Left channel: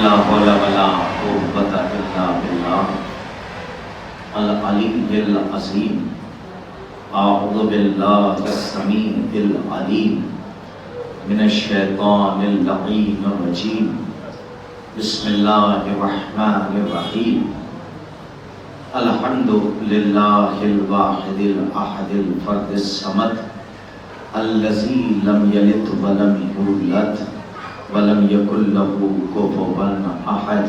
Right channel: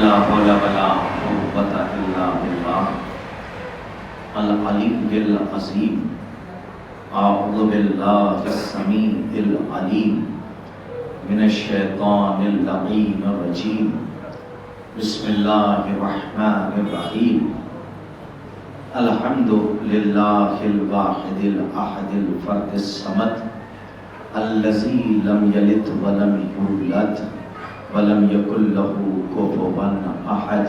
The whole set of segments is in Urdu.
لا حول ولا قوة إلا بالله العلي العظيم. أعوذ بالله السميع العليم من الشيطان اللعين الرجيم. بسم الله الرحمن الرحيم. الحمد لله الواحد الأحد الفرد الصمد الذي لم يلد ولم يولد ولم يكن له كفوا أحد.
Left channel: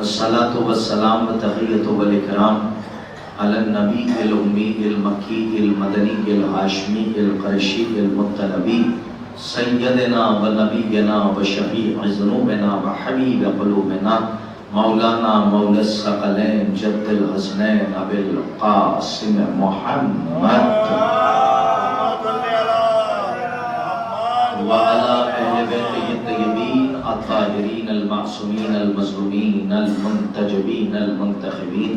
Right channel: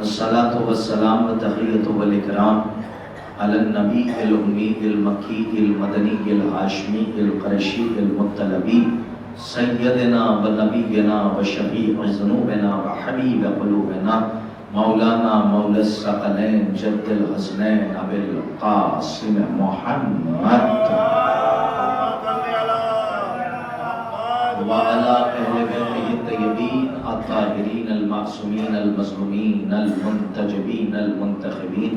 الصلاة والسلام والتحية والإكرام على النبي الأمي المكي المدني الهاشمي القرشي المطلبي سيدنا ونبينا وشفيع ذنوبنا وحبيب قلوبنا مولانا مولى الثقلين جد الحسنين أبي القاسم محمد وعلى أهل بيته الطيبين الطاهرين المعصومين المظلومين المنتجبين المنتخبين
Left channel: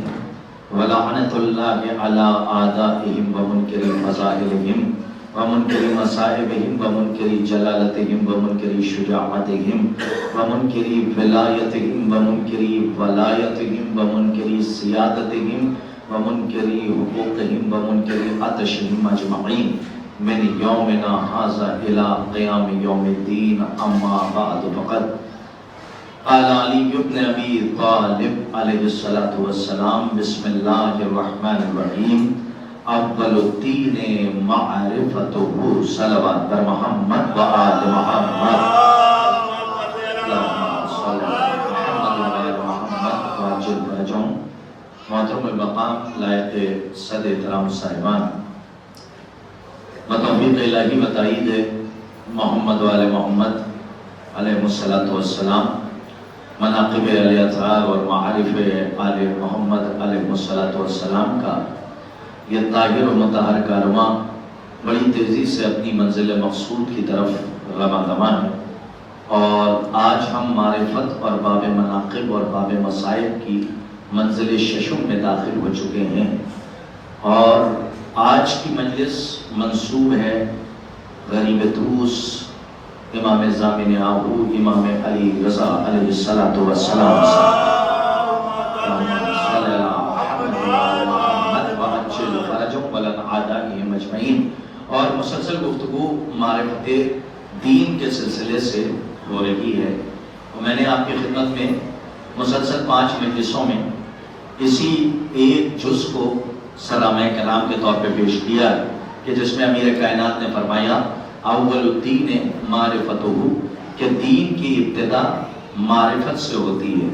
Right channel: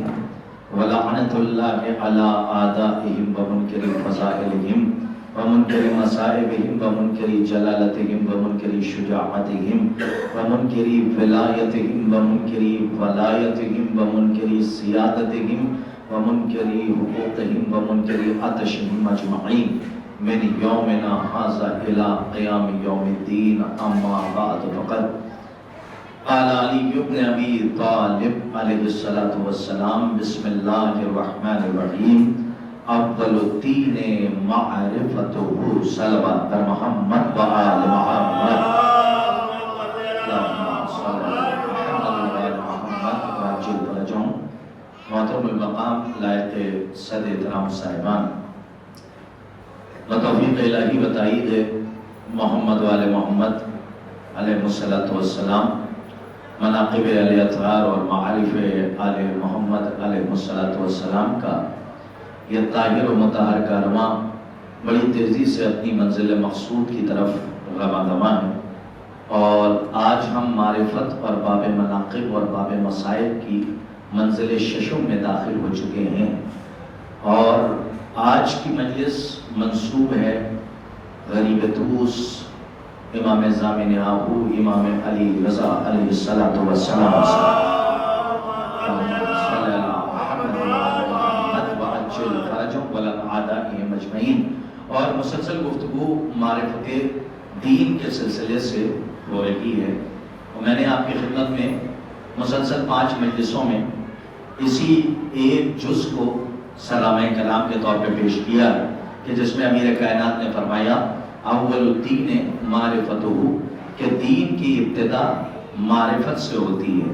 ولعنة الله على أعدائهم ومنكر فضائلهم ومنكر مصائبهم ومنكر جلالتهم ومنكر شجاعتهم ومنكر ولايتهم ومنكر ولايتهم ومنكر سيادتهم ومنكر حقوقهم ومنكر عطشهم أجمعين من يومنا هذا إلى قيام يوم الدين. أما بعد فقد قال علي بن أبي طالب عليه الصلاة والسلام بسم الله الرحمن الرحيم اول الدین معرفتہ صلوات بر محمد و آل محمد اللہم صلی محمد و آل محمد واجل ورجون. محترم المقام لائق صد احترام صاحبان، بتوفیق الہی و تائید محمد و آل محمد علیہ السلام مناقب علیہ اطہار اور معارف آل محمد علیہ السلام کا یہ طاہر و مطہر کارواں بڑی تیزی سے اپنی منزل مقصود کی طرف رواں دواں ہے، اور آج ہم معرفت اور باب مناقب اور باب مصائب کی منزل ششم میں داخل ہو چکے ہیں. اور آج کی مجلس منسوب ہے غریب طوس امام زامن آہو امام علی رضا علیہ السلام اور مسلسل گفتگو معرفت دین کے سلسلے سے ہو رہی ہے. میں نے آپ کی خدمت میں مسلسل 5 مجلسوں میں اسی ایک جز کو سلامہ کرام کے طور پہ پیش کیا ہے کہ جس میں امیر کائنات نے فرمایا اول الدین معرفتہ، کہ دین کی ابتدا معرفت سے ہوتی ہے.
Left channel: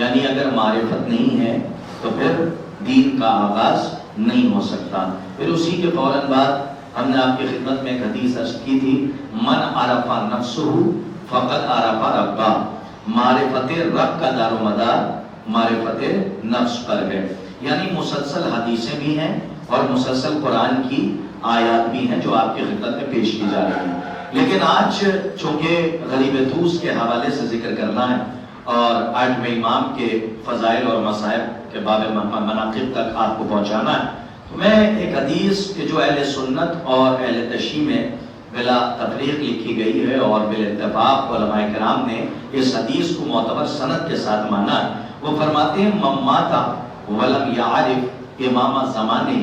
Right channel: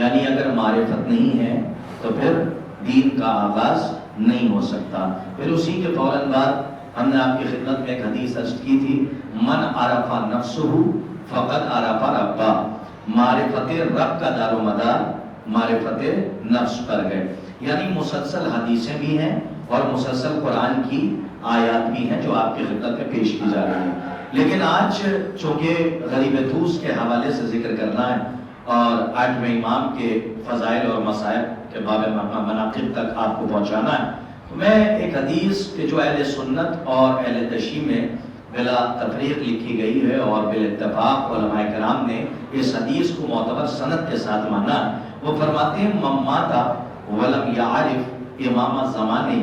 یعنی اگر معرفت نہیں ہے تو پھر دین کا آغاز نہیں ہو سکتا. پھر اسی کے فوراً بعد ہم نے آپ کی خدمت میں ایک حدیث عرض کی تھی من عرف نفسہ فقد عرف ربہ. معرفت رب کا دار و مدار معرفت نفس پر ہے. یعنی مسلسل حدیثیں بھی ہیں اور مسلسل قرآن کی آیات بھی ہیں جو آپ کی خدمت میں پیش کی جا رہی ہیں. لیکن آج چونکہ غریب طوس کے حوالے سے ذکر کرنا ہے اور 8ویں امام کے فضائل اور مصائب کے باب مناقب تک آپ کو پہنچانا ہے، تو میں ایک حدیث کہ جو اہل سنت اور اہل تشیع میں بلا تفریق لکھی گئی ہے اور بالاتفاق علماء کرام نے اس حدیث کو معتبر سند کے ساتھ مانا ہے. وہ فرماتے ہیں من مات ولم یعرف امام زمانہ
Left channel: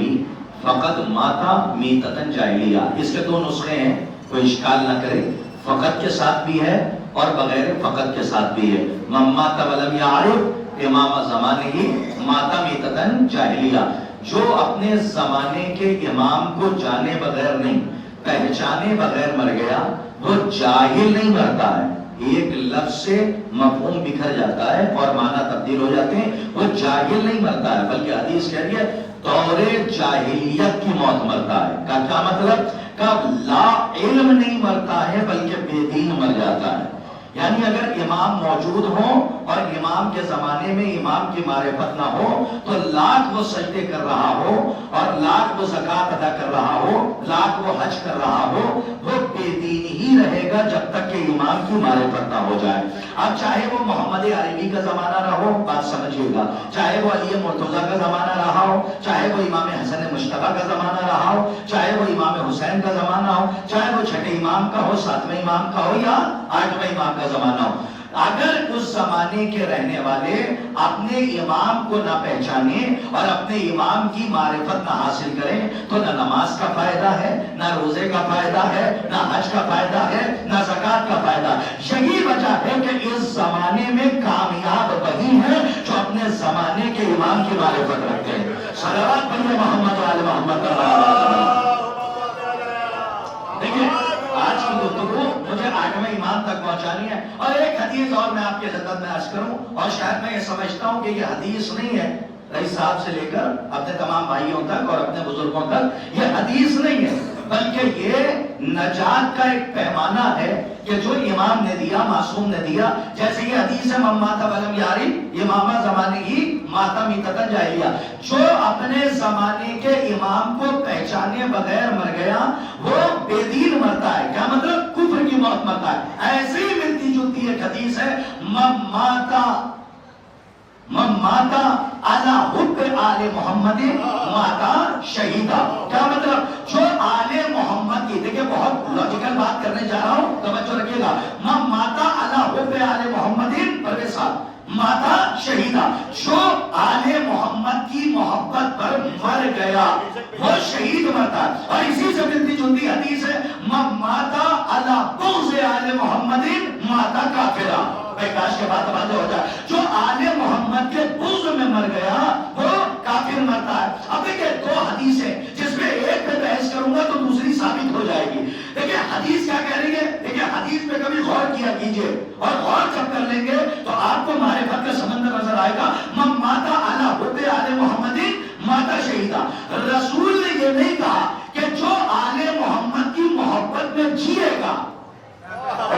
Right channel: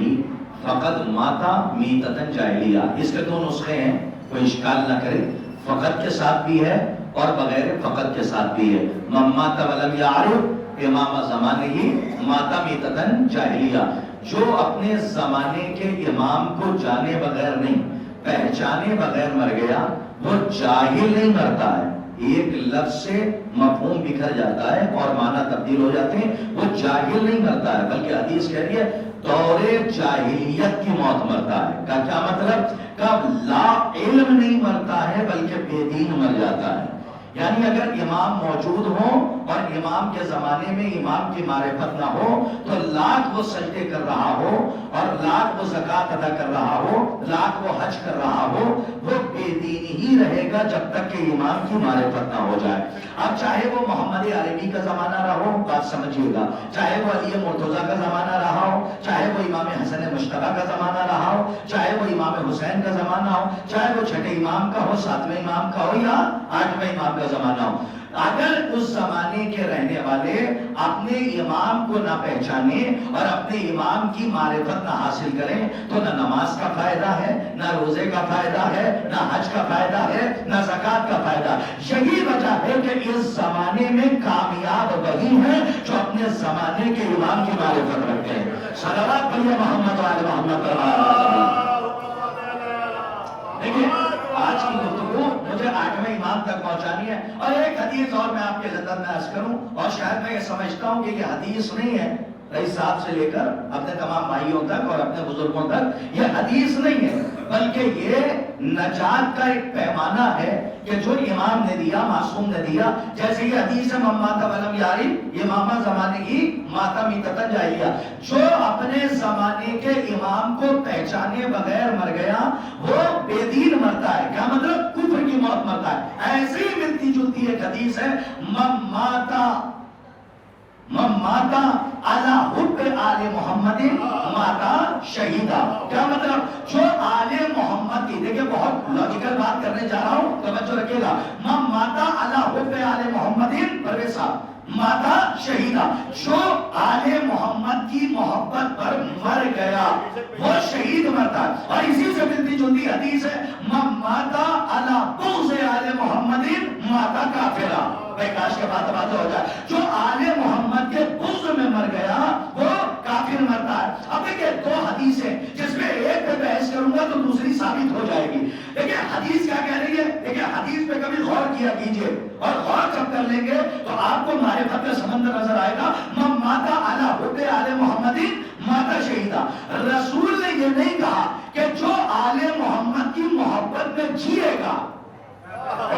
فقد ماتا میتۃ جاہلیہ. اس کے 2 نسخے ہیں، کوئی اشکال نہ کرے، فقط کے ساتھ بھی ہے اور بغیر فقط کے ساتھ بھی ہے. من مات ولم یعرف امام زمانہ ماتا میتۃ جاہلیہ. جو اپنے زمانے کے امام کو جانے بغیر نہیں، پہچانے بغیر مر گیا وہ جاہل نہیں مرتا ہے. ایک لفظ سے مفہوم بکھر جاتا ہے اور معنی تبدیل ہو جاتے ہیں. وہ جاہل نہیں مرتا ہے بلکہ حدیث کہہ رہی ہے دور جاہلیت کی موت مرتا ہے. کا کیا مطلب؟ کا لا علم نہیں مرتا ہے بلکہ بے دین مر جاتا ہے. یعنی اگر امام موجود ہوں اور امام کے زمانے میں امام کی معرفت نہ ہو تو لاکھ وہ سجدے کر رہا ہو اور لاکھ وہ زکوٰۃ ادا کر رہا ہو، لاکھ وہ حج کر رہا ہو، وہ بے دین ہی رہے گا جب تک کہ امام کی معرفت نہ ہو جائے. اب چاہے وہ محمد عربی کا زمانہ رہا ہو، بات سمجھیے گا، چاہے وہ علی مرتضیٰ کا زمانہ رہا ہو، چاہے وہ امام حسن مشتبہ کا زمانہ رہا ہو، چاہے وہ امام حسین کا زمانہ ہو، چاہے وہ چھٹے امام کا ہو، 7ویں امام کا ہو یا 8ویں امام کا زمانہ ہو. اگر اس زمانے کے رہنے والے اپنے امام کو نہ پہچانے اور اپنے امام کی معرفت نہ حاصل کریں تو نہ نماز کا فائدہ ہے، نہ روزے کا فائدہ ہے، نہ حج کا فائدہ ہے، نہ زکوٰۃ کا فائدہ۔ یہی وجہ ہے کہ اس زمانے میں کامیاب وہی ہے جو اپنے زمانے کے امام کی معرفت رکھتے ہیں۔ صلوات پڑھیے محمد وعلی محمد۔ دیکھیے آج کی گفتگو مجھے 8ویں امام تک پہنچانی ہے، اور ایک حدیث اور میں آپ کی خدمت میں عرض کروں، اور شاید میں یہ سمجھتا ہوں کہ یہ حدیث نہیں ہے، رئیس صاحب سے لے کر اپنے تمام بھائیوں تک اور اپنے بزرگوں تک یہ حدیث نہیں ہے، بلکہ یہ نجات کا ایک پیمانہ ہے کہ جو امام نے دیا، معصوم نے دیا۔ جیسے یہ حدیث ہے من مات ولم یعرف امام زمانے کی ماتا میتۃ الجاہلیہ، جو اپنے زمانے کے امام کو پہچانے بغیر مر گیا وہ بے دین مرتا ہے۔ کیا مطلب؟ کفر کی موت مرتا ہے۔ ایسے ہی ملتی جلتی ایک حدیث ہے من ماتا علی حب آل محمد ماتا شہیدا۔ کیا مطلب؟ جو آل محمد کی، دیکھیں بہت لاجیکل بات کرنے جا رہا ہوں، توجہ رکھیے گا، من ماتا علی حب آل محمد پرویز صاحب ماتا شہیدا، جو آل محمد کی محبت پر مر گیا وہ شہید مرتا ہے۔ اور اسی سے ملتی جلتی حدیث ہے من ماتا علی بغض آل محمد ماتا کافرا۔ بھائی کاش کے بات واضح ہو جائے، جو آل محمد کے بغض میں مر گیا وہ کافر مرتا ہے۔ اب دیکھیں دو حدیثیں، جس میں ایک پہ بحث کروں گا تو دوسری ثابت ہو جائے گی۔ دیکھیں حدیث کیا کہہ رہی ہے، دیکھیں حدیث پہ کبھی غور کیا کیجئے، اور غور جب کر لیں گے تو آپ کو معرفت کا سمندر نظر آئے گا۔ من ماتا علی حب آل محمد ماتا شہیدا، رسول نے یہ نہیں کہا کہ جو آل محمد کی محبت میں جیے گا،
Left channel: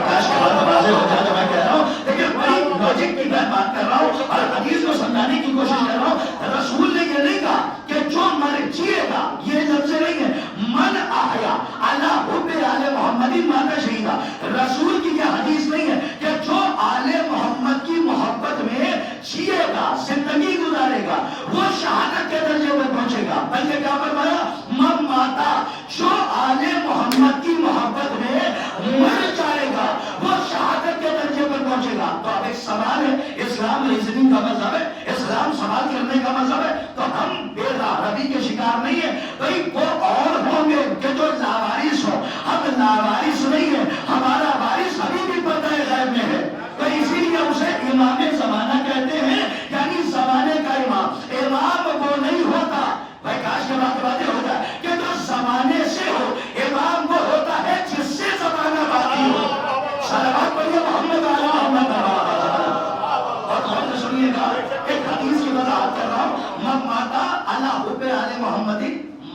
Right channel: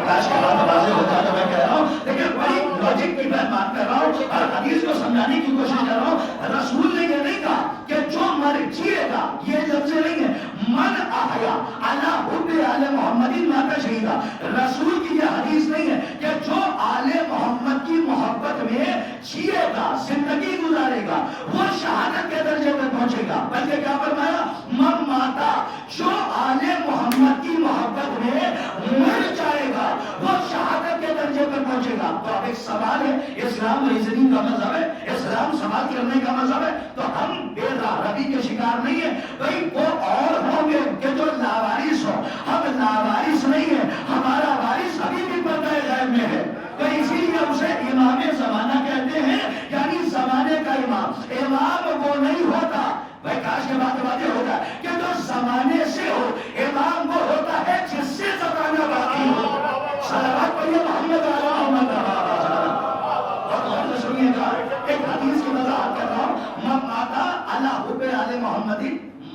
کاش کی بات واضح ہو جائے تو میں کہہ رہا ہوں، لیکن بڑی لاجک کی میں بات کر رہا ہوں اور حدیث کو سمجھانے کی کوشش کر رہا ہوں۔ رسول نے یہ نہیں کہا کہ جو مر جیے گا، یہ لفظ نہیں ہے من احیا علی حب آل محمد ماتا شہیدا۔ رسول کی یہ حدیث نہیں ہے کہ جو آل محمد کی محبت میں جیے گا، زندگی گزارے گا، وہ شہادت کے درجے میں پہنچے گا، بلکہ کیا فرمایا من ماتا، جو آل محمد کی محبت میں مر جائے گا وہ شہادت کے درجے پر پہنچے گا۔ تو اب ایک سوال ہے، اسلام ریزننگ کا مذہب ہے، اسلام سوال کرنے کا مذہب ہے، تو ہم بے غیرتی کے شکار نہیں ہیں۔ بھئی وہ اور ہوں گے کہ جو لاوارث ہو، ہم لاوارث نہیں ہیں، ہمارا وارث ابھی بھی پردہ غیب میں ہے، تو اسی لیے اسے امام زمانہ کہتے ہیں، یعنی زمانے کا امام۔ امام وہ نہیں ہوتا، بھائی کاش کے بات واضح ہو جائے، کہ جو زمانے سے ہو، امام وہ ہوتا ہے جس سے زمانہ باقی ہو۔ صلوات پڑھیے محمد علی محمد۔ اور غور سے سنیے گا، ایک حدیث کی وضاحت کر رہا ہوں، من ماتا علی حب آل محمد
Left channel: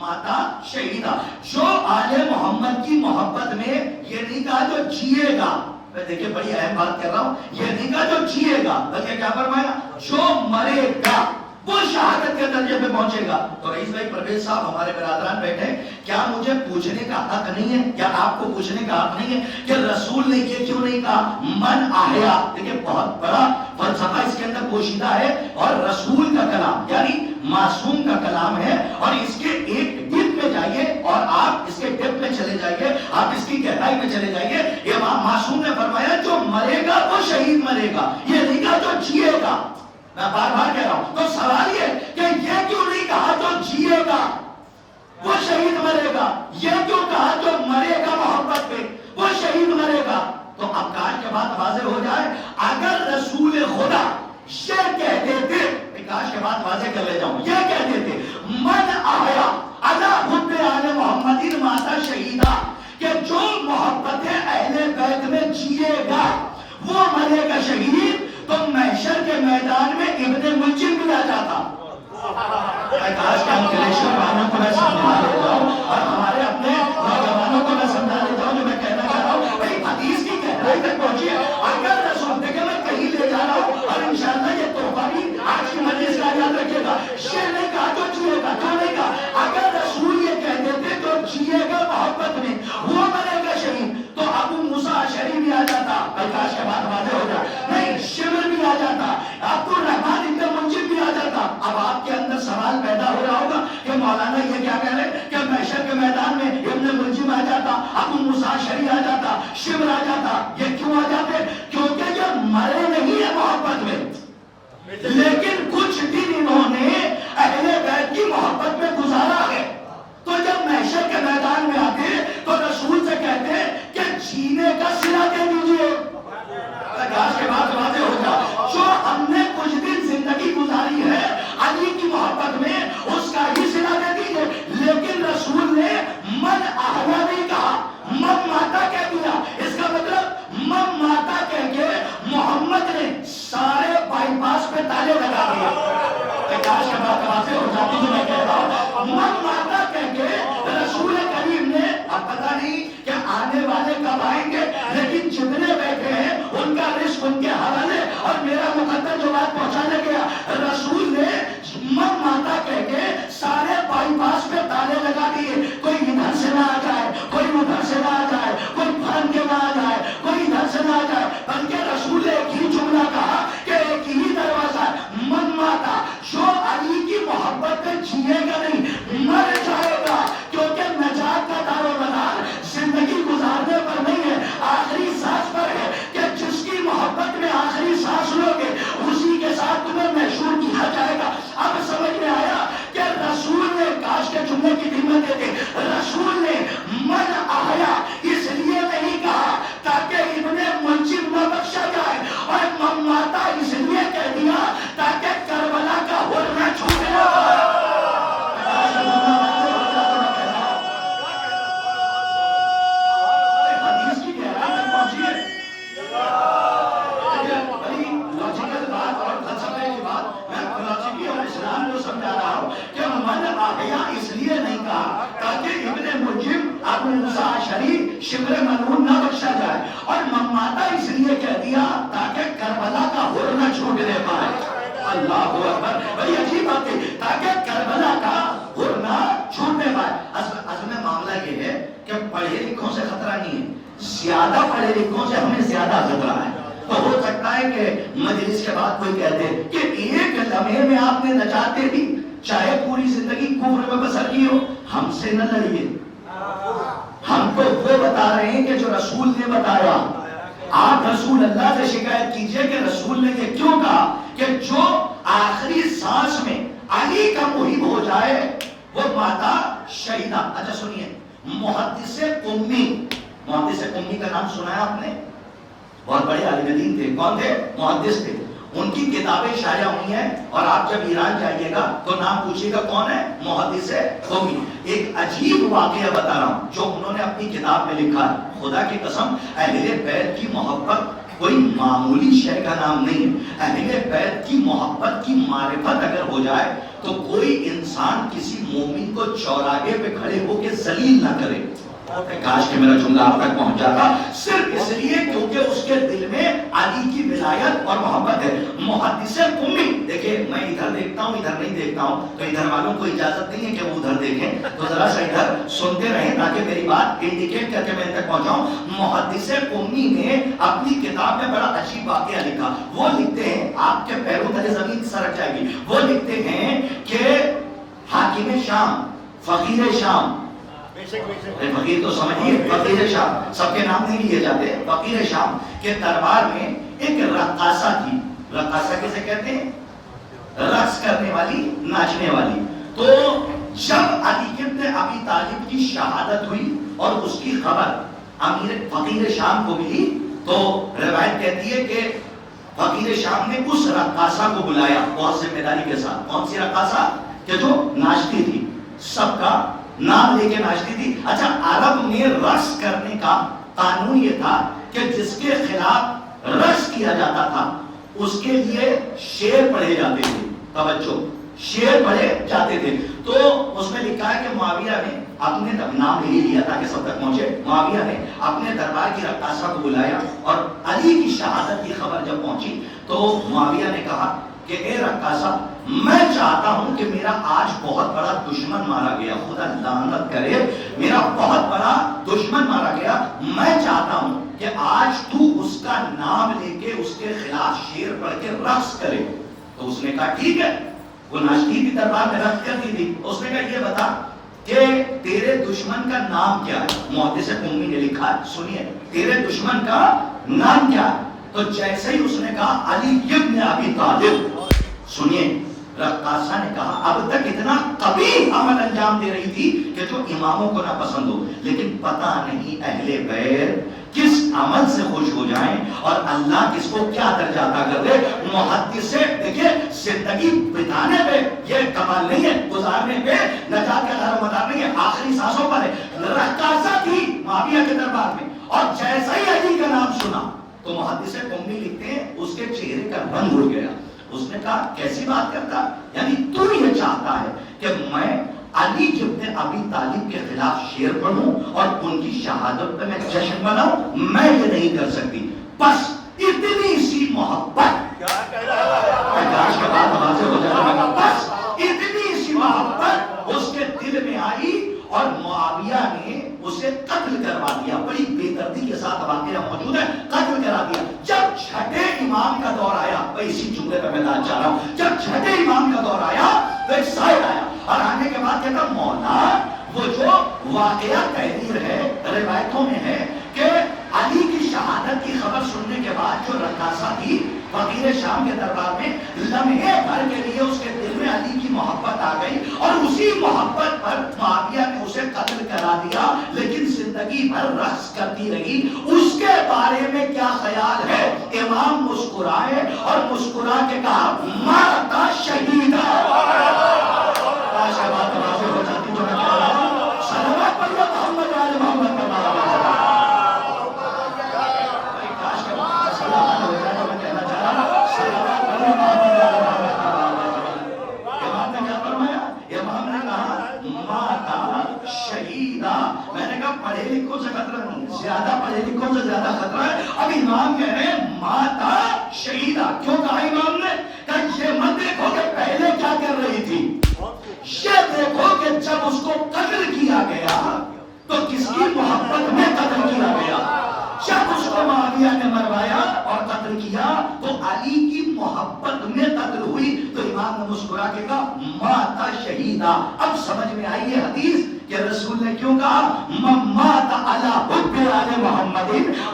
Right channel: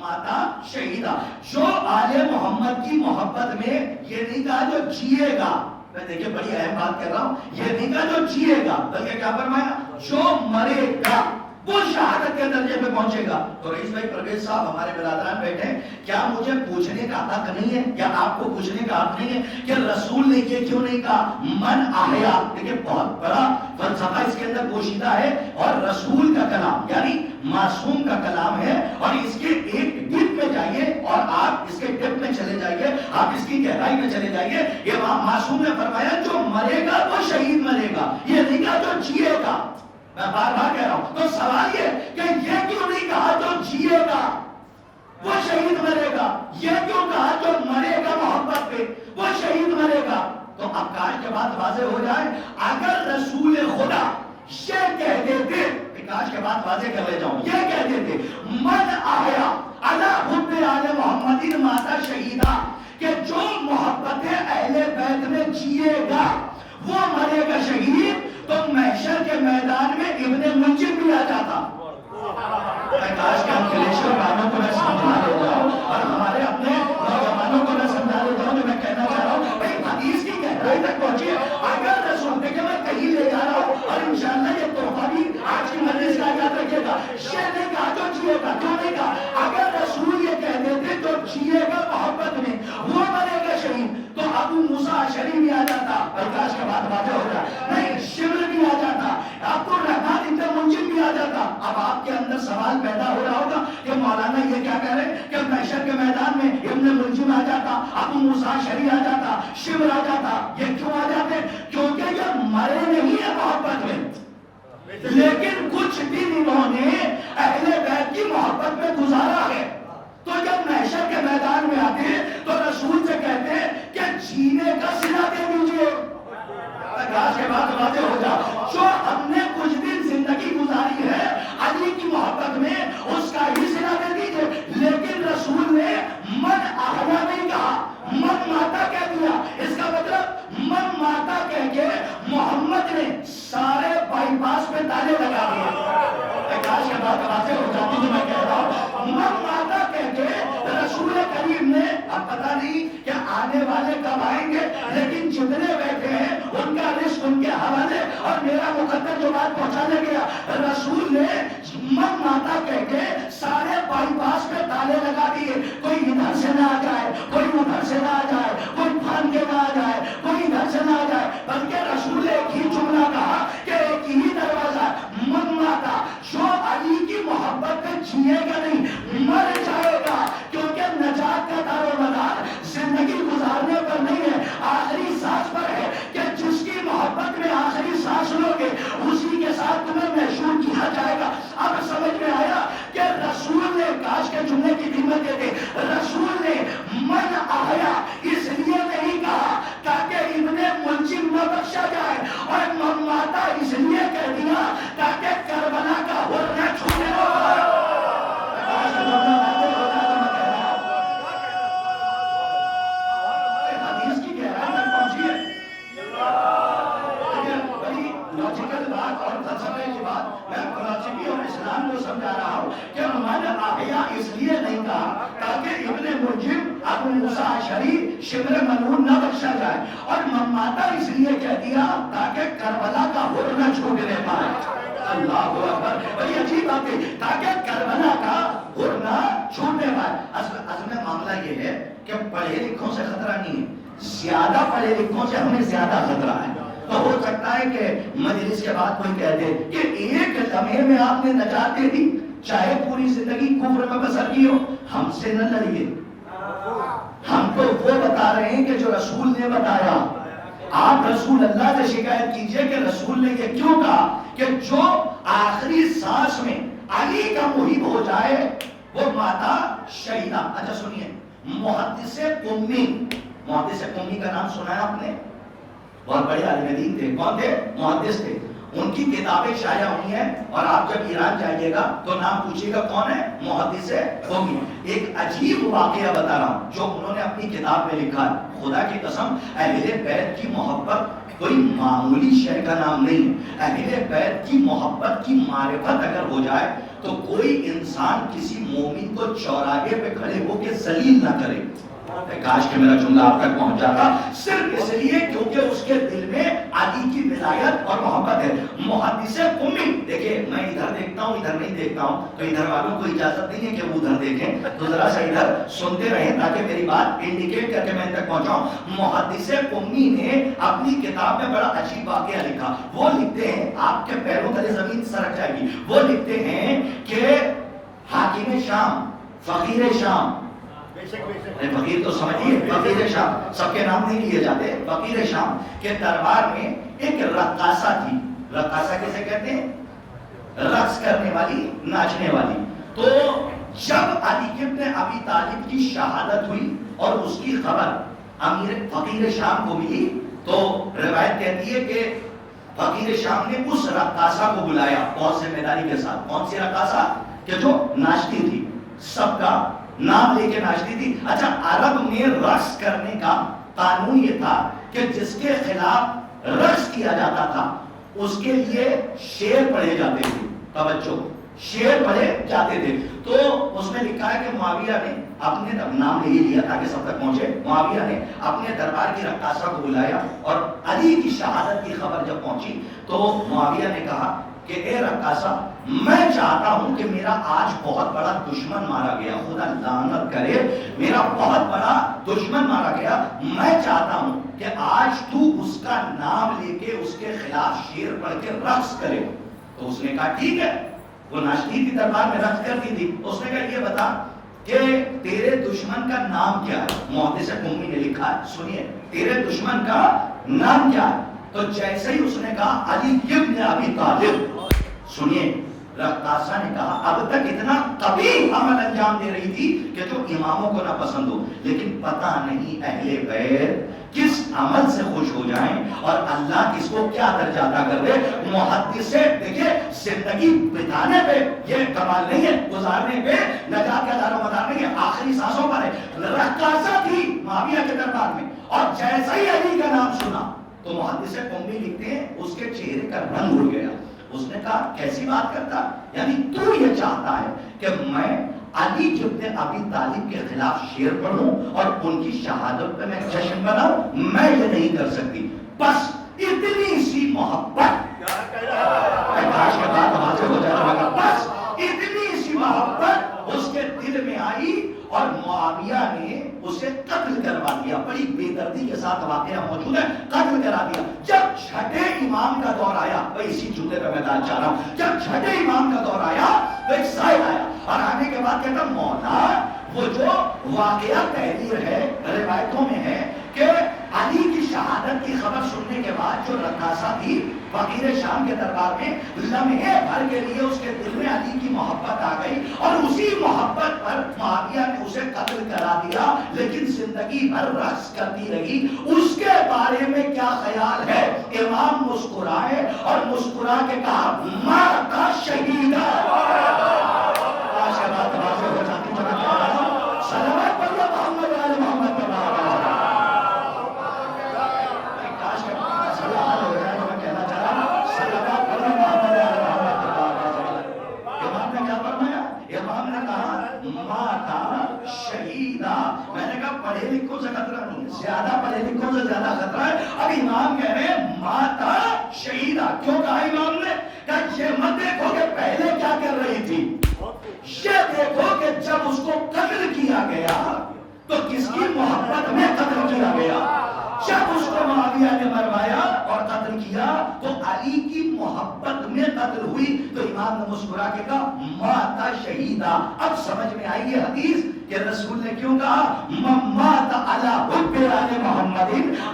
ماتا شہیدا، جو آل محمد کی محبت میں، یہ نہیں کہا جو جیے گا، میں دیکھیں بڑی اہم بات کر رہا ہوں، یہ نہیں کہا جو جیے گا، بلکہ کیا فرمایا جو مرے گا وہ شہادت کے درجے پہ پہنچے گا۔ تو رئیس بھائی پرویز صاحب ہمارے برادران بیٹھے ہیں، کیا مجھے پوچھنے کا حق نہیں ہے، یا آپ کو پوچھنے کا حق نہیں ہے کہ رسول نے یہ کیوں نہیں کہا من احیا؟ دیکھیں بہت بڑا فلسفہ اس کے اندر پوشیدہ ہے، اور رسول کا کلام یعنی معصوم کا کلام ہے، اور اس کے ایک ڈپ میں جائیے اور آپ اس کے ڈپ میں چلے جائیے، آپ اس کی گہرائی میں چلے جائیے۔ امام معصوم نے فرمایا جو مرے گا وہ شہید مرے گا، یہ نہیں کہا جو جیے گا۔ میں بار بار کہہ رہا ہوں، تو سوال یہ کہ یہ کیوں نہیں کہا جو جیے گا وہ شہید مرے گا، یہ کیوں کہا جو مرے گا محبت پہ وہ شہید مرے گا؟ تو اب کاش کے بعد واضح ہو جائے، اگر رسول خدا یہ کہتے تھے، کاش کے بعد واضح کر لے جاؤں، یہ کہتے تھے من احیا علی حب آل محمد ماتا شہیدا، کہ جو محبت اہل بیت میں جیے گا وہ مرے گا شہید، تو محشر کے میدان میں ابن ملجم بھی آ جاتا۔ میں کاش کے انکلیشور بھائیوں کو میں سمجھا دیتا ہوں، اور ہمارے اپنے نوجوانوں کو میں سمجھا دیتا ہوں، جو میں کہنا چاہ رہا ہوں، بھئی حدیث کی گہرائی تک پہنچیے۔ اگر رسول دیکھیں میں کہیں لے جا رہا ہوں، اور انشاءاللہ یہ تحفہ بھی آج کی مجلس کا یاد رکھے گا، یہ نہیں کہا جو جیے گا، کیوں نہیں کہا؟ اگر رسول یہ کہتے تھے جو جیے گا محبت میں وہ مرے گا شہید، تو ابو موسیٰ اشعری بھی آ جاتا، کاش کے بعد واضح ہو جائے، نہیں شمر بھی آ جاتا، عبد الرحمن ابن منجم بھی آ جاتا۔ اب آپ کے اندر سوال پیدا ہو رہا ہوگا کہ مولانا یہ کیا کہہ رہے کہ محشر کے میدان میں ابن ملجم آ جاتا، ابو موسیٰ اشعری آ جاتا، شمر آ جاتا، یہ کیوں آ جاتے؟ کیونکہ یہ مرے لیکن کچھ دن انہوں نے اہل بیت کی محبت میں گزارا ہے، تو جب محشر کے میدان میں آتے ہیں تو رسول سے کہتے ہیں کہ جینے کا صلہ دے دیجیے. آج کے بعد واضح ہو جائے، جو ہم نے کچھ دن زندگی گزاری ہے علی کی محبت میں، اس کا ہی صلہ دے دیجیے. لیکن رسول نے من احیا نہیں کہا، من ماتا کہہ دیا. اس کا مطلب من ماتا کہہ کے محمد نے سارے بائی پاس پہ تالے لگا دیا. آج کے بعد واضح ہو جاتی تو میں کہہ رہا ہوں، من ماتا کہہ کے رسول کریم نے، اب پتہ نہیں کہ آنے والے کب آئیں گے، لیکن جتنے بیٹھے ہیں ان کا رزق ان کے حوالے. اور میرا مقدر جو بات پہنچانے گیا، رسول نے من ماتا کہہ کے سارے بائی پاس پہ تالے لگا دیے. کوئی ادھر سے نہ آ جائے، کوئی ادھر سے نہ آ جائے، کوئی پھان کے نہ آ جائے، کوئی ادھر سے نہ آ جائے. بلکہ رسول نے ایک ہی جملہ کہا کہ ایک ہی دروازہ ہے، من ماتا. جو علی کی محبت میں جیے گا نہیں، مر جائے گا. کیونکہ نجات کا دار و مدار زندگی گزارنے پر نہیں ہے، آخری سانس پر ہے. کہ جس کی محبت میں آخری سانس لو گے اسی کے ساتھ تمہیں محشور کیا جائے گا. اب سمجھ میں آیا کہ رسول نے، کاش کے جملے کی قیمت دیتے، رسول نے من احیا اس لیے نہیں کہا تاکہ ابن ملجم نہ بخشا جائے، اور من ماتا اس لیے کہہ دیا تاکہ کربلا کا ہور نہ چھوٹنے پائے. حدیث کی گہرائی تک پہنچیے. بڑی لاجیکل بات اور فلسفے کی بات میں فلسفی اور اسلام کو سمجھا رہا ہوں کہ من احیا اس لیے نہیں کہا تاکہ ابن ملجم ابو موسیٰ اشعری شبر ملعون نہ بخشا جائے، اور من ماتا اس لیے کہہ دیا تاکہ کربلا کا ہور نہ چھوٹنے پائے. اللہ اکبر، بڑی عجیب بات ہے، تاکہ کربلا کا ہور نہ چھوٹنے پائے. اصل میں معاملہ یہ ہے کہ پڑھے لکھوں سے خطرہ نہیں ہے، زیادہ پڑھے لکھوں سے ہمیں زیادہ خطرہ ہے. تو ہو سکتا ہے کہ مجلس کے بعد کوئی کہہ دے کہ ایک لمحے میں آپ نے نجات دے دی، چاہے پوری زندگی کفر میں بسر کی ہو. ہم سے نہ لڑیے، ہم تو وہ بتا رہے ہیں کہ جو رسول نے بتایا. آپ رسول اللہ سے شکایت کیجئے کہ رسول نے یہ کیوں کہا کہ جو آخری سانس میں علی کا محب ہو جائے وہ ماتا شہیدہ. اچھا سنیے، محدث قمی، محدث قمی کا نام سنا ہے آپ نے؟ بہت بڑے عالم دین تھے. کون تھے؟ محدث تھے. ان کی کتابیں شائع ہوئی ہیں، اور آپ جب ایران جائیے گا تو نام پوچھیے گا کون ہے؟ محدث قمی. ایک عجیب واقعہ بتا رہا ہوں جو انہوں نے اپنی کتاب میں لکھا ہے. خدا کی قسم، اہل بیت کی محبت کوئی معمولی شے کا نام نہیں ہے. اہل بیت کی محبت کی معرفت اگر ہو جائے تو کوئی انسان کسی مومن کو چوراہے پہ کھڑے ہو کے ذلیل نہ کرے. کاش کہ میرا جملہ آپ تک پہنچ جاتا، صرف اس لیے کیونکہ اس کے دل میں علی کی ولایت اور محبت ہے. محدث قمی، دیکھیں میں ادھر دیکھتا ہوں ادھر نہیں دیکھتا ہوں، تو ادھر والوں کو اجازت نہیں ہے کہ وہ ادھر دیکھیں، تو ذرا سا ادھر سنتے رہیں تاکہ میری بات انڈیکیٹ کر کے میں تک پہنچاؤں. محدث قمی نے اپنی کتاب میں بڑا عجیب واقعہ لکھا. وہ لکھتے ہیں، آپ کے پیروں تلے زمین سرک جائے گی. وہ لکھتے ہیں کہ حاکم شام، فقیر شام، فقیر تو سمجھیے، فقیر شام، سب کے نام نہیں لیے جاتے. فقیر شام کے دربار میں ایک رقاصہ تھی. رقاصہ کسے کہتے ہیں؟ رقص کرنے والی، ناچنے والی. تو جب علی ابن ابی طالب کی شہادت ہوئی اور اس کی خبر امیر فقیر شام کو ملی، تو روایت کہتی ہے کہ فقیر شام نے اس رقاصہ کو بلایا بہت ذمہ داری کے ساتھ. کون سی رقاصہ؟ کہ جو ناچتی تھی، سب کا نام لے کے ناچتی تھی. اچھا، عرب میں رقص کرنے کا قانون یہ تھا کہ جس کے خلاف رقص کیا جاتا تھا اس کے لیے شعر پڑھے جاتے تھے. توجہ، شعر پڑھے جاتے تھے. تو اس میں لکھا ہے کہ معاویہ نے اپنے نام لے لیا تاکہ سب تک پہنچے. معاویہ نے اپنے دربار کی رقاصہ کو بلایا، اور علی کی شہادت کی خبر جب پہنچی تو معاویہ نے کہا کہ اے رقاصہ، میں چاہتا ہوں کہ میرا آج بہت بڑا دشمن مارا گیا، خدا لعنت کرے، میرا بہت بڑا دشمن مارا گیا. میں چاہتا ہوں کہ آج تو اس کا نام لے کے اس کے خلاف شعر پڑھ کے رقص کرے. تو اس نے کہا ٹھیک ہے. وہ ناچتی تھی، دربار میں رقص کرتی تھی. اس نے کہا یہ بتا کہ تیرے دشمن کا نام کیا ہے؟ محدث قمی نے لکھا ہے، سنیے، تیرے دشمن کا نام کیا ہے؟ تو جیسے ہی اس نے کہا علی ابن ابی طالب، سنیے، رقاصہ نے کہا اب تک اتنا قبیح عمل انجام دے رہی تھی کہ جو اماموں کو نہ پسند ہو، لیکن پتہ نہیں اہل بیت کس عمل سے خوش ہو جائیں اور اللہ کس کو کیا درجہ عطا کر دے۔ محدث سے دیکھیں زندگی بتانے پہ یہ کمال نہیں ہے، گزارنے پہ نجات کا دار و مدار نہیں ہے، آخری سانسوں پر ہے۔ رقاصہ تھی معاویہ کے دربار میں، اور جیسا ہی علی کا نام سنا تو محدث قومی لکھتے ہیں اس کے چہرے کا رنگ اڑ گیا۔ اس نے کہا کیسی بات کرتا، یعنی تو یہ چاہتا ہے کہ میں علی ابن ابی طالب کے خلاف شعر پڑھوں اور ان کی شہادت پہ میں جشن مناؤں؟ میں یہ نہیں کر سکتی۔ بس اتنی سی محبت، بس اتنی سی محبت اس کے دل میں آئی اور معاویہ نے اسے قتل کروا دیا۔ بڑی بے دردی کے ساتھ واقعہ موجود ہے، قتل کرا دیا۔ جب چھٹے امام کا دور آیا، بھائی اسی جملے پہ میں چاہ رہا ہوں، جب چھٹے امام کا دور آیا تو ایک سائل آیا اور آنے کے بعد کہتا مولا وہ جو واقعہ تحریر ہے روایتوں میں ہے کہ علی کی شہادت کی خبر سننے کے بعد جو رقاصہ تھی فقیر شام کے دربار میں، لمحے بھر کے لیے اس کے دل میں علی کی محبت آ گئی اور اسی محبت پر معاویہ نے اسے قتل کرا دیا، لیکن زندگی بھر رقص کرتی رہی۔ اس کے بارے میں کیا خیال ہے؟ امام مسکرائے اور مسکرا کے کہا ماتا شہیدہ۔ بات واضح ہو جاتی تو میں کہہ رہا ہوں صلوات پڑھیے محمد علی محمد کا امام نے کہا ماتا شہیدہ۔ میں نے کہا پڑھے لکھوں سے خطرہ نہیں، زیادہ پڑھے لکھوں سے زیادہ خطرہ ہے۔ اب امام کہہ رہے ہیں ماتا شہیدہ۔ کیوں کہا امام نے؟ کہ یہ مت دیکھو کہ پہلے کیا کر رہی تھی، یہ دیکھو کہ جب اس کو قتل کیا گیا تو کس کی محبت میں قتل کیا گیا۔ جب اس کو معاویہ نے مروایا اور قتل کیا تو علی کی محبت میں قتل ہوئی۔ تو امام نے مسکرا کے کہا ماتا شہیدہ۔ اب سمجھ میں آئی یہ حدیث کہ رسول نے کیوں کہا مات علی حب آل محمد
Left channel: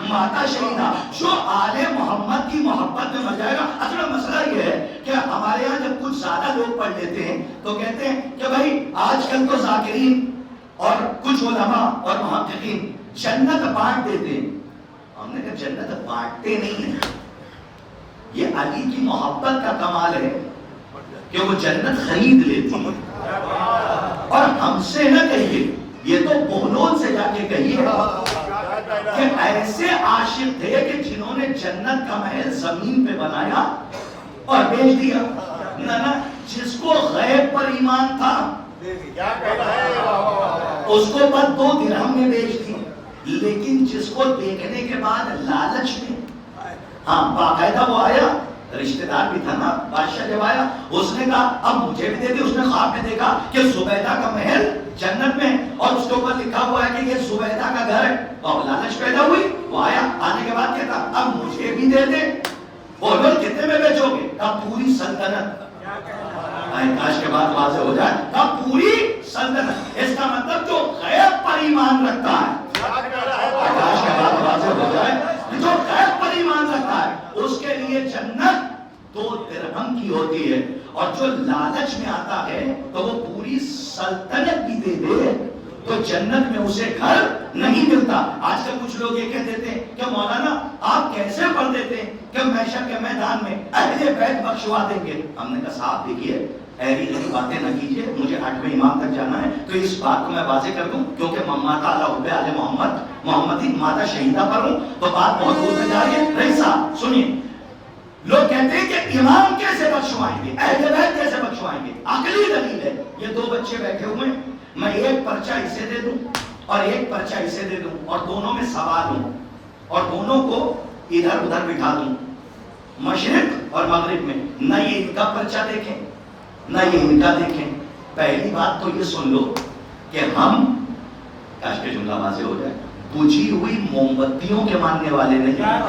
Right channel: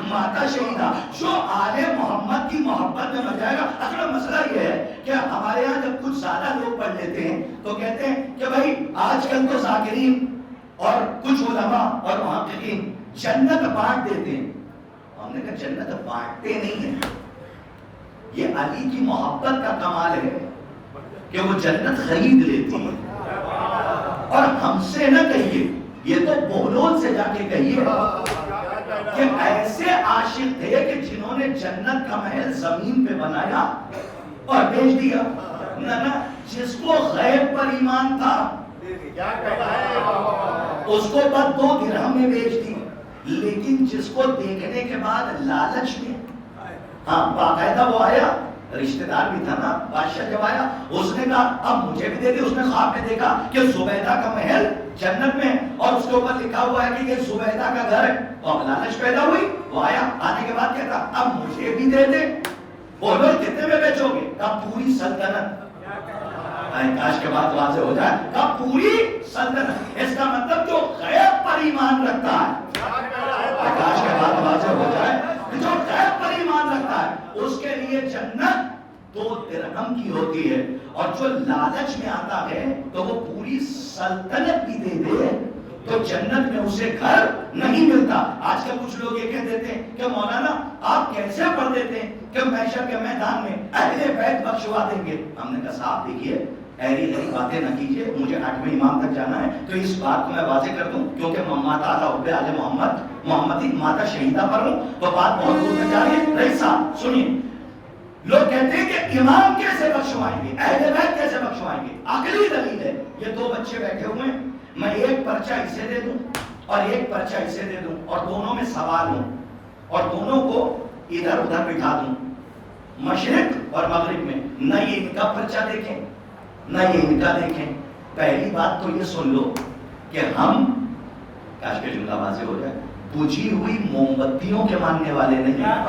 ماتا شہیدہ، جو آل محمد کی محبت میں مر جائے گا۔ اصل مسئلہ یہ ہے کہ ہمارے یہاں جب کچھ زیادہ لوگ پڑھ لیتے ہیں تو کہتے ہیں کہ بھائی آج کل تو ذاکرین اور کچھ علماء اور محققین جنت بانٹ دیتے ہیں۔ ہم نے کہا جنت بانٹتے نہیں ہیں، یہ علی کی محبت کا کمال ہے کہ وہ جنت خرید لیتی ہے۔ اور ہم سے نہ کہیے، یہ تو بولون سے جا کے کہیے کہ ایسے عاشق تھے کہ جنہوں نے جنت کا محل زمین پہ بنایا اور بیچ دیا۔ نہ جس کو غیب پر ایمان تھا اس کو بس 2 درہم میں بیچ دی، لیکن جس کو دیکھنے کے بعد لالچ میں، ہاں باقاعدہ وہ آیا، رشتہ دار بھی تھا نا، بادشاہ جب آیا اس نے کہا اب مجھے بھی دے دے۔ اس نے خواب میں دیکھا کہ زبیدہ کا محل جنت میں اور اس کے اوپر لکھا ہوا ہے کہ یہ زبیدہ کا گھر ہے، اور لالچ پیدا ہوئی۔ وہ آیا، آنے کے بعد کہتا اب مجھے بھی دے دے۔ بولو کتنے میں بیچو گے؟ کہا پوری سلطنت۔ کاش کے بعد واضح ہو جائے، کہا پوری سلطنت۔ اس کا مطلب جو غیب پر ایمان رکھتا ہے، کاش کے بعد واضح ہو جائے، جو غیب پر ایمان رکھتا ہے اس کے لیے جنت 2 درہم کی ہوتی ہے، اور جو لالچ میں آتا ہے تو وہ پوری سلطنت بھی دے دے تو جنت میں اسے گھر نہیں ملتا۔ آج کل کچھ لوگ یہ کہہ دیتے ہیں کہ مولانا آپ کیسے پڑھ دیتے ہیں کہ محشر کے میدان میں اہل بیت بخشوا دیں گے۔ ہم نے کہا صاحب دیکھیے ایری ایسی باتیں نہ کیجیے، مجھے 8ویں امام تک جانا ہے تو اس بات کو میں واضح کر دوں، کیونکہ ماتا حب آل محمد محمدی ماتا شہیدہ پر ہوں تو بات بہت دور تک جا رہی ہے۔ رئیس صاحب سنیے، لوگ کہتے ہیں کہ امام کیسے بخشوائیں گے، اہل بیت کیسے بخشوائیں گے؟ عقلی دلیل ہے، یہ 2 بچے بیٹھے ہوئے ہیں، میں ایک پرچہ اسے دے دوں اور ایک پرچہ اسے دے دوں اور دونوں میں سوال ہوں اور دونوں کو ادھر ادھر بٹھا دوں مشرق اور مغرب میں، نہ یہ ان کا پرچہ دیکھیں نہ یہ ان کا دیکھیں۔ پہلی بات تو یہ سن لو کہ ہم، کاش کے جملہ واضح ہو جائے، بجھی ہوئی موم بتیوں کے ماننے والے نہیں ہیں۔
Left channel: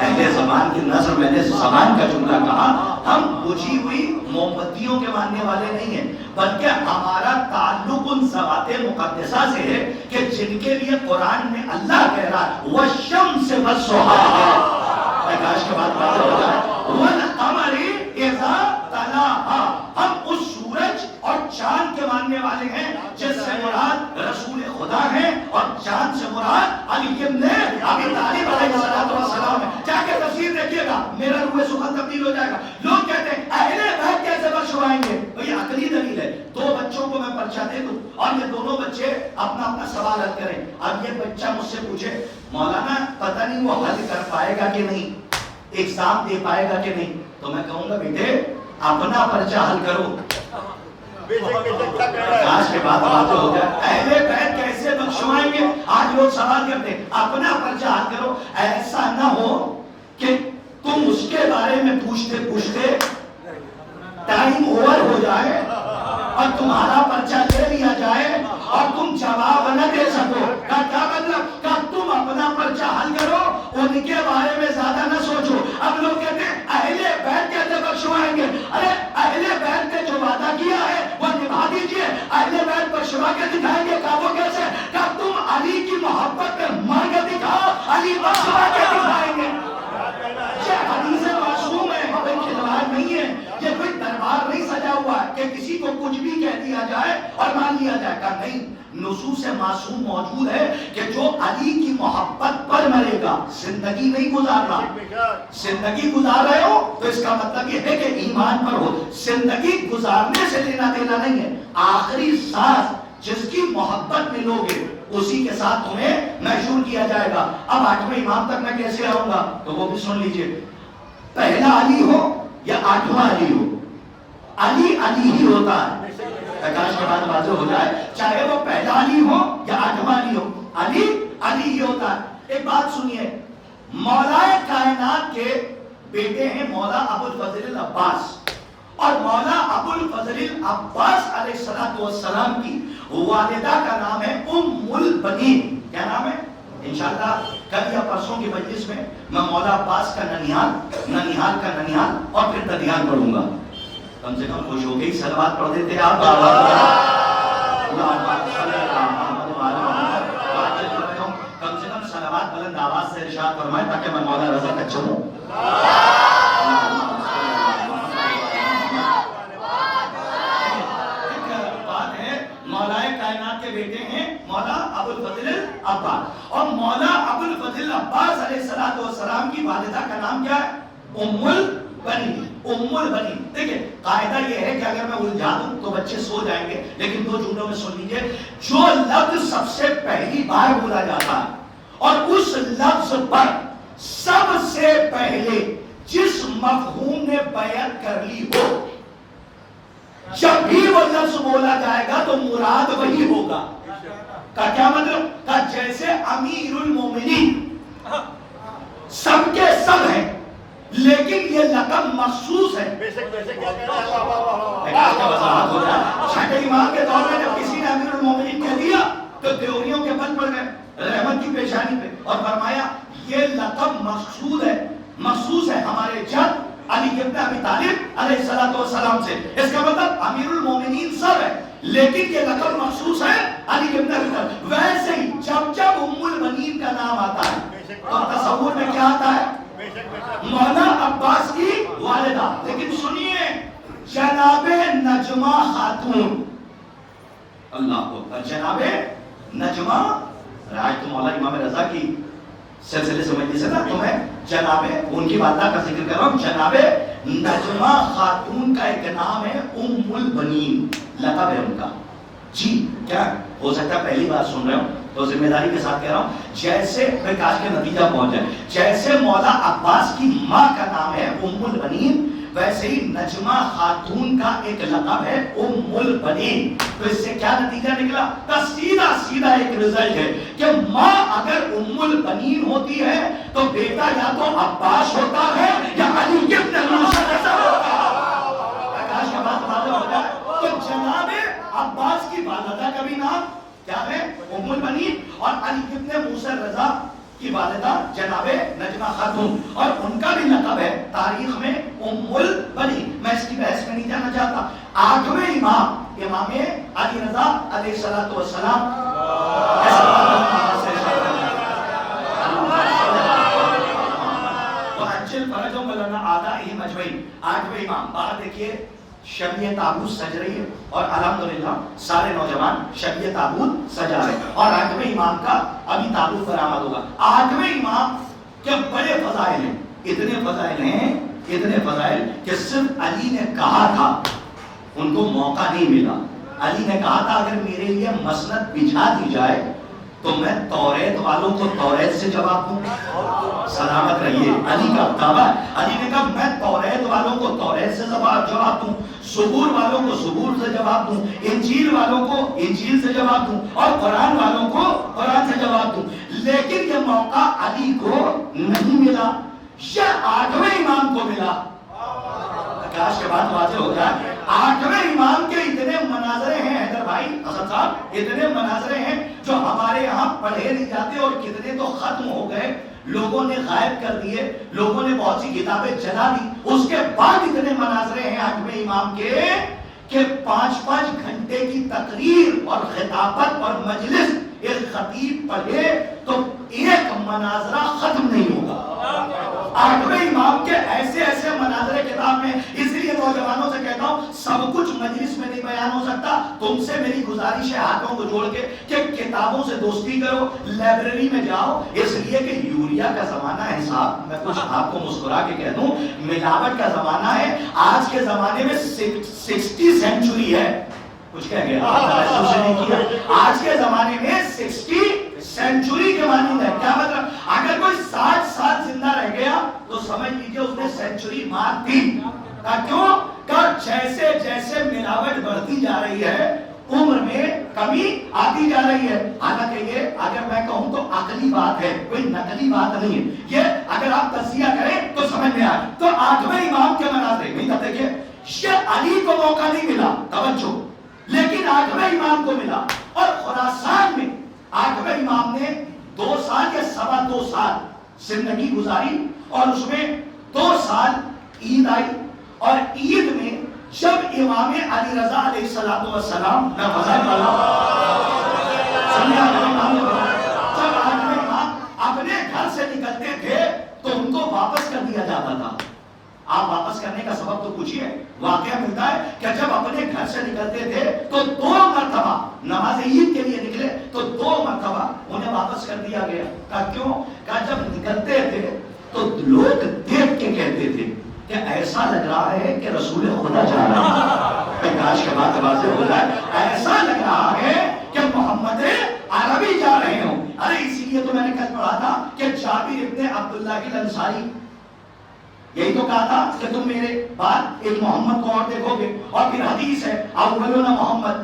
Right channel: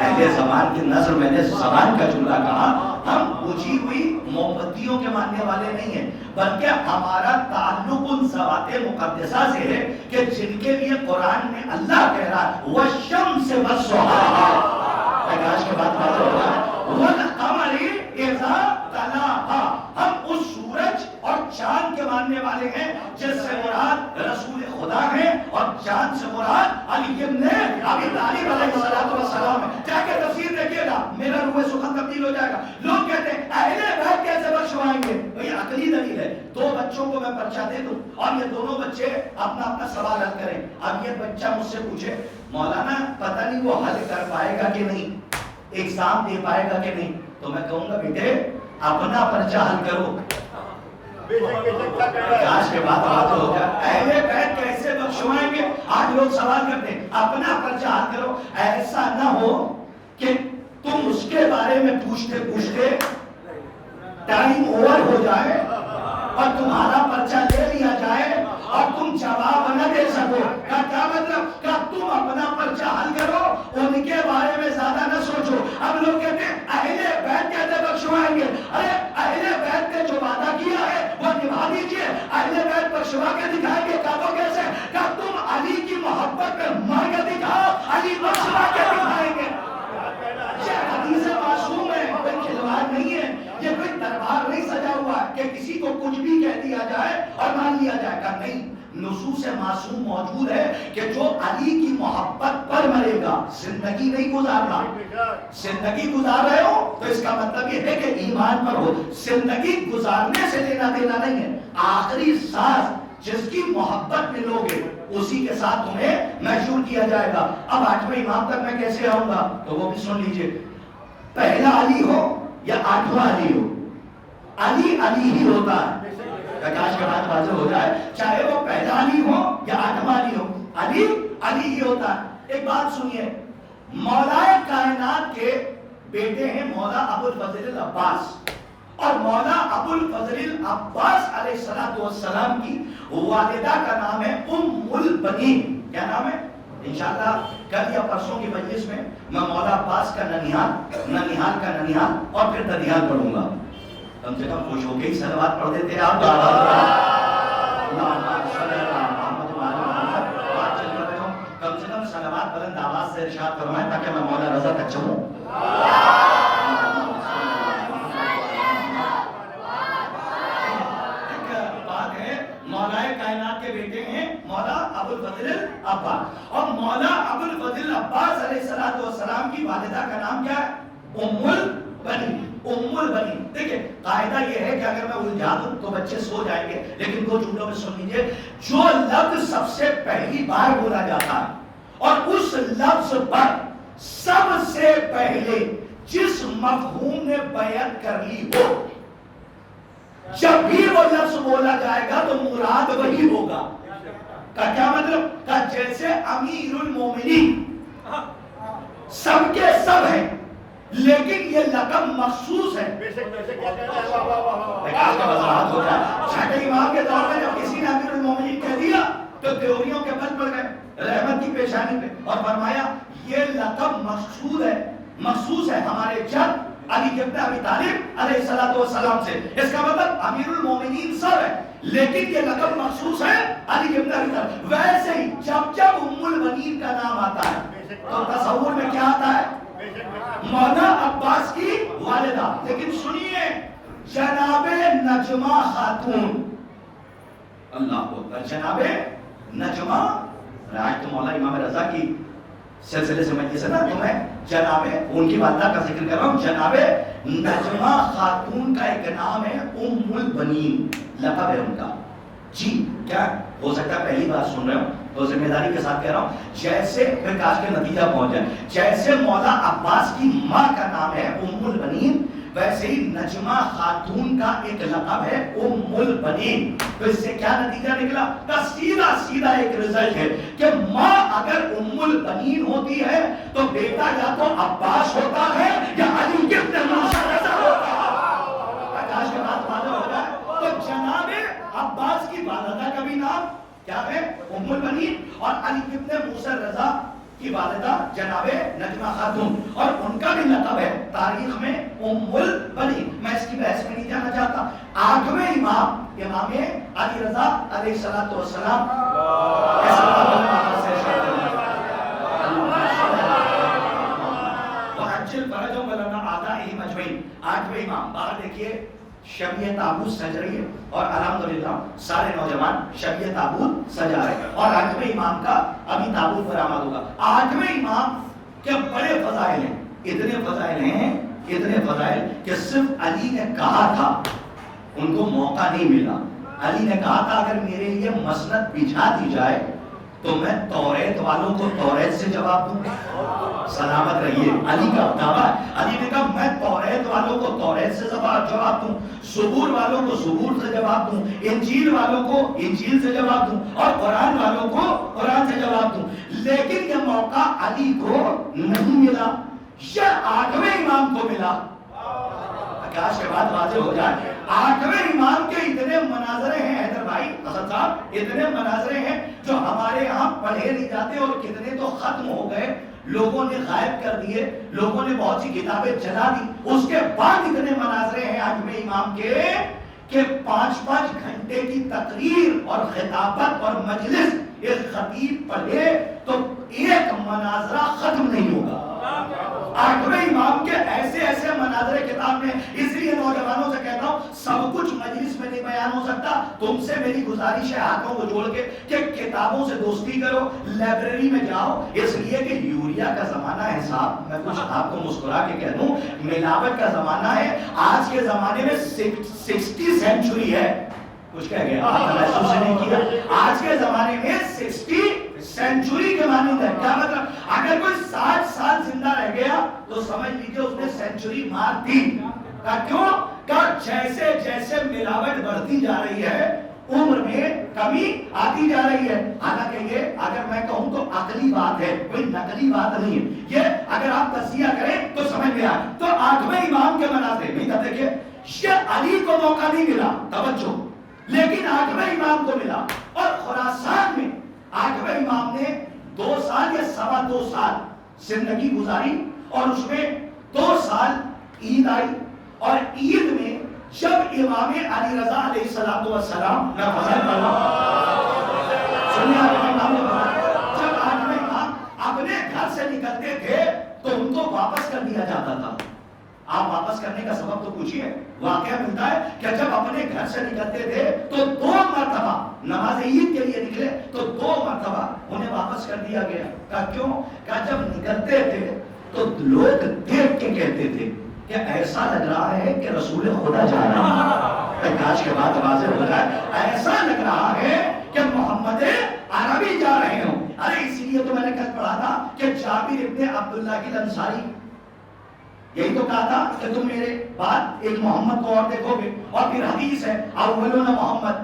اہل زمان کی نظر میں نے زمان کا جملہ کہا، ہم بجھی ہوئی موم بتیوں کے ماننے والے نہیں ہیں، بلکہ ہمارا تعلق ان ذوات مقدسہ سے ہے کہ جن کے لیے قرآن میں اللہ کہہ رہا ہے والشمس والضحیٰ، کاش کے بعد واضح ہو رہا ہے والقمر اذا الہ، ہم اس سورج اور چاند کے ماننے والے ہیں جس سے مراد رسول خدا ہے، اور چاند سے مراد علی ابن ابی طالب علیہ السلام ہے۔ جا کے تفسیر دیکھیے گا، میرا روح سخن تبدیل ہو جائے گا۔ لوگ کہتے ہیں اہل بیت کیسے بخشوائیں گے؟ بھئی عقلی دلیل ہے، دو بچوں کو میں پرچہ دے دوں اور یہ دونوں بچے اپنا اپنا سوال حل کریں۔ اب یہ بچہ مجھ سے پوچھے مولانا پتہ نہیں وہ حل کر پائے گا کہ نہیں، ایگزام دے پائے گا کہ نہیں، تو میں کہوں گا بیٹے اپنا پرچہ حل کرو۔ آج کے بعد بات ہو جائے اہل بیت کیسے بخشوائیں گے، آج لوگ سوال کرتے ہیں، اپنا پرچہ حل کرو۔ ایسا نہ ہو کہ تم اس کے بارے میں پوچھتے پوچھتے ٹائم اوور ہو جائے اور تمہارا پرچہ لے لیا جائے اور تم جواب نہ دے سکو۔ کا کیا مطلب؟ کہ تم اپنا پرچہ حل کرو، ان کے بارے میں زیادہ نہ سوچو۔ اب لوگ کہتے ہیں اہل بیت کیسے بخشوائیں گے؟ ارے اہل بیت نے جو وعدہ کیا ہے وہ نبھا دیجئے۔ اہل بیت بخشوا کے دکھائیں گے، کہا وہ کیسے؟ کہ تم علی کی محبت میں مر کے دکھاؤ، علی بخشوا کے دکھائیں گے۔ یہ حدیث معصوم ہے، کوئی کھلواڑ نہیں ہے، یہ کوئی دربار نہیں سجا ہوا ہے کہ کسی کو کچھ بھی کہہ دیا جائے اور مان لیا جائے گا، نہیں۔ نصوص معصوم موجود ہے کہ جو علی کی محبت پر مرے گا، زندگی نہیں گزارنا۔ زندگی گزار رہے ہو تو اس کا مطلب یہ ہے کہ ایمان پر ہو، زندگی گزارنے سے لینا دینا نہیں ہے۔ آخری سانس جس کی محبت میں لوگے اسی کے ساتھ تمہیں محشور کیا جائے گا۔ اب 8ویں امام تک میں کیسے آؤں گا تو وہ بھی سن لیجئے، پہلا علی ہو یا 8واں علی ہو، علی علی ہی ہوتا ہے۔ پرکاش کے بعد واضح ہو جائے، چاہے وہ پہلا علی ہو یا 8واں علی ہو، علی علی ہی ہوتا ہے۔ ایک بات سنیے، مولا کائنات کے بیٹے ہیں مولا ابو الفضل العباس، اور مولا ابو الفضل العباس علیہ السلام کی والدہ کا نام ہے ام البنین۔ کیا نام ہے؟ انشاءاللہ کل یا پرسوں کی مجلس میں میں مولا عباس کا ننیحال کا ننیحال اور پھر ددیال پڑھوں گا۔ کم سے کم خوش ہو کے ہی صلوات پڑھ دیتے آپ۔ کم سے کم صلوات بلند آواز سے ارشاد فرمائیں تاکہ میں مولا رضا تک چلوں۔ بات ہے مولا کائنات کے بیٹے ہیں مولا ابو الفضل العباس، اور مولا ابو الفضل العباس علیہ السلام کی والدہ کا نام کیا ہے؟ ام البنین۔ ام البنین، دیکھیں قاعدہ یہ ہے کہ اگر میں الجھا دوں تو بچے سو جائیں گے، لیکن 2 جملوں میں سن لیجئے۔ جو لفظ سب سے پہلی بار بولا جاتا ہے اور اس لفظ پر سب سے پہلے جس مفہوم نے بیعت کر لی ہو، جب بھی وہ لفظ بولا جائے گا تو مراد وہی ہوگا۔ کا کیا مطلب؟ کہ جیسے امیر المومنین سب کے سب ہیں لیکن یہ لقب مخصوص ہے۔ وضاحت ہو جائے، چھٹے امام کے دور میں جب کسی نے امیر المومنین کہہ دیا تو دیوریوں کے بل پڑ گئے رحمت کی پیشانی پہ اور فرمایا یہ لقب مخصوص ہے ہمارے جد علی ابن ابی طالب علیہ السلام سے۔ اس کا مطلب امیر المومنین سب ہے لیکن یہ لقب مخصوص ہے علی ابن ابی طالب۔ ویسے ہی جب ام البنین کا نام آتا ہے تو تصور میں کیا آتا ہے؟ مولا عباس کی والدہ۔ لیکن سنیے، جناب نجمہ خاتون، اللہ اکبر، جناب نجمہ، آج تو مولا امام رضا کی سلسلے سمجھنے سے نا تمہیں جناب ان کی والدہ کا ذکر کر رہا ہوں۔ جناب نجمہ خاتون کا ایک نام ہے ام البنین، لقب ہے ان کا۔ جی کیا ہو سکتا ہے پہلی بار سن رہے ہوں تو ذمہ داری کے ساتھ کہہ رہا ہوں، جیسے میں کاش کے نتیجہ پہنچ جائے، جیسے مولا عباس کی ماں کا نام ہے ام البنین، ویسے ہی نجمہ خاتون کا ایک لقب ہے ام البنین۔ تو اس سے کیا نتیجہ نکلا؟ سیدھا ایک رزلٹ ہے کہ ماں اگر ام البنین ہوتی ہے تو بیٹا یا تو عباس ہوتا ہے یا علی ابن موسیٰ رضا ہوتا ہے۔ کاش کا بات واضح ہو جائے تو جناب عباس کی والدہ کا بھی نام کیا ہے؟ ام البنین، اور علی ابن موسیٰ رضا کی والدہ جناب نجمہ خاتون، اور ان کا بھی لقب ہے تاریخ میں ام البنین۔ میں اس کی بحث میں نہیں جانا چاہتا۔ 8ویں امام علی رضا علیہ السلام ویسل فرجهم ولنا آدائهم اجمعین. آٹھویں امام باہر دیکھیے شب تابوت سج رہی ہے اور الحمدللہ سارے نوجوان شب تابوت سجا رہے ہیں اور آٹھویں امام کا ابھی تابوت برآمد ہوگا. آٹھویں امام کے بڑے فضائل ہیں, اتنے فضائل ہیں, اتنے فضائل کہ صرف علی نے کہا تھا, ان کو موقع نہیں ملا. علی نے کہا تھا اگر میرے لیے مسند بچھا دی جائے تو میں توریت والوں کو توریت سے جواب دوں. سلامت رہیے, علی کا دعویٰ. علی نے کہا میں توریت والوں کو توریت سے جواب دوں, زبور والوں کو زبور سے جواب دوں, انجیل والوں کو انجیل سے جواب دوں اور قرآن والوں کو قرآن سے جواب دوں. لیکن یہ موقع علی کو نہیں ملا, یہ آٹھویں امام کو ملا. آکاش کے بعد واضح ہو جائے. آٹھویں امام کے اتنے مناظرے ہیں حیدر بھائی حسن صاحب, اتنے مناظرے ہیں جو ہمارے یہاں پڑھے نہیں جاتے اور کتنے تو ختم ہو گئے, لوگوں نے غائب کر دیے, لوگوں نے بہت سی کتابیں جلا دی. اس کے بعد اتنے مناظرے ہیں آٹھویں امام کے کہ 5-5 گھنٹے کی تقریر اور خطابت اور مجلس ایک خطیب پڑھے تو ایک مناظرہ ختم نہیں ہوگا. آٹھویں امام کے ایسے ایسے مناظرے کتاب میں. اس لیے نوجوانوں سے کہتا ہوں سب کچھ مجلس میں نہیں بیان ہو سکتا. تم سے میری گزارش ہے ہاتھوں کو جوڑ کے کہ کتابوں سے دوستی کرو, لائبریری میں جاؤ. اس لیے کہ یوریا کا زمانہ ہے صاحب, میں کچھ آپ کو مسکرا کے کہہ دوں, ملاوٹ کا زمانہ ہے. آج کے زمانے میں 60 سینچری ہے, کچھ کہہ گیا آپ نے نہیں کیا. آج کے زمانے میں 60 سینچری کے مانند ہے. کیا مطلب؟ اگر کوئی 60 سال زندہ رہ گیا تو سمجھ لیجیے اس نے سینچری مار دی. کیوں کہ جیسے جیسے ملاوٹ بڑھتی جا رہی ہے عمر میں کمی آتی جا رہی ہے. حالانکہ یہ اگر میں کہوں تو عقلی بات ہے, کوئی نقلی بات نہیں ہے. یہ اگر آپ تجزیہ کریں تو سمجھ میں آئے. تو آٹھویں امام کے مناظرے میں تب دیکھیے یہ علی کو موقع نہیں ملا, توجہ, لیکن آٹھویں امام کو ملا. اور خراسان میں آٹھویں امام نے 2 سال یا 2.25 سال زندگی گزاری اور اس میں 2 سال عید آئی. اور عید میں جب امام علی رضا علیہ السلام میں فضائل پڑھا, سنیے آٹھویں امام نے جب آٹھویں امام اپنے گھر سے نکلتے تھے تو ان کو واپس کر دیا جاتا تھا. آپ واپس کرنے کا سبب تو پوچھئے. واقعہ ملتا ہے کہ جب اپنے گھر سے نکلتے تھے تو 2 مرتبہ نماز عید کے لیے نکلے تو 2 مرتبہ انہیں واپس کر دیا گیا. کہا کیوں؟ کہا جب نکلتے تھے تو لوگ دیکھ کے کہتے تھے کہ ایسا لگ رہا ہے کہ رسول خدا جا رہا ہے. کاش کے بعد واضح ہو جائے, ایسا لگ رہا ہے کہ محمد عربی جا رہے ہوں. ارے اسی لیے تو میں نے کل پڑھا تھا کہ جابر ابن عبداللہ الانصاری یہی تو کہا تھا کہ تم میرے بعد ایک محمد کو اور دیکھو گے. اور پھر حدیث ہے اولنا محمد,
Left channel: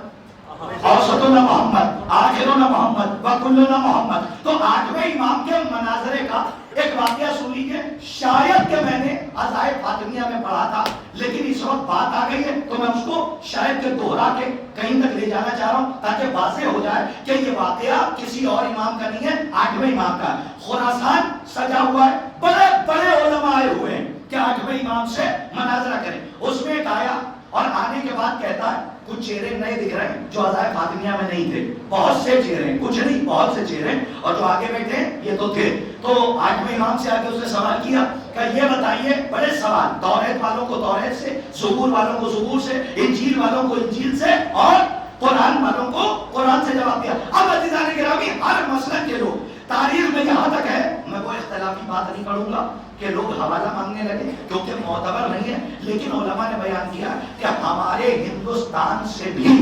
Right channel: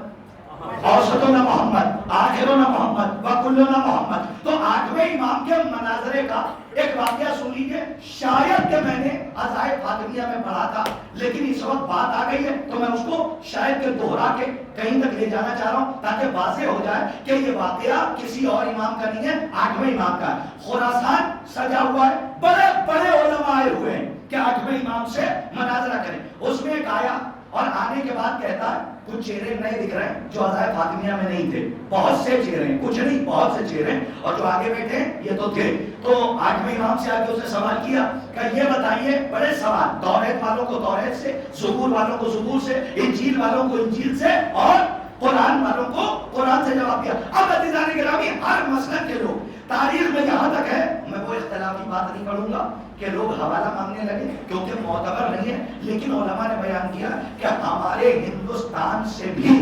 اوسطنا محمد, آخرنا محمد, وکلنا محمد. تو آٹھویں امام کے مناظرے کا ایک واقعہ سن لیجیے. شاید کہ میں نے عزائے فاطمیہ میں پڑھا تھا, لیکن اس وقت بات آ گئی ہے تو میں اس کو شاید کہ دوہرا کے کہیں تک لے جانا چاہ رہا ہوں تاکہ واضح ہو جائے کہ یہ واقعہ کسی اور امام کا نہیں ہے, آٹھویں امام کا. خراسان سجا ہوا ہے, بڑے بڑے علماء آئے ہوئے ہیں کہ آٹھویں امام سے مناظرہ کریں. اس میں ایک آیا اور آنے کے بعد کہتا ہے کچھ چہرے نئے دکھ رہے ہیں جو عزائے فاطمیہ میں نہیں تھے, بہت سے چہرے ہیں, کچھ نہیں بہت سے چہرے, اور جو آگے بیٹھے یہ تو تھے. تو آٹھویں امام سے آگے اس نے سوال کیا کہ یہ بتائیے, بڑے سوال, توریت والوں کو توریت سے, زبور والوں کو زبور سے, انجیل والوں کو انجیل سے اور قرآن والوں کو قرآن سے جواب دیا. اب عزیزان گرامی ہر مسلک کے لوگ, تاریخ میں جہاں تک ہے, میں کوئی اختلافی بات نہیں کروں گا کہ لوگ حوالہ مانگنے لگے کیونکہ معتبر نہیں ہے, لیکن علماء نے بیان کیا کہ ہمارے ہندوستان سے بھی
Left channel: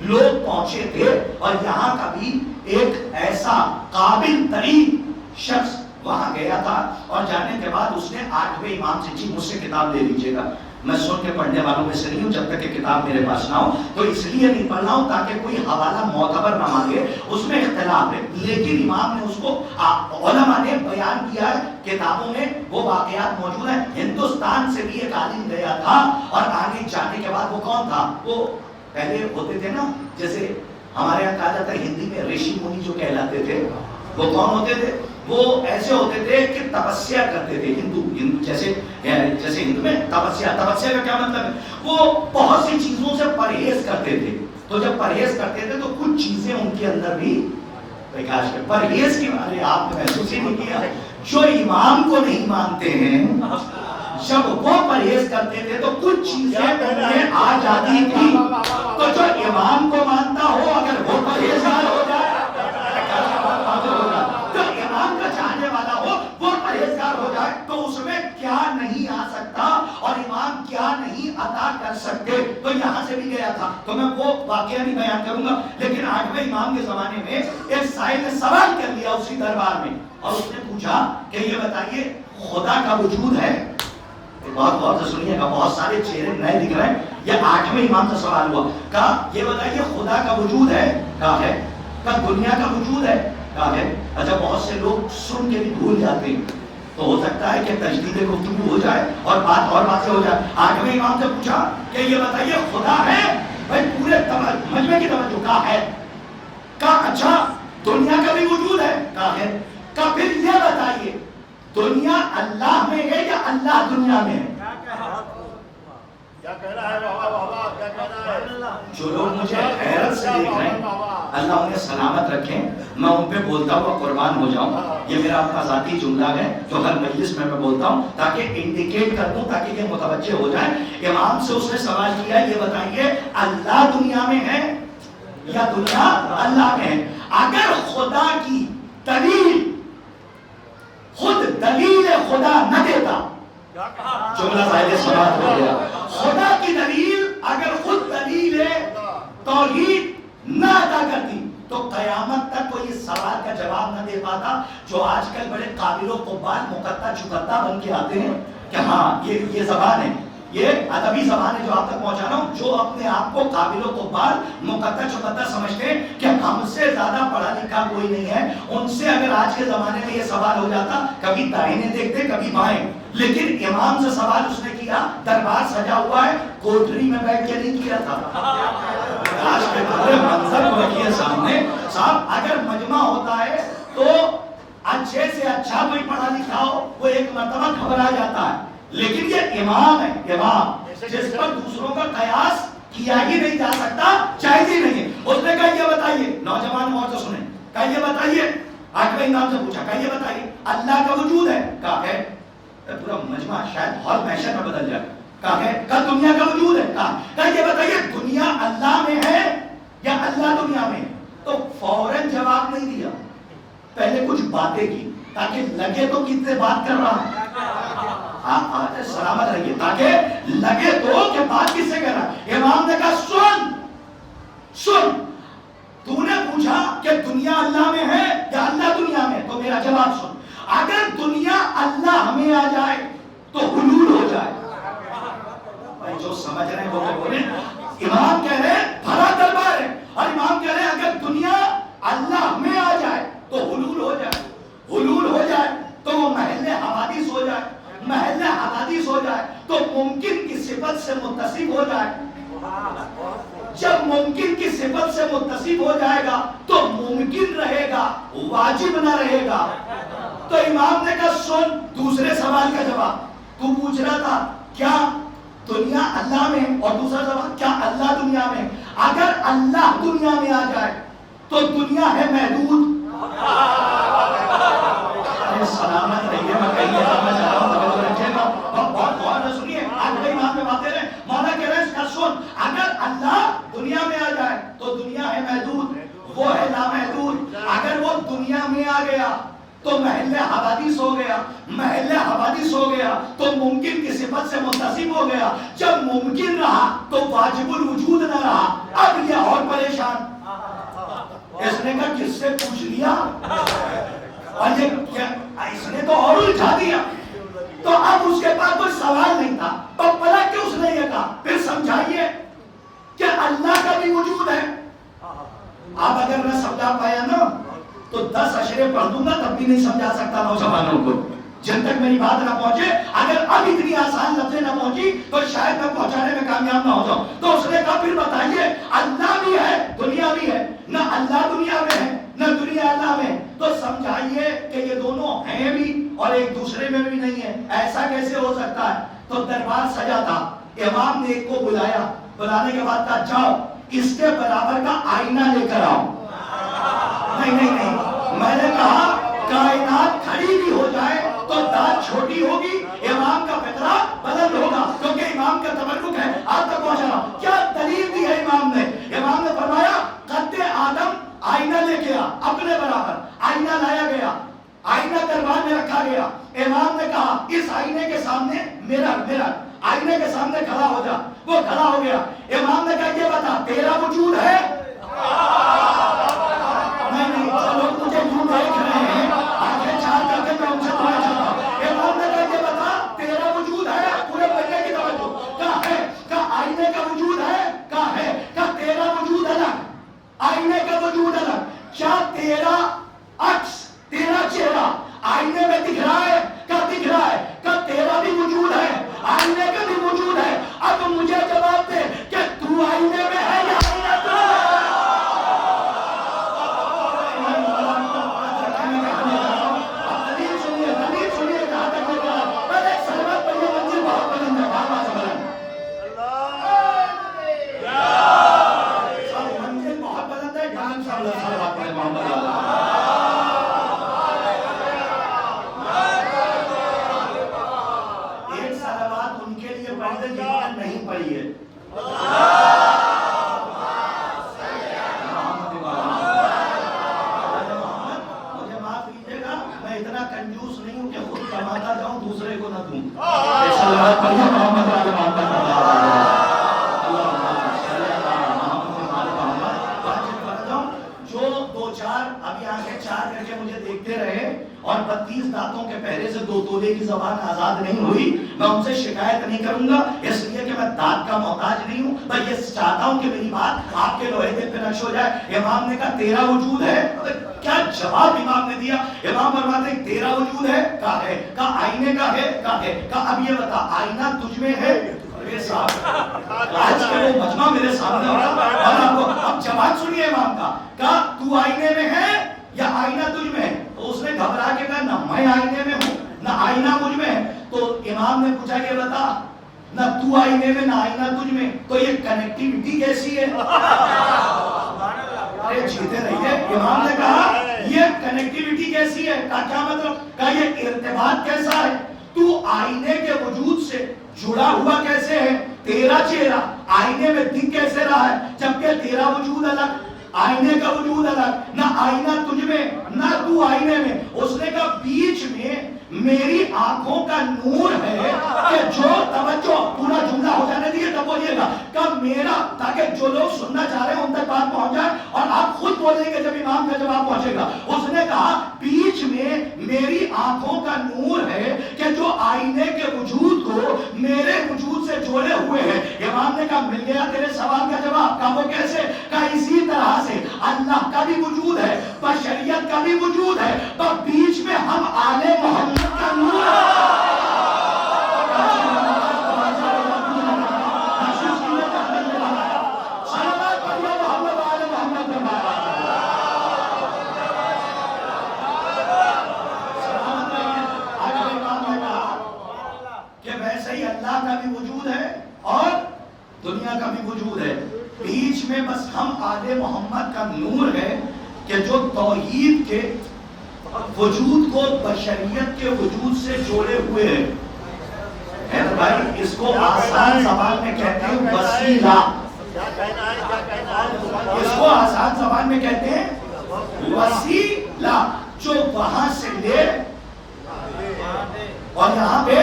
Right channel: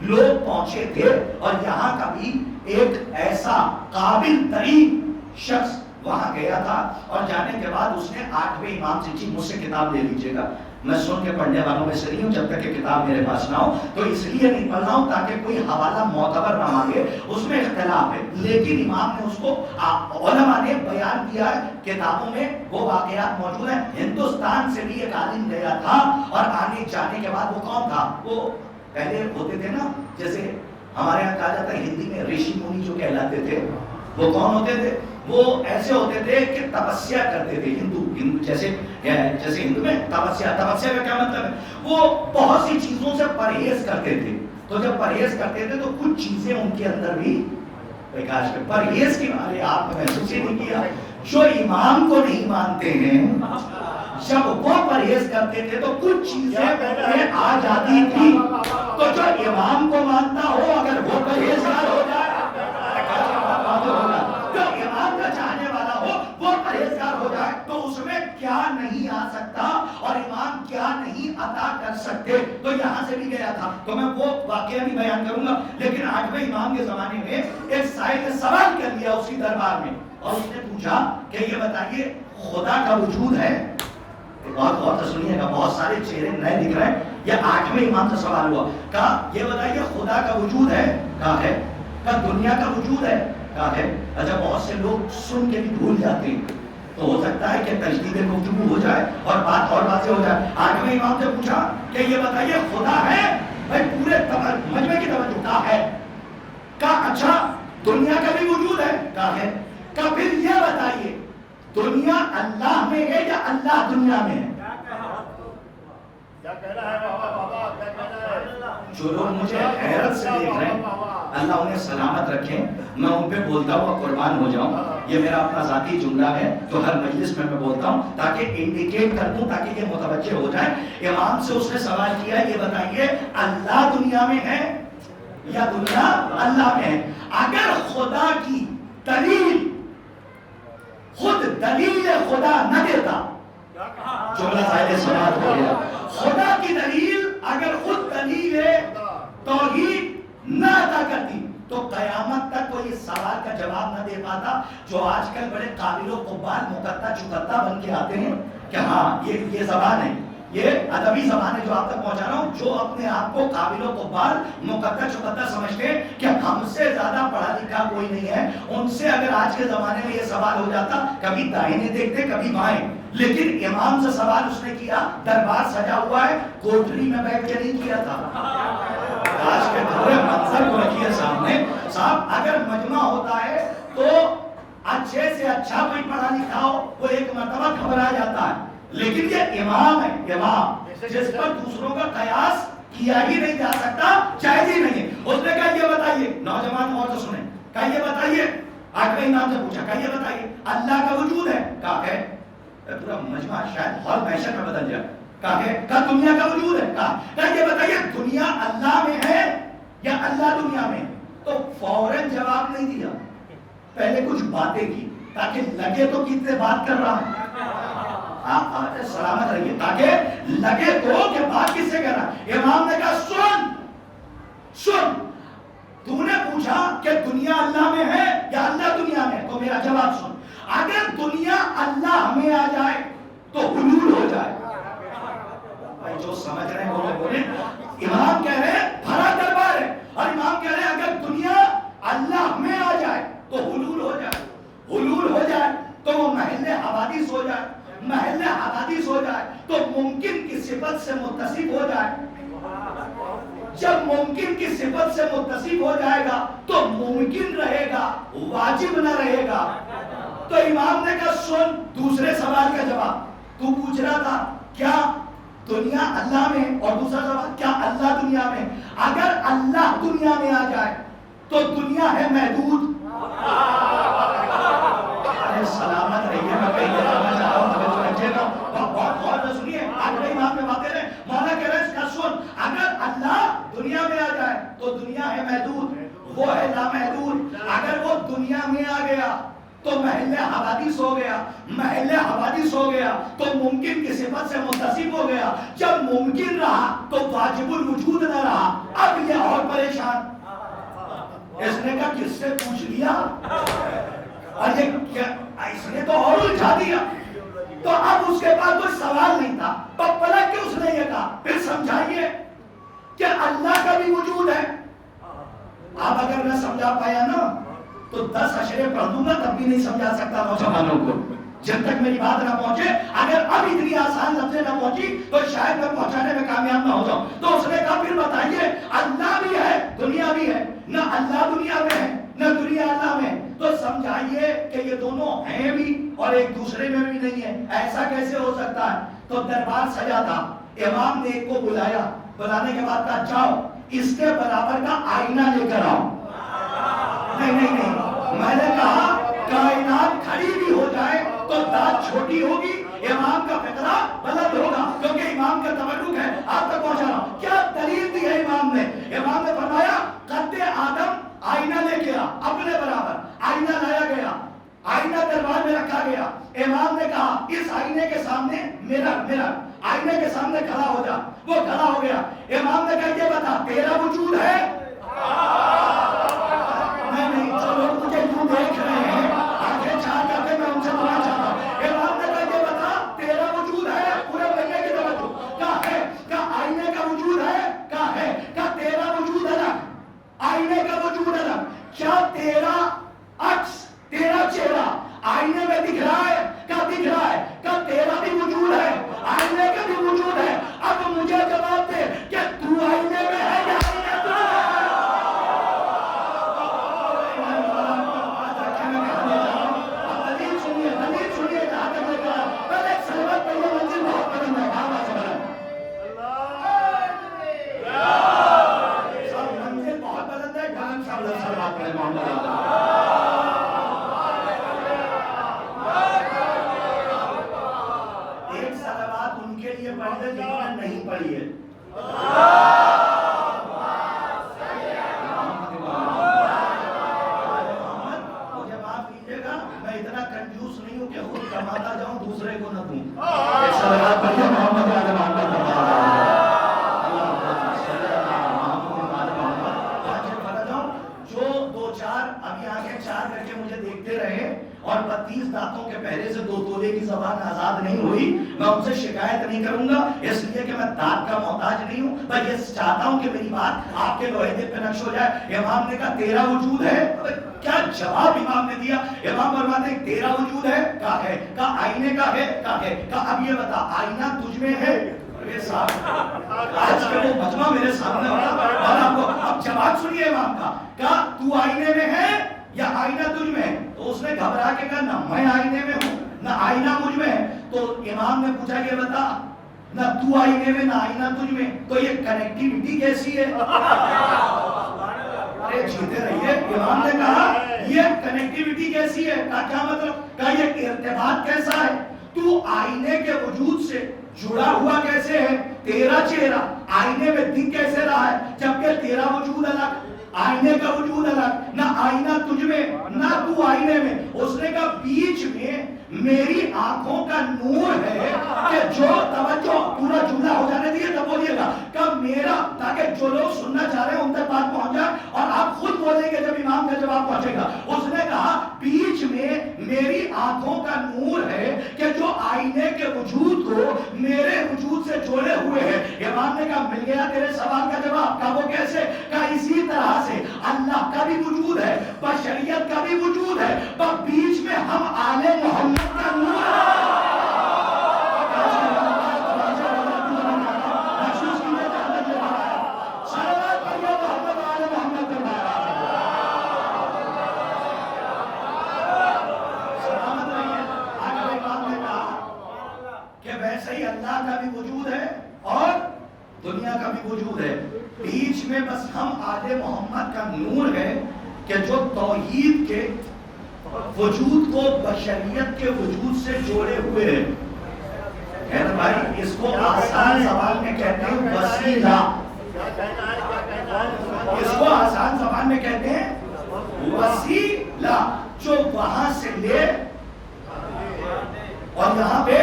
لوگ پہنچے تھے اور یہاں کا بھی ایک ایسا قابل ترین شخص وہاں گیا تھا. اور جانے کے بعد اس نے آٹھویں امام سے مجھ سے کتاب لے لیجیے گا. میں سن کے پڑھنے والوں میں سے نہیں ہوں, جب تک کہ کتاب میرے پاس نہ ہو, تو اس لیے نہیں پڑھ رہا ہوں تاکہ کوئی حوالہ معتبر نہ مانگے, اس میں اختلاف ہے. لیکن امام نے اس کو, علماء نے بیان کیا ہے کتابوں میں, وہ واقعات موجود ہیں. ہندوستان سے بھی ایک عالم گیا تھا اور آنے جانے کے بعد وہ کون تھا, وہ پہلے ہوتے تھے نا, جیسے ہمارے یہاں کہا جاتا ہے ہندی میں ریشی منی جو کہلاتے تھے, وہ کون ہوتے تھے؟ وہ ایسے ہوتے تھے کہ تپسیا کرتے تھے. ہندو جیسے ہندو میں تپسیا کا کیا مطلب ہے؟ وہ بہت سی چیزوں سے پرہیز کرتے تھے. تو جب پرہیز کرتے تھے تو کچھ چیزیں ان کے اندر بھی پرہیز کی, آپ نے محسوس ہی نہیں کیا, جو امام کو نہیں مانتے ہیں، جب وہ پرہیز کرتے تھے تو کچھ چیزیں انہیں آ جاتی تھی، تو جو امام کو مانتا ہو اگر وہ پرہیزگار ہو جائے، جو امام کا چاہنے والا ہو وہ پرہیزگار ہو جائے، تو اس میں کیا نہیں آ سکتا اور امام کیا نہیں عطا کر سکتے. تو یہاں سے بھی گیا تھا، تو میں وہ واقعہ بھی بیان کروں گا. لیکن 8ویں امام کے زمانے میں ایک سائل نے سوال کر لیا اسی دربار میں، اور اس نے پوچھا کہ یہ بتائیے خدا کا وجود ہے؟ بہت غور سے سنیے گا، بہت سارے چہرے نئے دکھ رہے ہیں. یہ 8ویں امام کا سوال ہوا. کہا یہ بتائیے خدا کا وجود ہے؟ کہا ہے. کہا دنیا کا وجود ہے؟ کہا ہے. اچھا بہت سے لوگ سن کے بھی بھول جاتے ہیں، تو ہو سکتا ہے کہ تجدید گفتگو ہو جائے اور بات اور باتیں ہو جائے. 8ویں امام سے پوچھا کہ یہ بتائیے خدا ہے؟ بھائی پورے مجمع کی توجہ. کہا ہے. کہا اچھا دنیا کا بھی وجود ہے؟ کہا ہے. کہا پھر یہ بتائیے دنیا اللہ میں ہے یا اللہ دنیا میں ہے؟ جو لوگ مجھے حیرت سے دیکھ رہے ہیں اللہ انہیں سلامت رکھیں، میں ان پہ بولتا ہوں قربان ہو جاؤں. یہ میرا اپنا ذاتی جملہ ہے جو ہر مجلس میں بولتا ہوں تاکہ انڈیکیٹ کر دوں، تاکہ یہ متوجہ ہو جائیں. امام سے اس نے سوال کیا یہ بتائیے اللہ دنیا میں ہے یا دنیا اللہ میں ہے؟ اگر خدا کی دلیل خود دلیل خدا نہ دیتا، جملہ ظاہر سماعت ہو گیا. خدا کی دلیل اگر خود دلیل توحید نہ ادا کرتی تو قیامت تک کوئی اس سوال کا جواب نہ دے پاتا جو آج کل بڑے قابل و قبال مقطع چکتا بن کے آتے ہیں کہ ہاں یہ زبان ہے، یہ ادبی زبان ہے جو آپ تک پہنچا رہا ہوں، جو اپنے آپ کو قابل و قبال مقطع چکتا سمجھتے ہیں کہ ہم سے زیادہ پڑھا لکھا کوئی نہیں ہے. ان سے اگر آج کے زمانے میں یہ سوال ہو جاتا، کبھی دائیں دیکھتے کبھی بائیں. لیکن امام سے سوال اس نے کیا، دربار سجا ہوا ہے، کوٹری میں بیٹھ کے نہیں کیا تھا. آج کے پورے منظر کو رکھیے سامنے. صاحب اگر مجمع ہوتا ہے تو اچھے سے اچھا کوئی پڑھا لکھا ہو وہ ایک مرتبہ گھبرا جاتا ہے، لیکن یہ امام ہے، امام جس پر دوسروں کا قیاس کیا ہی نہیں جا سکتا، جائز ہی نہیں. اس نے کہا یہ بتائیے، نوجوان اور تو سنیں، کہا یہ بتائیے، 8ویں امام سے پوچھا کہا یہ بتائیے اللہ کا وجود ہے؟ کہا ہے. پورا مجمع شاید ہال محشر میں بدل جائے. کہا ہے. کہا دنیا کا وجود ہے؟ کہا یہ بتائیے دنیا اللہ میں ہے یا اللہ دنیا میں؟ تو فوراً جواب نہیں دیا، پہلے کچھ باتیں کی تاکہ لگے تو کتنے بات کر رہا ہے. سلامت رہیے، تاکہ لگے تو کہ بات کس سے کہہ رہا ہے. امام نے کہا سن تو نے پوچھا کہ دنیا اللہ میں ہے یا اللہ دنیا میں، تو میرا جواب سن. اگر دنیا اللہ میں آ جائے تو حلول ہو جائے. بھائی جو سمجھ رہے ہیں وہ تو بولیں. امام کہہ رہے ہیں بھرا دربار ہے اور امام کہہ رہے ہیں اگر دنیا اللہ میں آ جائے تو حلول ہو جائے. حلول ہو جائے تو وہ محل حوادث ہو جائے. محل حوادث ہو جائے تو ممکن کی صفت سے متصف ہو جائے. جب ممکن کی صفت سے متصف ہو جائے گا تو ممکن رہے گا، واجب نہ رہے گا. تو امام نے کہا سن دوسرے سوال کا جواب. تو پوچھ رہا تھا کیا دنیا اللہ میں، اور دوسرا سوال کیا اللہ دنیا میں. اگر اللہ دنیا میں آ جائے تو دنیا ہے محدود. سلامت رہیے، میں کہیں بتانا چاہ رہا ہوں، بہت غور سے سنیے. 8ویں امام میں باتیں ہیں. مولانا کہہ رہے ہیں اس کا سن، اگر اللہ دنیا میں آ جائے تو دنیا ہے محدود، وہ ہے لامحدود. اگر وہ دنیا میں آ گیا تو محل حوادث ہو گیا. محل حوادث ہو گیا تو ممکن کی صفت سے متصف ہو گیا. جب ممکن رہا تو واجب الوجود نہ رہا. اب یہ اور پریشان. اس نے کہا کس سے پوچھ لیا، اور یہ اس نے تو اور الجھا دیا. تو اب اس کے پاس کوئی سوال نہیں تھا. پلا کہ اس نے یہ کہا پھر سمجھائیے کہ اللہ کا بھی وجود ہے. آپ اگر میں سمجھا پایا نا تو 10 اشرے پڑھ دوں گا تب بھی نہیں سمجھا سکتا نوجوانوں کو جب تک میری بات نہ پہنچے. اگر اب اتنی آسان لفظیں نہ پہنچی تو شاید میں پہنچانے میں کامیاب نہ ہو جاؤں. تو اس نے کہا پھر بتائیے اللہ بھی ہے دنیا بھی ہے. نہ اللہ دنیا میں ہے نہ دنیا اللہ میں. تو سمجھائیے کہ یہ دونوں ہیں بھی اور ایک دوسرے میں بھی نہیں ہے. ایسا کیسے ہو سکتا ہے؟ تو دربار سجا تھا. امام نے ایک کو بلایا، بلانے کے بعد کہا جاؤ اس کے برابر کا آئینہ لے کر آؤ. نہیں، میں نے کہا کائنات کھڑی بھی ہو جائے تو داد چھوٹی ہوگی، امام کا فقرہ بلند ہوگا، کیونکہ امام کا تبرک ہے۔ آپ تک پہنچا رہا ہوں، کیا دلیل دی ہے امام نے؟ امام نے فرمایا قد آدم آئینہ لے گیا اپنے برابر، آئینہ لایا گیا، آئینہ دربار میں رکھا گیا۔ امام نے کہا اس آئینے کے سامنے میرا آئینے کے سامنے کھڑا ہو جا، وہ کھڑا ہو گیا۔ امام نے کہا یہ بتا تیرا وجود ہے؟ نہیں، جو لوگ مجھے یوں دیکھ رہے ہیں آنکھیں چار کر کے، میں ان سے دعائیں چاہتا ہوں۔ امام نے کہا یہ بتا تیرا وجود ہے؟ پورے بننے کی توجہ، کہا ہے، کہا آئینے کا وجود ہے؟ کہا ہے، کہا تیرا وجود الگ، آئینے کا وجود الگ، کیا تیرا عکس، تیرا چہرہ آئینے میں دکھ رہا ہے؟ کیا دکھ رہا ہے؟ کیا تیرا بھی وجود ہے، آئینے کا بھی وجود ہے؟ اب مجھے جواب دے کہ تو آئینے میں ہے یا آئینہ تو ہے؟ دلیل سنیے جہاں تک لے کر پہلے ایک سلوات پڑھیے، منزل بہت پسند ہے، بار سے بلند منزل بہت پسند ہے، ڈانس سلوات پڑھے محمد اللہ۔ ایک سلوات ان کے لیے پڑھ دے جنہوں نے نہیں پڑھی ہے۔ مجھے معاف کیجیے گا، میں اتنا کنجوس نہیں ہوں کہ خود کماتا جاؤں دوسرے کو نہ دوں۔ ایک سلوات پڑھیے محمد جو دو چار ابھی آنکھیں چار کر کے مجھے دیکھتے رہے اور 32 دانتوں کے پہرے سے 2 تولے کی زبان آزاد نہیں ہوئی، میں ان سے شکایت نہیں کروں گا، اس لیے کہ میں دانت کا محتاج نہیں ہوں، میں یہ چاہتا ہوں کہ میری بات آپ کے لوہے دل پہ نقش ہو جائے۔ امام نے کہا تیرا وجود ہے؟ کیا جواب امام نے دیا؟ امام فرماتے ہیں تیرا وجود ہے؟ کہا ہے۔ کہا آئینے کا ہے؟ کہا ہے۔ کہا اب یہ بتا آئینہ تجھ میں ہے؟ آج کے وہ مجمع میرے سامنے ہوگا اور آپ کو اب جواب سنیے امام کا۔ کہا تو آئینے میں ہے یا آئینہ تجھ میں ہے؟ تو اس نے گھبرا کے کہا نہ میں آئینے میں ہوں نہ آئینہ مجھ میں ہے۔ تو امام نے پوچھا یہ بتا نہ تو آئینے میں نہ آئینہ تجھ میں، تو یہ کنیکٹیوٹی کیسی ہے؟ ارے جیتے رہیے۔ امام نے کہا یہ کنیکٹیوٹی کیسی ہے؟ کہا کیا مطلب؟ کہا یہ ارتباط کیسا ہے؟ تو آئینے کے وجود سے جڑا ہوا کیسے ہے؟ تیرا چہرہ آئینے میں دکھ کیسے رہا ہے جبکہ تیرا وجود الگ، آئینے کا وجود الگ، نہ آئینہ تجھ میں نہ تو آئینے میں۔ اس نے کہا بیچ میں میری آنکھوں کا نور ہے کہ جو توجہ پورا جملہ ہو جانے دیے تب بولیے گا کہ میرا، تاکہ جو لوگ سننا چاہ رہے ہیں ان تک بات پہنچ جائے اور آپ خود بولیں گے جب امام کا جواب پہنچے گا۔ اس نے کہا بیچ میں میری آنکھوں کا نور ہے کہ جو آئینے کے وجود کو میرے وجود سے جوڑے ہوئے ہیں۔ امام نے کہا مل گیا تیرے سوال کا جواب۔ کہا وہ کیسے؟ کہا اسی طرح سے اللہ کا بھی وجود ہے، بشریت کا بھی وجود ہے، پر بیچ میں ہم آل محمد کا نور ہے۔ ویسے ہی اللہ کا بھی وجود ہے اور دنیا کا بھی وجود ہے، بیچ میں بس ہم آل محمد کا نور ہے کہ جو توحید کے وجود کو بشریت کے وجود سے جوڑے ہوئے ہیں۔ حیدر بھائی اس کو آسان زبان میں کہتے ہیں وسیلہ، اس کو آسان زبان میں کہتے ہیں وسیلہ، جو وہاں سے لے اور یہاں پہ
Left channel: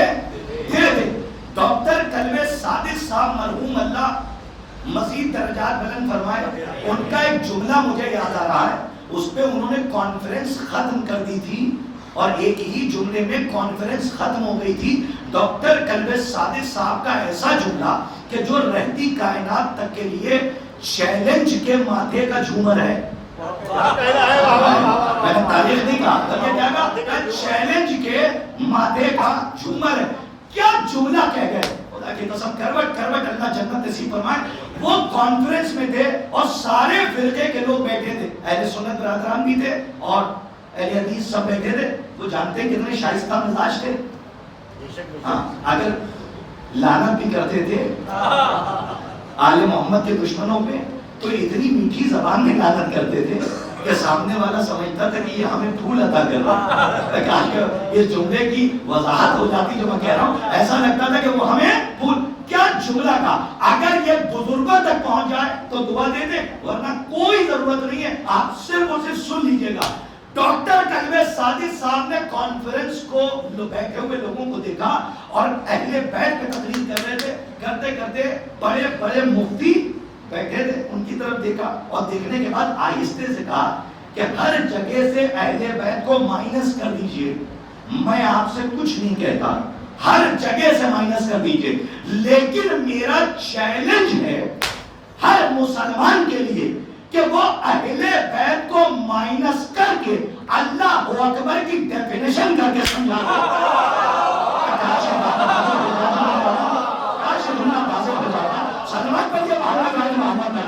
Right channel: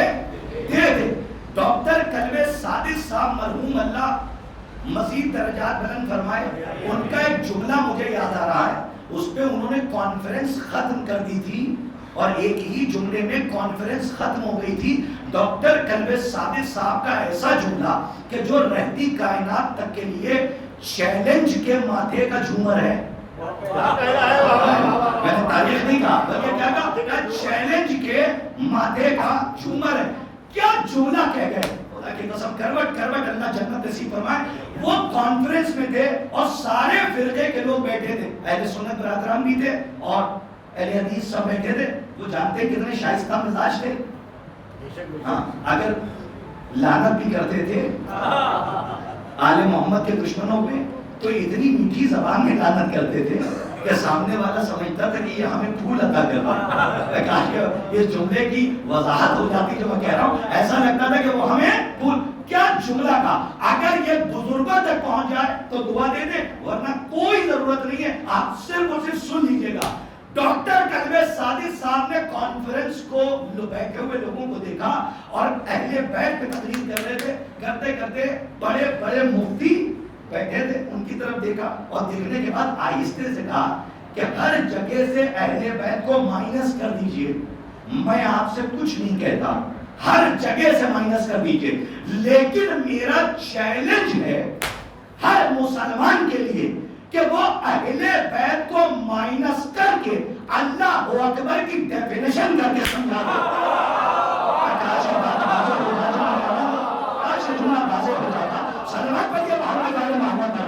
دے دے۔ ڈاکٹر کلوے صادق صاحب مرحوم اللہ مزید درجات بلند فرمائے، ان کا ایک جملہ مجھے یاد آ رہا ہے، اس پہ انہوں نے کانفرنس ختم کر دی تھی اور ایک ہی جملے میں کانفرنس ختم ہو گئی تھی۔ ڈاکٹر کلوے صادق صاحب کا ایسا جملہ کہ جو رہتی کائنات تک کے لیے چیلنج کے ماتھے کا جھومر ہے۔ میں نے تاریخ نہیں کہا بلکہ کیا کہا؟ چیلنج کے ماتھے کا جھومر ہے۔ کیا جملہ کہہ گئے؟ خدا کی قسم کروٹ کروٹ اللہ جنت نصیب فرمائے۔ وہ کانفرنس میں تھے اور سارے فرقے کے لوگ بیٹھے تھے، اہل سنت برادران بھی تھے اور اہل حدیث سب بیٹھے تھے۔ وہ جانتے ہیں کتنے شائستہ مزاج تھے؟ ہاں، اگر لعنت بھی کرتے تھے آل محمد کے دشمنوں پہ تو اتنی میٹھی زبان میں لعنت کرتے تھے کہ سامنے والا سمجھتا تھا کہ یہ ہمیں پھول عطا کر رہا ہے. کاش کہ اس جملے کی وضاحت ہو جاتی جو میں کہہ رہا ہوں. ایسا لگتا تھا کہ وہ ہمیں پھول. کیا جملہ کا اگر یہ بزرگوں تک پہنچ جائے تو دعا دے دیں, ورنہ کوئی ضرورت نہیں ہے. آپ صرف اور صرف سن لیجئے گا. ڈاکٹر کلبے سادی صاحب نے کانفرنس کو بیٹھے ہوئے لوگوں کو دیکھا اور اہل بیت پہ تقریر کر رہے تھے. کرتے کرتے بڑے بڑے مفتی بیٹھے تھے, ان کی طرف دیکھا اور دیکھنے کے بعد آہستہ سے کہا کہ ہر جگہ سے اہل بیت کو مائنس کر دیجئے. میں آپ سے کچھ نہیں کہتا, ہر جگہ سے مائنس کر دیجئے, لیکن میرا چیلنج ہے ہر مسلمان کے لیے کہ وہ اہل بیت کو مائنس کر کے اللہ اکبر کی ڈیفینیشن کر کے سمجھا دو. سلامت پڑھیے محمد والے محمد میں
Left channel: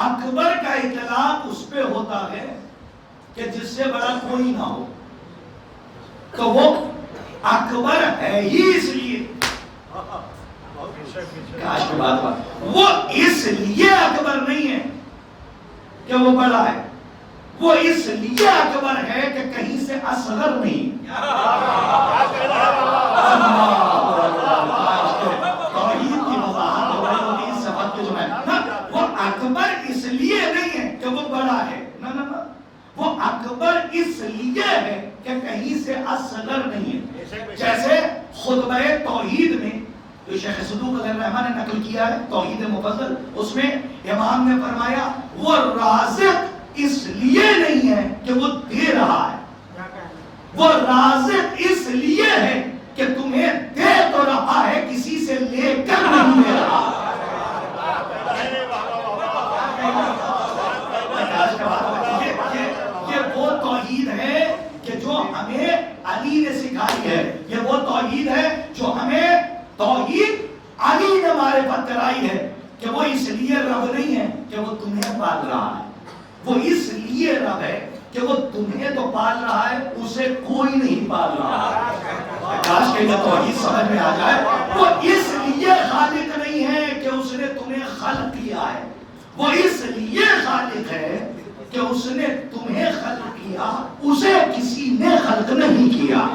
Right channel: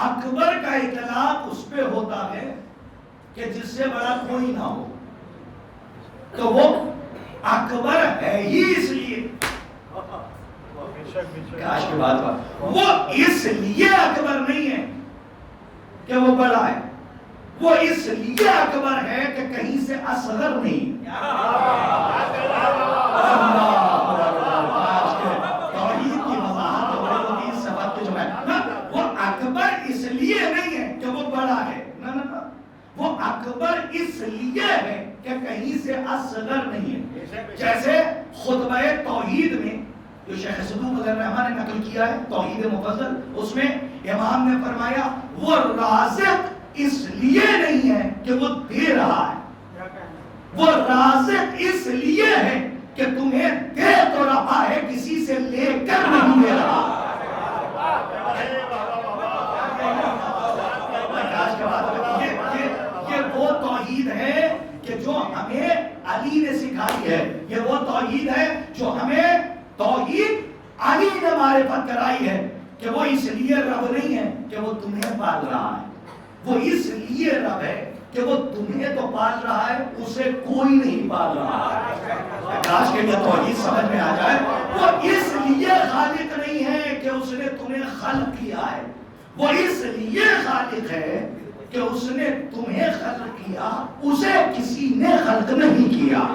اکبر کا اطلاق اس پہ ہوتا ہے کہ جس سے بڑا کوئی نہ ہو, تو وہ اکبر ہے ہی اس لیے. کاش کی بات وہ اس لیے اکبر نہیں ہے کہ وہ بڑا ہے, وہ اس لیے اکبر ہے کہ کہیں سے اصغر نہیں. وہ اکبر اس لیے نہیں ہے کہ وہ بڑا ہے, نہ وہ اکبر اس لیے ہے کہ کہیں سے اصغر نہیں ہے. جیسے خطبہ توحید میں جو شیخ صدوق علیہ الرحمن نے نقل کیا ہے توحید مفصل, اس میں امام نے فرمایا وہ رازق اس لیے نہیں ہے کہ وہ دے رہا ہے, وہ رازق اس لیے ہے کہ تمہیں دے تو رہا ہے, کسی سے لے کر نہیں دے رہا. یہ وہ توحید ہے کہ جو ہمیں علی نے سکھائی ہے, یہ وہ توحید ہے جو ہمیں توحید علی نے معرفت کرائی ہے کہ وہ اس لیے رب نہیں ہے کہ وہ تمہیں پال رہا ہے, وہ اس لیے رب ہے کہ وہ تمہیں تو پال رہا ہے, اسے کوئی نہیں پال رہا ہے. کاش کہ یہ توحید سمجھ میں آ جائے. وہ اس لیے خالق نہیں ہے کہ اس نے تمہیں خلق کیا ہے, وہ اس لیے خالق ہے کہ اس نے تمہیں خلق کیا, اسے کسی نے خلق نہیں کیا.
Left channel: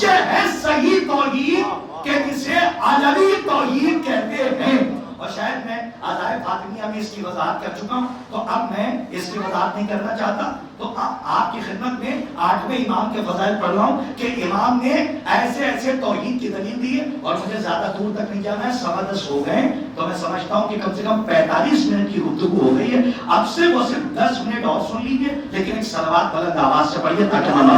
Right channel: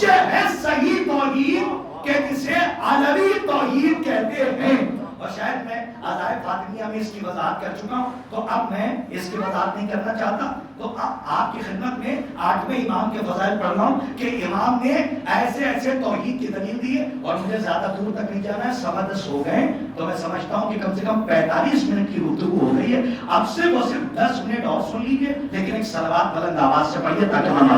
یہ ہے صحیح توحید کہ جسے علوی توحید کہتے ہیں. اور شاید میں عزائے فاطمیہ میں اس کی وضاحت کر چکا ہوں, تو اب میں اس کی وضاحت نہیں کرنا چاہتا. تو اب آپ کی خدمت میں 8ویں امام کے فضائل پڑھ رہا ہوں کہ امام نے ایسے ایسے توحید کی دلیل دی ہے. اور مجھے زیادہ دور تک نہیں جانا ہے, 10:15 ہو گئے, تو میں سمجھتا ہوں کہ کم سے کم 45 منٹ کی گفتگو ہو گئی ہے. اب صرف اور صرف 10 منٹ اور سن لیجیے, لیکن ایک صلوات بلند آواز سے پڑھیے تاکہ ہم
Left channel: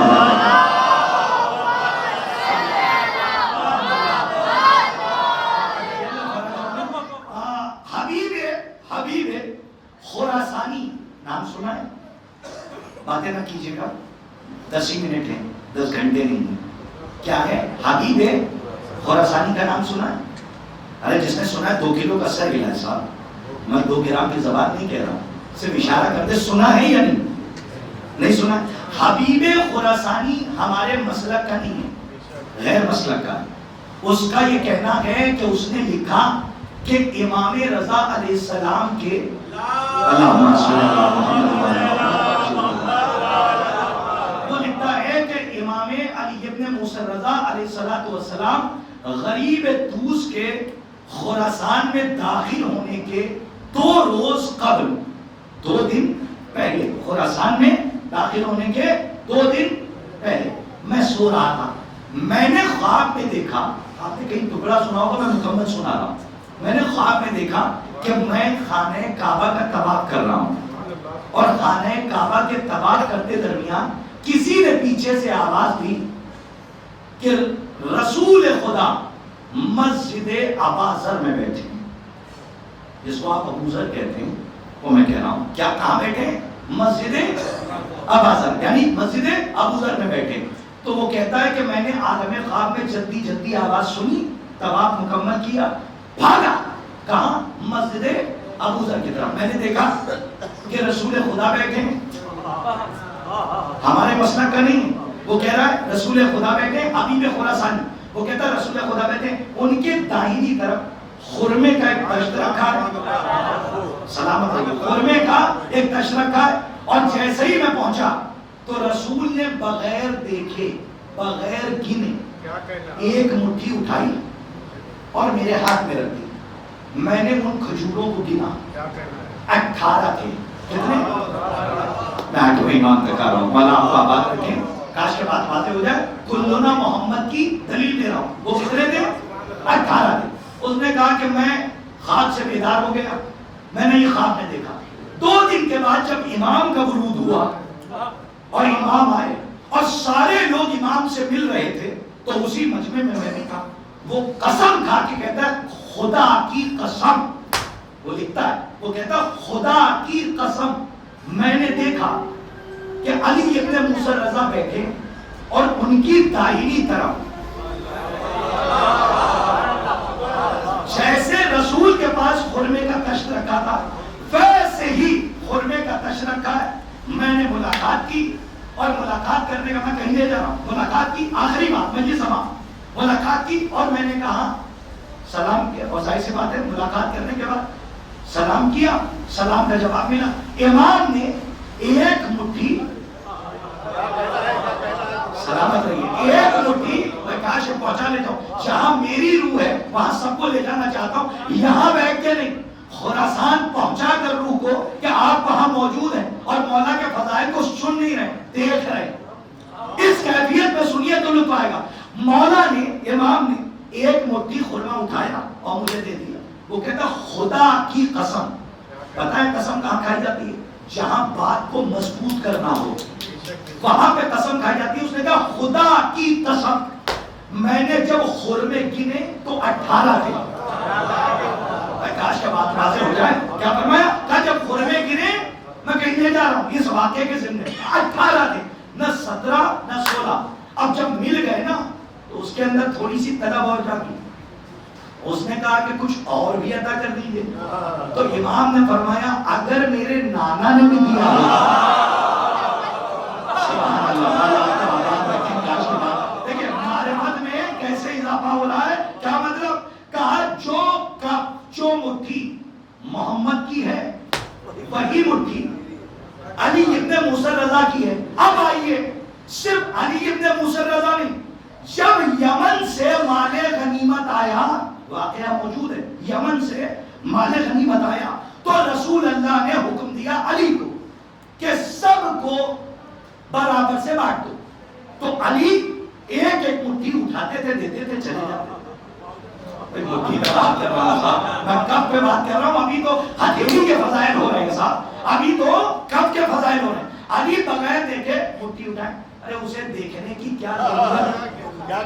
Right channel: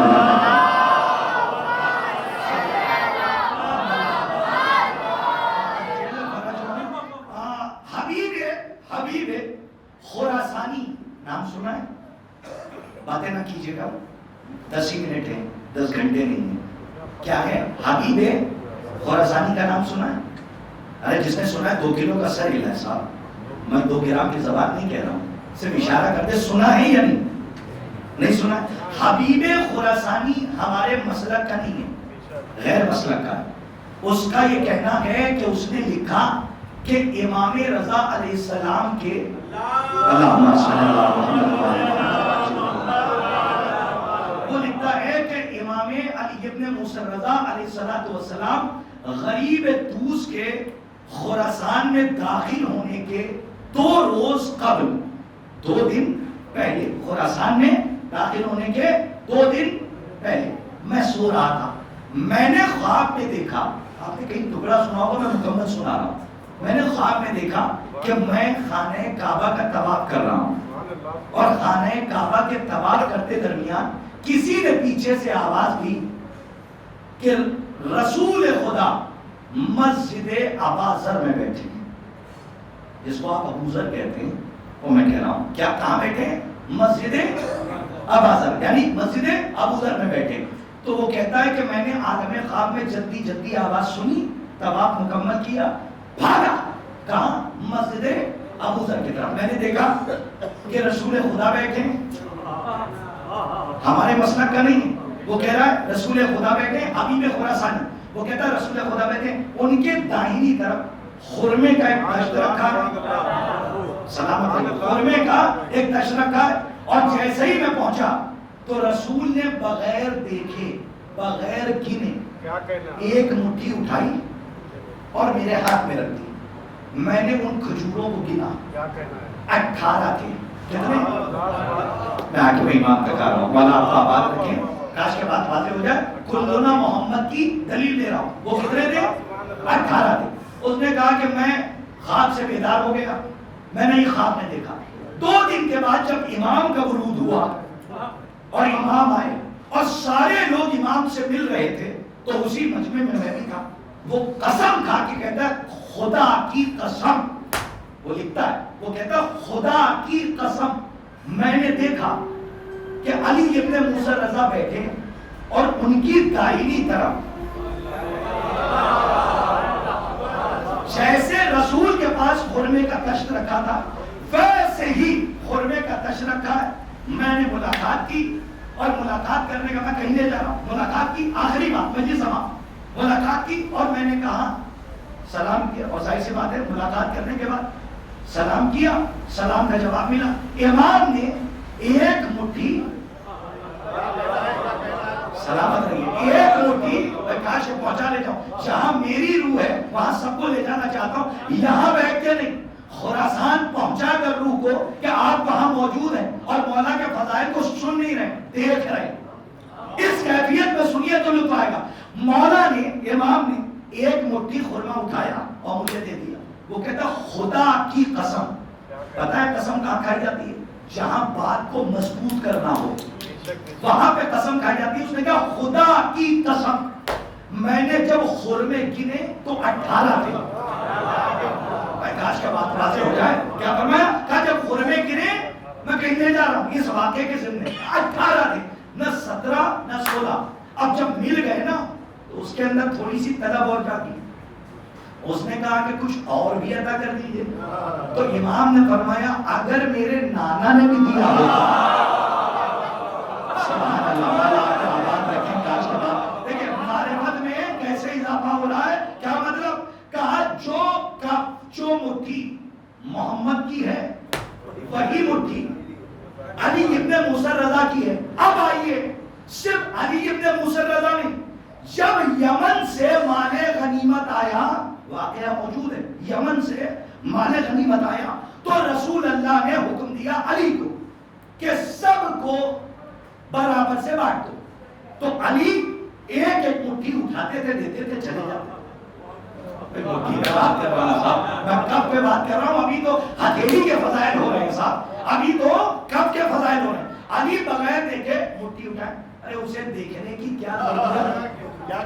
حبیب خراسانی نام سنا ہے؟ باتیں نہ کیجیے گا, 10 ہی منٹ ہیں, 10 گھنٹے نہیں. کیا ہے حبیب خراسانی کا نام سنا ہے؟ ارے جس نے سنا ہے 2 کلو کا سر ہلا ہے صاحب. میں 2 گرام کی زبان نہیں کہہ رہا ہوں, صرف اشارہ کرتے سنا ہے یا نہیں سنا. حبیب خراسانی ہمارے مسلک کا نہیں ہے, غیر مسلک کا ہے. اس کا یہ کہنا ہے کہ اس نے لکھا کہ امام رضا علیہ السلام کے وہ لکھتا ہے کہ امام علی ابن موسیٰ رضا علیہ السلام غریب طوس کے خراسان میں داخل ہونے کے 2 روز قبل, 2 دن پہلے, خراسان میں داخل ہونے کے 2 دن پہلے میں سو رہا تھا. میں نے خواب میں دیکھا, آپ نے کہیں ٹکڑا سنا ہوگا, میں مکمل سنا رہا ہوں. میں نے خواب میں دیکھا کہ میں خانہ کعبہ کا طواف کر رہا ہوں, اور خانہ کعبہ کے طواف کرتے درمیان کسی نے پیچھے سے آواز دی کہ رسول خدا مسجد ابا ذر میں بیٹھے. جس کو آپ ابو ذر کہتے ہیں، وہ میں کہہ رہا ہوں کیا کہاں بیٹھے ہیں؟ مسجد ابا ذر، یعنی مسجد ابو ذر میں بیٹھے. تو وہ کہتا ہے کہ میں نے عالم خواب میں جلدی جلدی آواز سنی، طواف مکمل کیا، بھاگا کہاں؟ مسجد ابو ذر کی طرف. میں نے دیکھا کہ رسول خدا بیٹھے ہیں، ہمارے مسلک کا نہیں. وہ کہہ رہا ہے رسول خدا بیٹھے، حبیب خراسانی. وہ کہتا ہے رسول خدا بیٹھے، ان کے داہنی طرف خرمے کا ایک تشت رکھا ہے، سلامت رہیے، خرمے کا ایک تشت رکھا ہے. اور جیسے ہی میں پہنچا تو رسول نے بغیر دیکھے بغیر گنے ایک مٹھی اٹھائی اور میرے ہاتھ میں رکھ دی. میں نے ان کھجوروں کو گنا، 18 تھے. کتنے؟ میں آج وہ ایمان کا کر رہا ہوں، والا آپ آباد رکھیں، کاش کے بات واضح ہو جائے. کلنا محمد کی دلیل دے رہا ہوں. وہ کتنے تھے؟ 18 تھے. اس نے کہا کہ میں خواب سے بیدار ہو گیا، میں نے یہ خواب میں دیکھا. 2 دن کے بعد جب امام کا ورود ہوا اور امام آئے اور سارے لوگ امام سے مل رہے تھے تو اسی مجمع میں میں بھی تھا. وہ قسم کھا کے کہتا ہے خدا کی قسم، وہ لکھتا ہے، وہ کہتا ہے خدا کی قسم میں نے دیکھا کہ علی ابن موسیٰ رضا بیٹھے اور ان کی دائنی طرف جیسے رسول کے پاس خرمے کا تشت رکھا تھا ویسے ہی خرمے کا تشت رکھا ہے. میں نے ملاقات کی اور ملاقات کرنے کا میں کہیں لے جا رہا ہوں. ملاقات کی آخری بات میں یہ سما، ملاقات کی اور میں نے کہا سلام کیا. اور ظاہر سی بات ہے ملاقات کرنے کے بعد سلام کیا، سلام کا جواب ملا. امام نے ایک مٹھی، سلامت رہیے، ایک مٹھی میں کاش پہنچا لیتا ہوں، جہاں میری روح ہے وہاں سب کو لے جانا چاہتا ہوں، یہاں بیٹھ کے نہیں، خراسان پہنچا کر روح کو کہ آپ وہاں موجود ہیں اور مولا کے فضائل کو سن نہیں رہے، دیکھ رہے. اس کیفیت میں سنیے تو لطف آئے گا. مولا نے، امام نے ایک مٹھی خرما اٹھایا اور مجھے دے دیا. وہ کہتا خدا کی قسم. پتہ ہے قسم کہاں کھائی جاتی ہے؟ جہاں بات کو مضبوط کرنا ہو وہاں پہ قسم کھائی جاتی ہے. اس نے کہا خدا کی قسم میں نے جب خرمے گنے تو 18 تھے. کاش کا بات واضح ہو جائے. کیا فرمایا؟ کہا جب خرمے گنے، میں کہیں لے جا رہا ہوں اس واقعے کے ذمہ، 18 تھے، نہ 17 نہ 16. اب جب مل گئے نا تو اس کے اندر تھوڑی سی طلب ہو جاتی. اس نے کہا کہ کچھ اور بھی عطا کر دیجیے. تو امام نے فرمایا اگر میرے نانا نے بھی دیا ہوتا. سبحان اللہ. دیکھیں معرفت میں کیسے اضافہ ہو رہا ہے. کیا مطلب؟ کہا جو مٹھی محمد کی ہے وہی مٹھی علی ابن موسیٰ رضا کی ہے. اب آئیے، صرف علی ابن موسیٰ رضا نہیں، جب یمن سے مال غنیمت آیا، واقعہ موجود ہے، یمن سے مال غنیمت آیا تو رسول اللہ نے حکم دیا علی کو کہ سب کو برابر سے بانٹ دو. تو علی ایک ایک مٹھی اٹھاتے تھے، دیتے تھے، چلے جاتے. مٹھی پہ بات کر رہا ہوں صاحب، میں کب پہ بات کر رہا ہوں؟ ابھی تو ہتھیلی کے فضائل ہو رہے ہیں صاحب، ابھی تو کب کے فضائل ہو رہے ہیں. علی بغیر دیکھے مٹھی اٹھائے. ارے اسے دیکھنے کی کیا ضرورت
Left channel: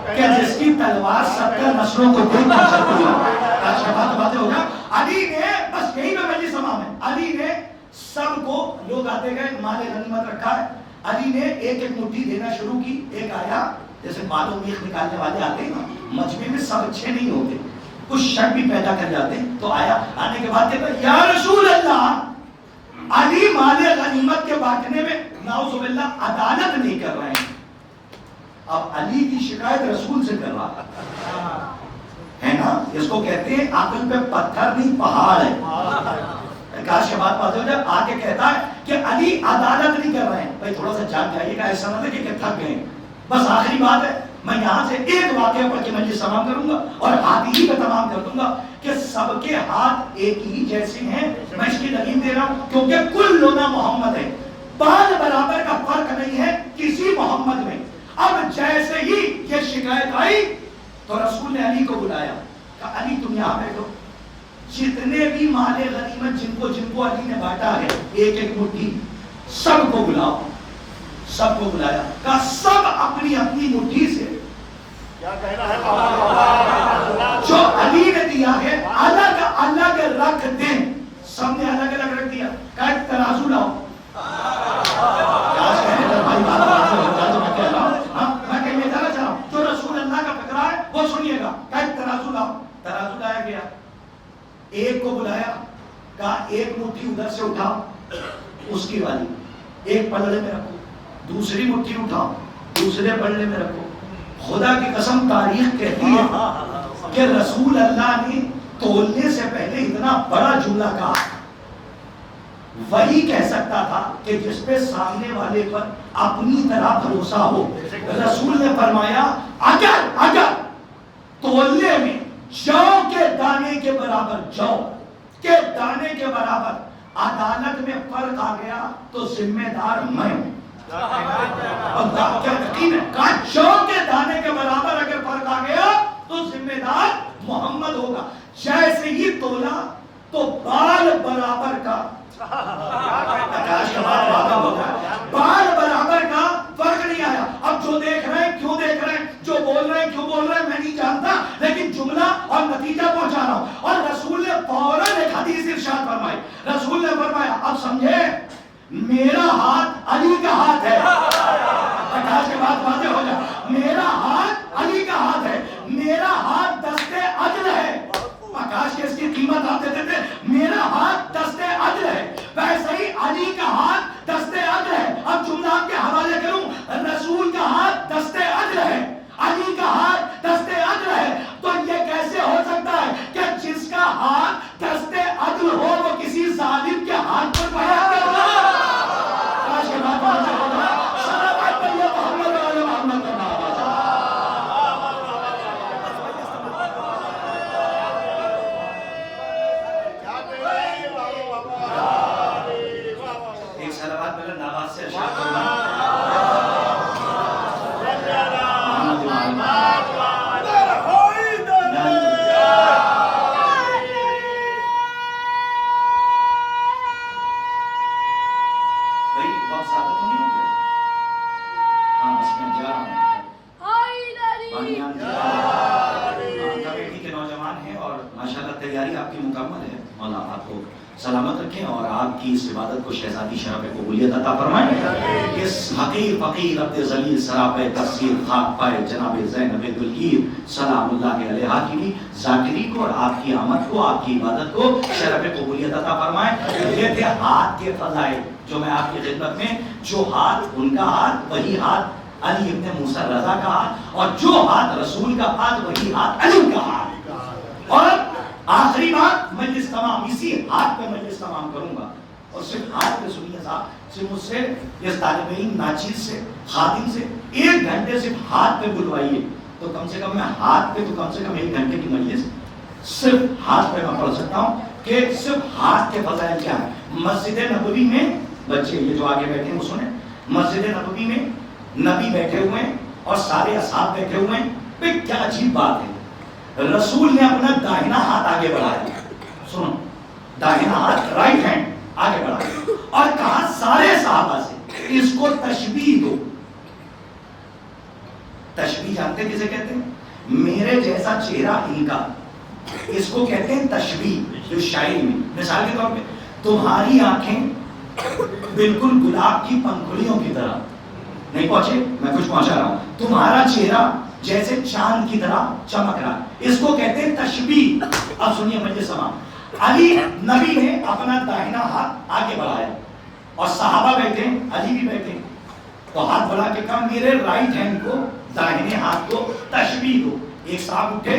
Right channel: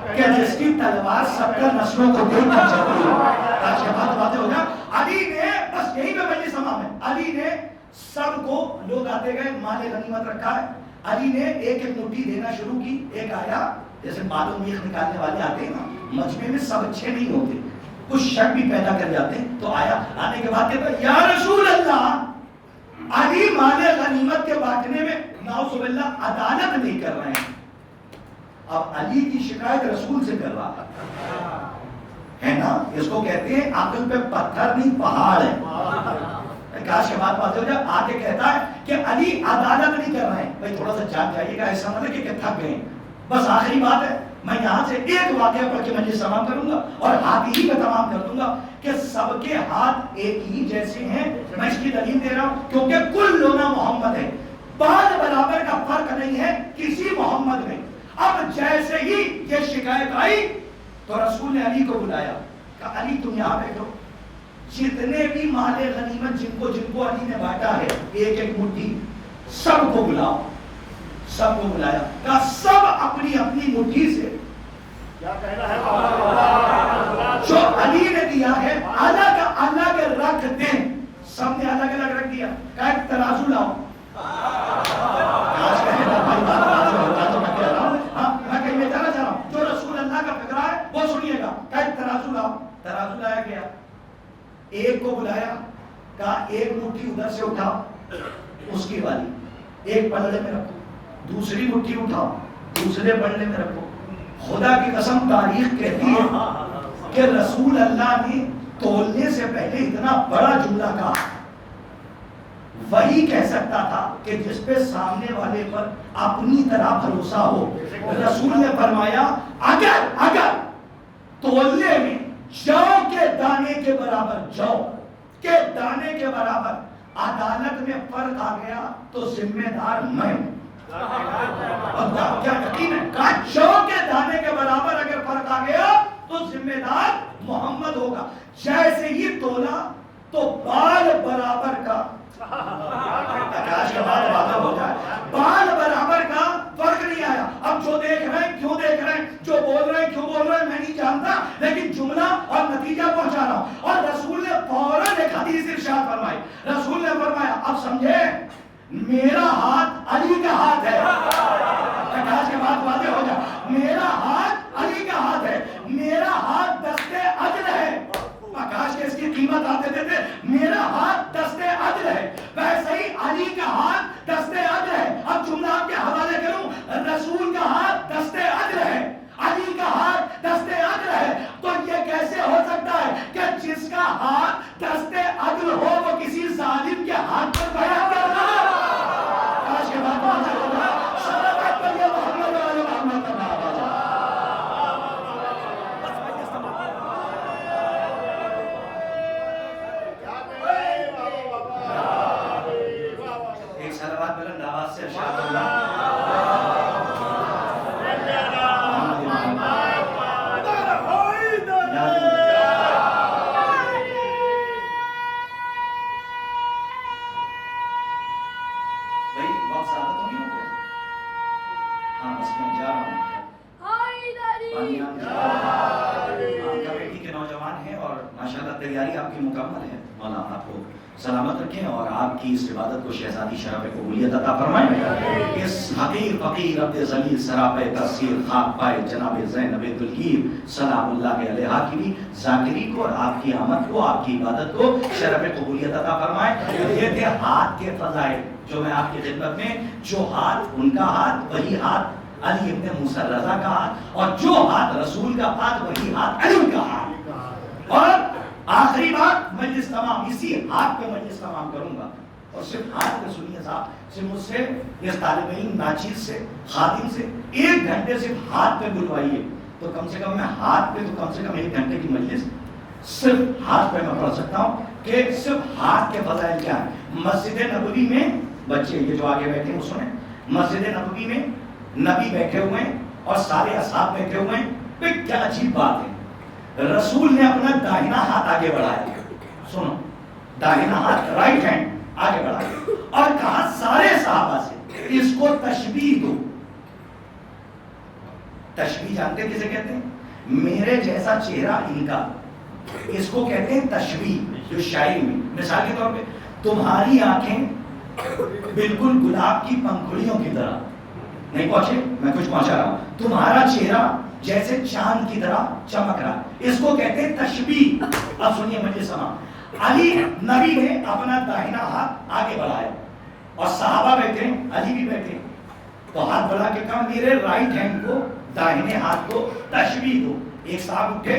کہ جس کی تلوار 70 نسلوں کو دیکھ کر چلتی ہے. بات ہو جائے. علی نے بس یہی میں مجلس امام ہے، علی نے سب کو، لوگ آتے گئے، مال غنیمت رکھا ہے، علی نے ایک ایک مٹھی دینا شروع کی. ایک آیا، جیسے معلوم میخ نکالنے والے آتے ہیں نا، مجمع میں سب اچھے نہیں ہوتے، کچھ شک بھی پیدا کر جاتے ہیں. تو آیا، آنے کے بعد کہتا یا رسول اللہ، علی مال غنیمت کے بانٹنے میں نعوذ باللہ عدالت نہیں کر رہے ہیں. اب علی کی شکایت رسول سے کر رہا ہے نا. اس کو کہتے ہیں عقل پہ پتھر نہیں پہاڑ ہے. کاش کے بات واضح ہو جائے. آگے کہتا ہے کہ علی عدالت نہیں کر رہے ہیں. بھائی تھوڑا سا جان جائیے گا، ایسا نہ کہ تھک گئے. بس آخری بات ہے، میں یہاں سے ایک واقعہ پڑھ کے مجلس تمام کروں گا اور ہاتھ ہی کا تمام کر دوں گا کہ سب کے ہاتھ ایک ہی جیسے ہیں. میں اس کی دلیل دے رہا ہوں کیونکہ کلنا محمد ہے، بال برابر کا فرق نہیں ہے کسی محمد میں. اب جیسے ہی یہ شکایت آئی تو رسول نے علی کو بلایا، کہا علی تم یہاں بیٹھو، جتنے بھی مال غنیمت جن کو علی نے بانٹا ہے ایک ایک مٹھی، سب کو بلاؤ. سب کو بلایا، کہا سب اپنی اپنی مٹھی سے جو علی نے دیا ہے اللہ کے رکھ دیں. کہا ترازو لاؤ. میں کہیں میں جانا چاہ رہا ہوں, جو رسول اللہ کا فکرہ ہے وہ سنیے گا. کہا ترازو لاؤ. ترازو لایا گیا, ایک کو بلایا, کہا ایک مٹھی ادھر سے اٹھاؤ اس کی والی, ایک پلڑے میں رکھو, دوسری مٹھی اٹھاؤ دوسرے پلڑے میں رکھو. خدا کی قسم تاریخ کہتی ہے کہ رسول اللہ نے تولنے سے پہلے اتنا بڑا جملہ کہا. وہی کہہ سکتا تھا کہ جس پہ سامنے والے پر اپنی طرح بھروسہ ہو. رسول نے فرمایا اگر تولنے میں جو کے دانے کے برابر, جو کے دانے کے برابر عدالت میں فرق آ گیا تو ذمہ دار میں ہوں. اور کیا یقین ہے, کہا جو کے دانے کے برابر اگر فرق آ گیا تو ذمہ دار محمد ہوگا. جیسے ہی تولا تو بال برابر کا, بال برابر کا فرق نہیں آیا. اب جو دیکھ رہے ہیں کیوں دیکھ رہے ہیں, جو بول رہے ہیں کیوں بول رہے ہیں میں نہیں جانتا, لیکن جملہ اور نتیجہ پہنچا رہا ہوں. اور رسول نے فوراً ایک حدیث ارشاد فرمائی. رسول نے فرمایا اب سمجھے میرا ہاتھ علی کا ہاتھ ہے. کے بعد واضح ہو جائے, میرا ہاتھ علی کا ہاتھ ہے, میرا ہاتھ دستے عدل ہے. آکاش کے اس کی قیمت آپ دیتے تھے, میرا ہاتھ دستے عدل ہے, ویسے ہی علی کا ہاتھ دستے عدل ہے. اب جملہ آپ کے حوالے کروں, رسول کا ہاتھ دستے عدل ہے, علی کا ہاتھ دستے عدل ہے. تو یہ کیسے ہو سکتا ہے کہ جس کا ہاتھ دستے عدل ہو وہ کسی ظالم کے ہاتھ پر بیان کر رہا ہے. آج کے بعد واضح ہو جائے, صلوات پر یہ محمد والے محمد کا نام. ایک صلوات بلند آواز سے ارشاد فرمائیں. بھائی وقت زیادہ تو نہیں ہو گیا؟ ہاں بس میں جا رہا ہوں. کمیٹی کے نوجوان ہیں اور ماشاءاللہ تیاری آپ کی مکمل ہے. مولا آپ کو سلامت رکھیں اور آپ کی اس عبادت کو شہزادی شرف قبولیت عطا فرمائیں. اس حقیر فقیر عبد ذلیل سراپے تفسیر خاک پائے جناب زینب دلگیر سلام اللہ علیہا کی ذاکری کو اور آپ کی آمد کو, آپ کی عبادت کو شرف قبولیت عطا فرمائیں. یہ تھے ہاتھ کے فضائل جو میں آپ کی خدمت میں, جو ہاتھ ان کا ہاتھ وہی ہاتھ علی ابن موسیٰ رضا کا ہاتھ, اور جو ہاتھ رسول کا ہاتھ وہی ہاتھ علی کا ہاتھ. اور آخری بات, مجلس تمام اسی ہاتھ پہ مجلس تمام کروں گا, اور صرف ہاتھ پہ سنیے صاحب, صرف مجھ سے اس طالب علم ناچیز سے خادم سے 1 گھنٹے صرف ہاتھ پہ بلوائیے تو کم سے کم میں ہاتھ پہ تو کم سے کم 1 گھنٹے کی مجلس صرف ہاتھ پہ میں پڑھ سکتا ہوں کہ صرف ہاتھ کے فضائل کیا ہیں. مسجد نبوی میں بچے یہ جو آگے بیٹھے ہیں وہ سنیں, مسجد نبوی میں نبی بیٹھے ہوئے ہیں اور سارے اصحاب بیٹھے ہوئے ہیں. بھئی کیا عجیب بات ہے, رسول نے اپنا داہنا ہاتھ آگے بڑھایا, سنو داہنا ہاتھ رائٹ ہینڈ آگے بڑھایا اور کہا سارے صحابہ سے اس کو تشبیہ دو. تشبیہ جانتے کسے کہتے ہیں؟ میرے جیسا چہرہ ان کا, اس کو کہتے ہیں تشبیہ. جو شاعری میں مثال کے طور پہ تمہاری آنکھیں بالکل گلاب کی پنکھڑیوں کی طرح نہیں پہنچے, میں کچھ پہنچا رہا ہوں, تمہارا چہرہ جیسے چاند کی طرح چمک رہا, اس کو کہتے ہیں تشبیہ. اب سنیے مجلس سماع, علی نبی نے اپنا داہنا ہاتھ آگے بڑھایا اور صحابہ بیٹھے ہیں, علی بھی بیٹھے ہیں, تو ہاتھ بڑھا کے کہا میرے رائٹ ہینڈ کو داہنے ہاتھ کو تشبیہ دو. ایک صاحب اٹھے,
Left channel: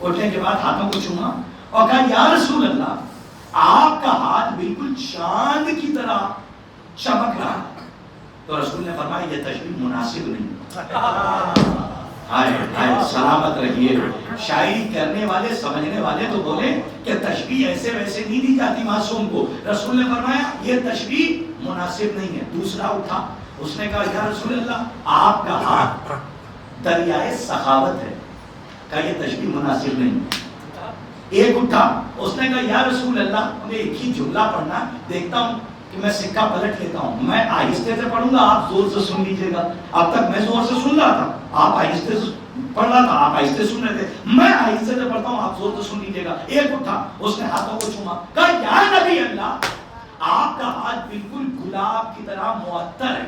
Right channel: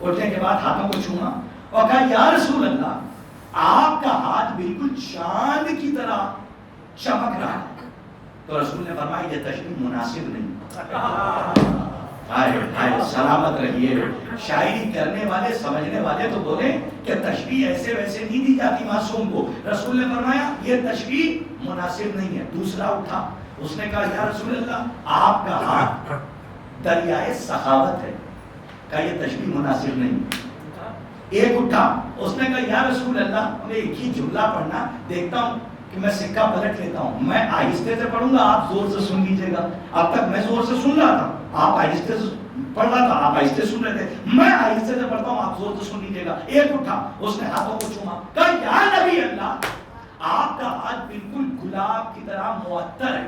اٹھنے کے بعد ہاتھوں کو چھوما اور کہا یا رسول اللہ آپ کا ہاتھ بالکل چاند کی طرح چمک رہا ہے. تو رسول نے فرمایا یہ تشبیہ مناسب نہیں. سلامت رہیے. شاعری کرنے والے سمجھنے والے تو بولے کہ تشبیہ ایسے ویسے نہیں دی جاتی معصوم کو. رسول نے فرمایا یہ تشبیہ مناسب نہیں ہے. دوسرا اٹھا, اس نے کہا یا رسول اللہ آپ کا ہاتھ دریائے سخاوت ہے, کہا یہ تشبیہ مناسب نہیں. ایک اٹھا, اس نے کہا یا رسول اللہ میں ایک ہی جملہ پڑھنا دیکھتا ہوں کہ میں سکہ پلٹ لیتا ہوں, میں آہستہ سے پڑھوں گا آپ زور سے سن لیجیے گا. اب تک میں زور سے سن رہا تھا, آپ آہستہ سے پڑھ رہا تھا, آپ آہستہ سن رہے تھے, میں آہستہ سے پڑھتا ہوں آپ زور سے سن لیجیے گا. ایک اٹھا, اس نے ہاتھوں کو چھوما, کہا یا نبی اللہ آپ کا ہاتھ بالکل گلاب کی طرح معطر ہے.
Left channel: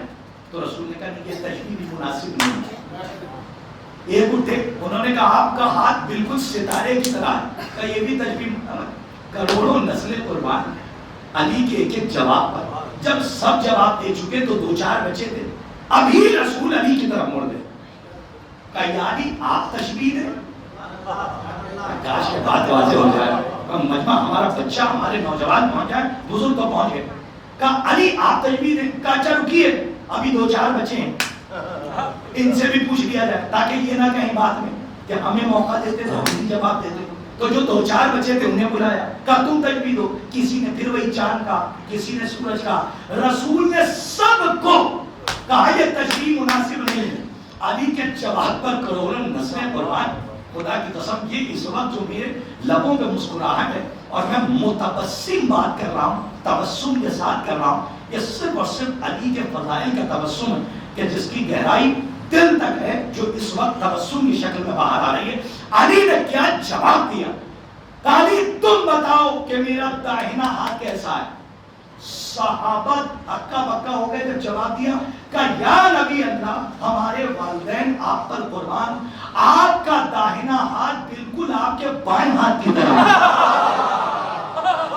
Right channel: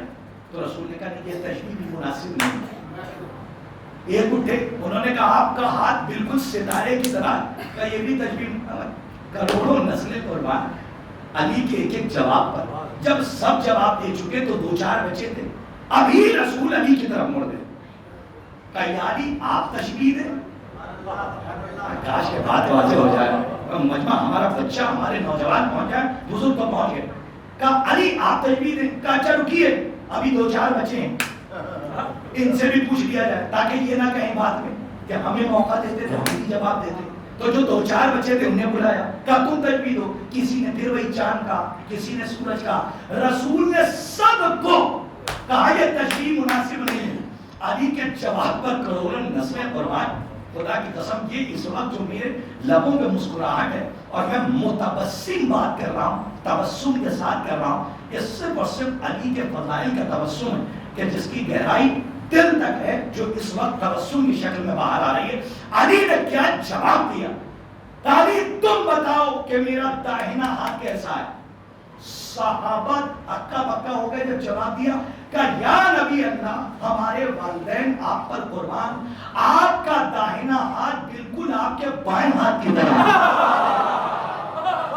تو رسول نے کہا یہ تشبیہ بھی مناسب نہیں ہے. ایک اٹھے انہوں نے کہا آپ کا ہاتھ بالکل ستارے کی طرح ہے. کہ یہ بھی تشبیہ. کروڑوں نسلیں قربان علی کے ایک ایک جواب پر. جب سب جواب دے چکے تو 2-4 بچے تھے. ابھی رسول علی کی طرف مڑ گئے. کہ یعنی آپ تشبیہ دیں. کاش کے بعد واضح ہو جائے مجمع ہمارا بچہ ہمارے نوجوان پہنچ جائے بزرگ تو پہنچ گئے. کہا علی آپ تشبیہ دیں. کہا اچھا رکیے ابھی 2-4 بچے ہیں ان سے بھی پوچھ لیا جائے تاکہ یہ نہ کہیں بعد میں کہ ہمیں موقع دیتے تو ہم بھی جواب دیتے. تو جو 2-4 بچے تھے انہیں بلایا. کہا تم تشبیہ دو. کسی نے پھر وہی چاند کا, کسی نے سورج کا. رسول نے سب کو کہا یہ تشبیہ مناسب نہیں ہے. علی کے جواب پر کروڑوں نسلیں قربان. خدا کی قسم یہ اس وقت جو میرے لبوں پہ مسکراہٹ ہے اور میں متبسم بات کر رہا ہوں, تبسم کے ساتھ کر رہا ہوں, یہ صرف اور صرف علی کے فضائل کا تبسم ہے کہ جس کی گہرائی دل تک ہے, جو اس وقت تبسم کی شکل میں باہر آ رہی ہے. علی نے کیا جواب دیا. علی تم بتاؤ کہ میرا داہنا ہاتھ کیسا ہے. صحابہ ہکا بکا ہو گئے جب جواب دیا. کہا یا نبی اللہ ہمارے والدین آپ پر قربان, آپ کا داہنا ہاتھ بالکل آپ کے بائیں ہاتھ کی طرح.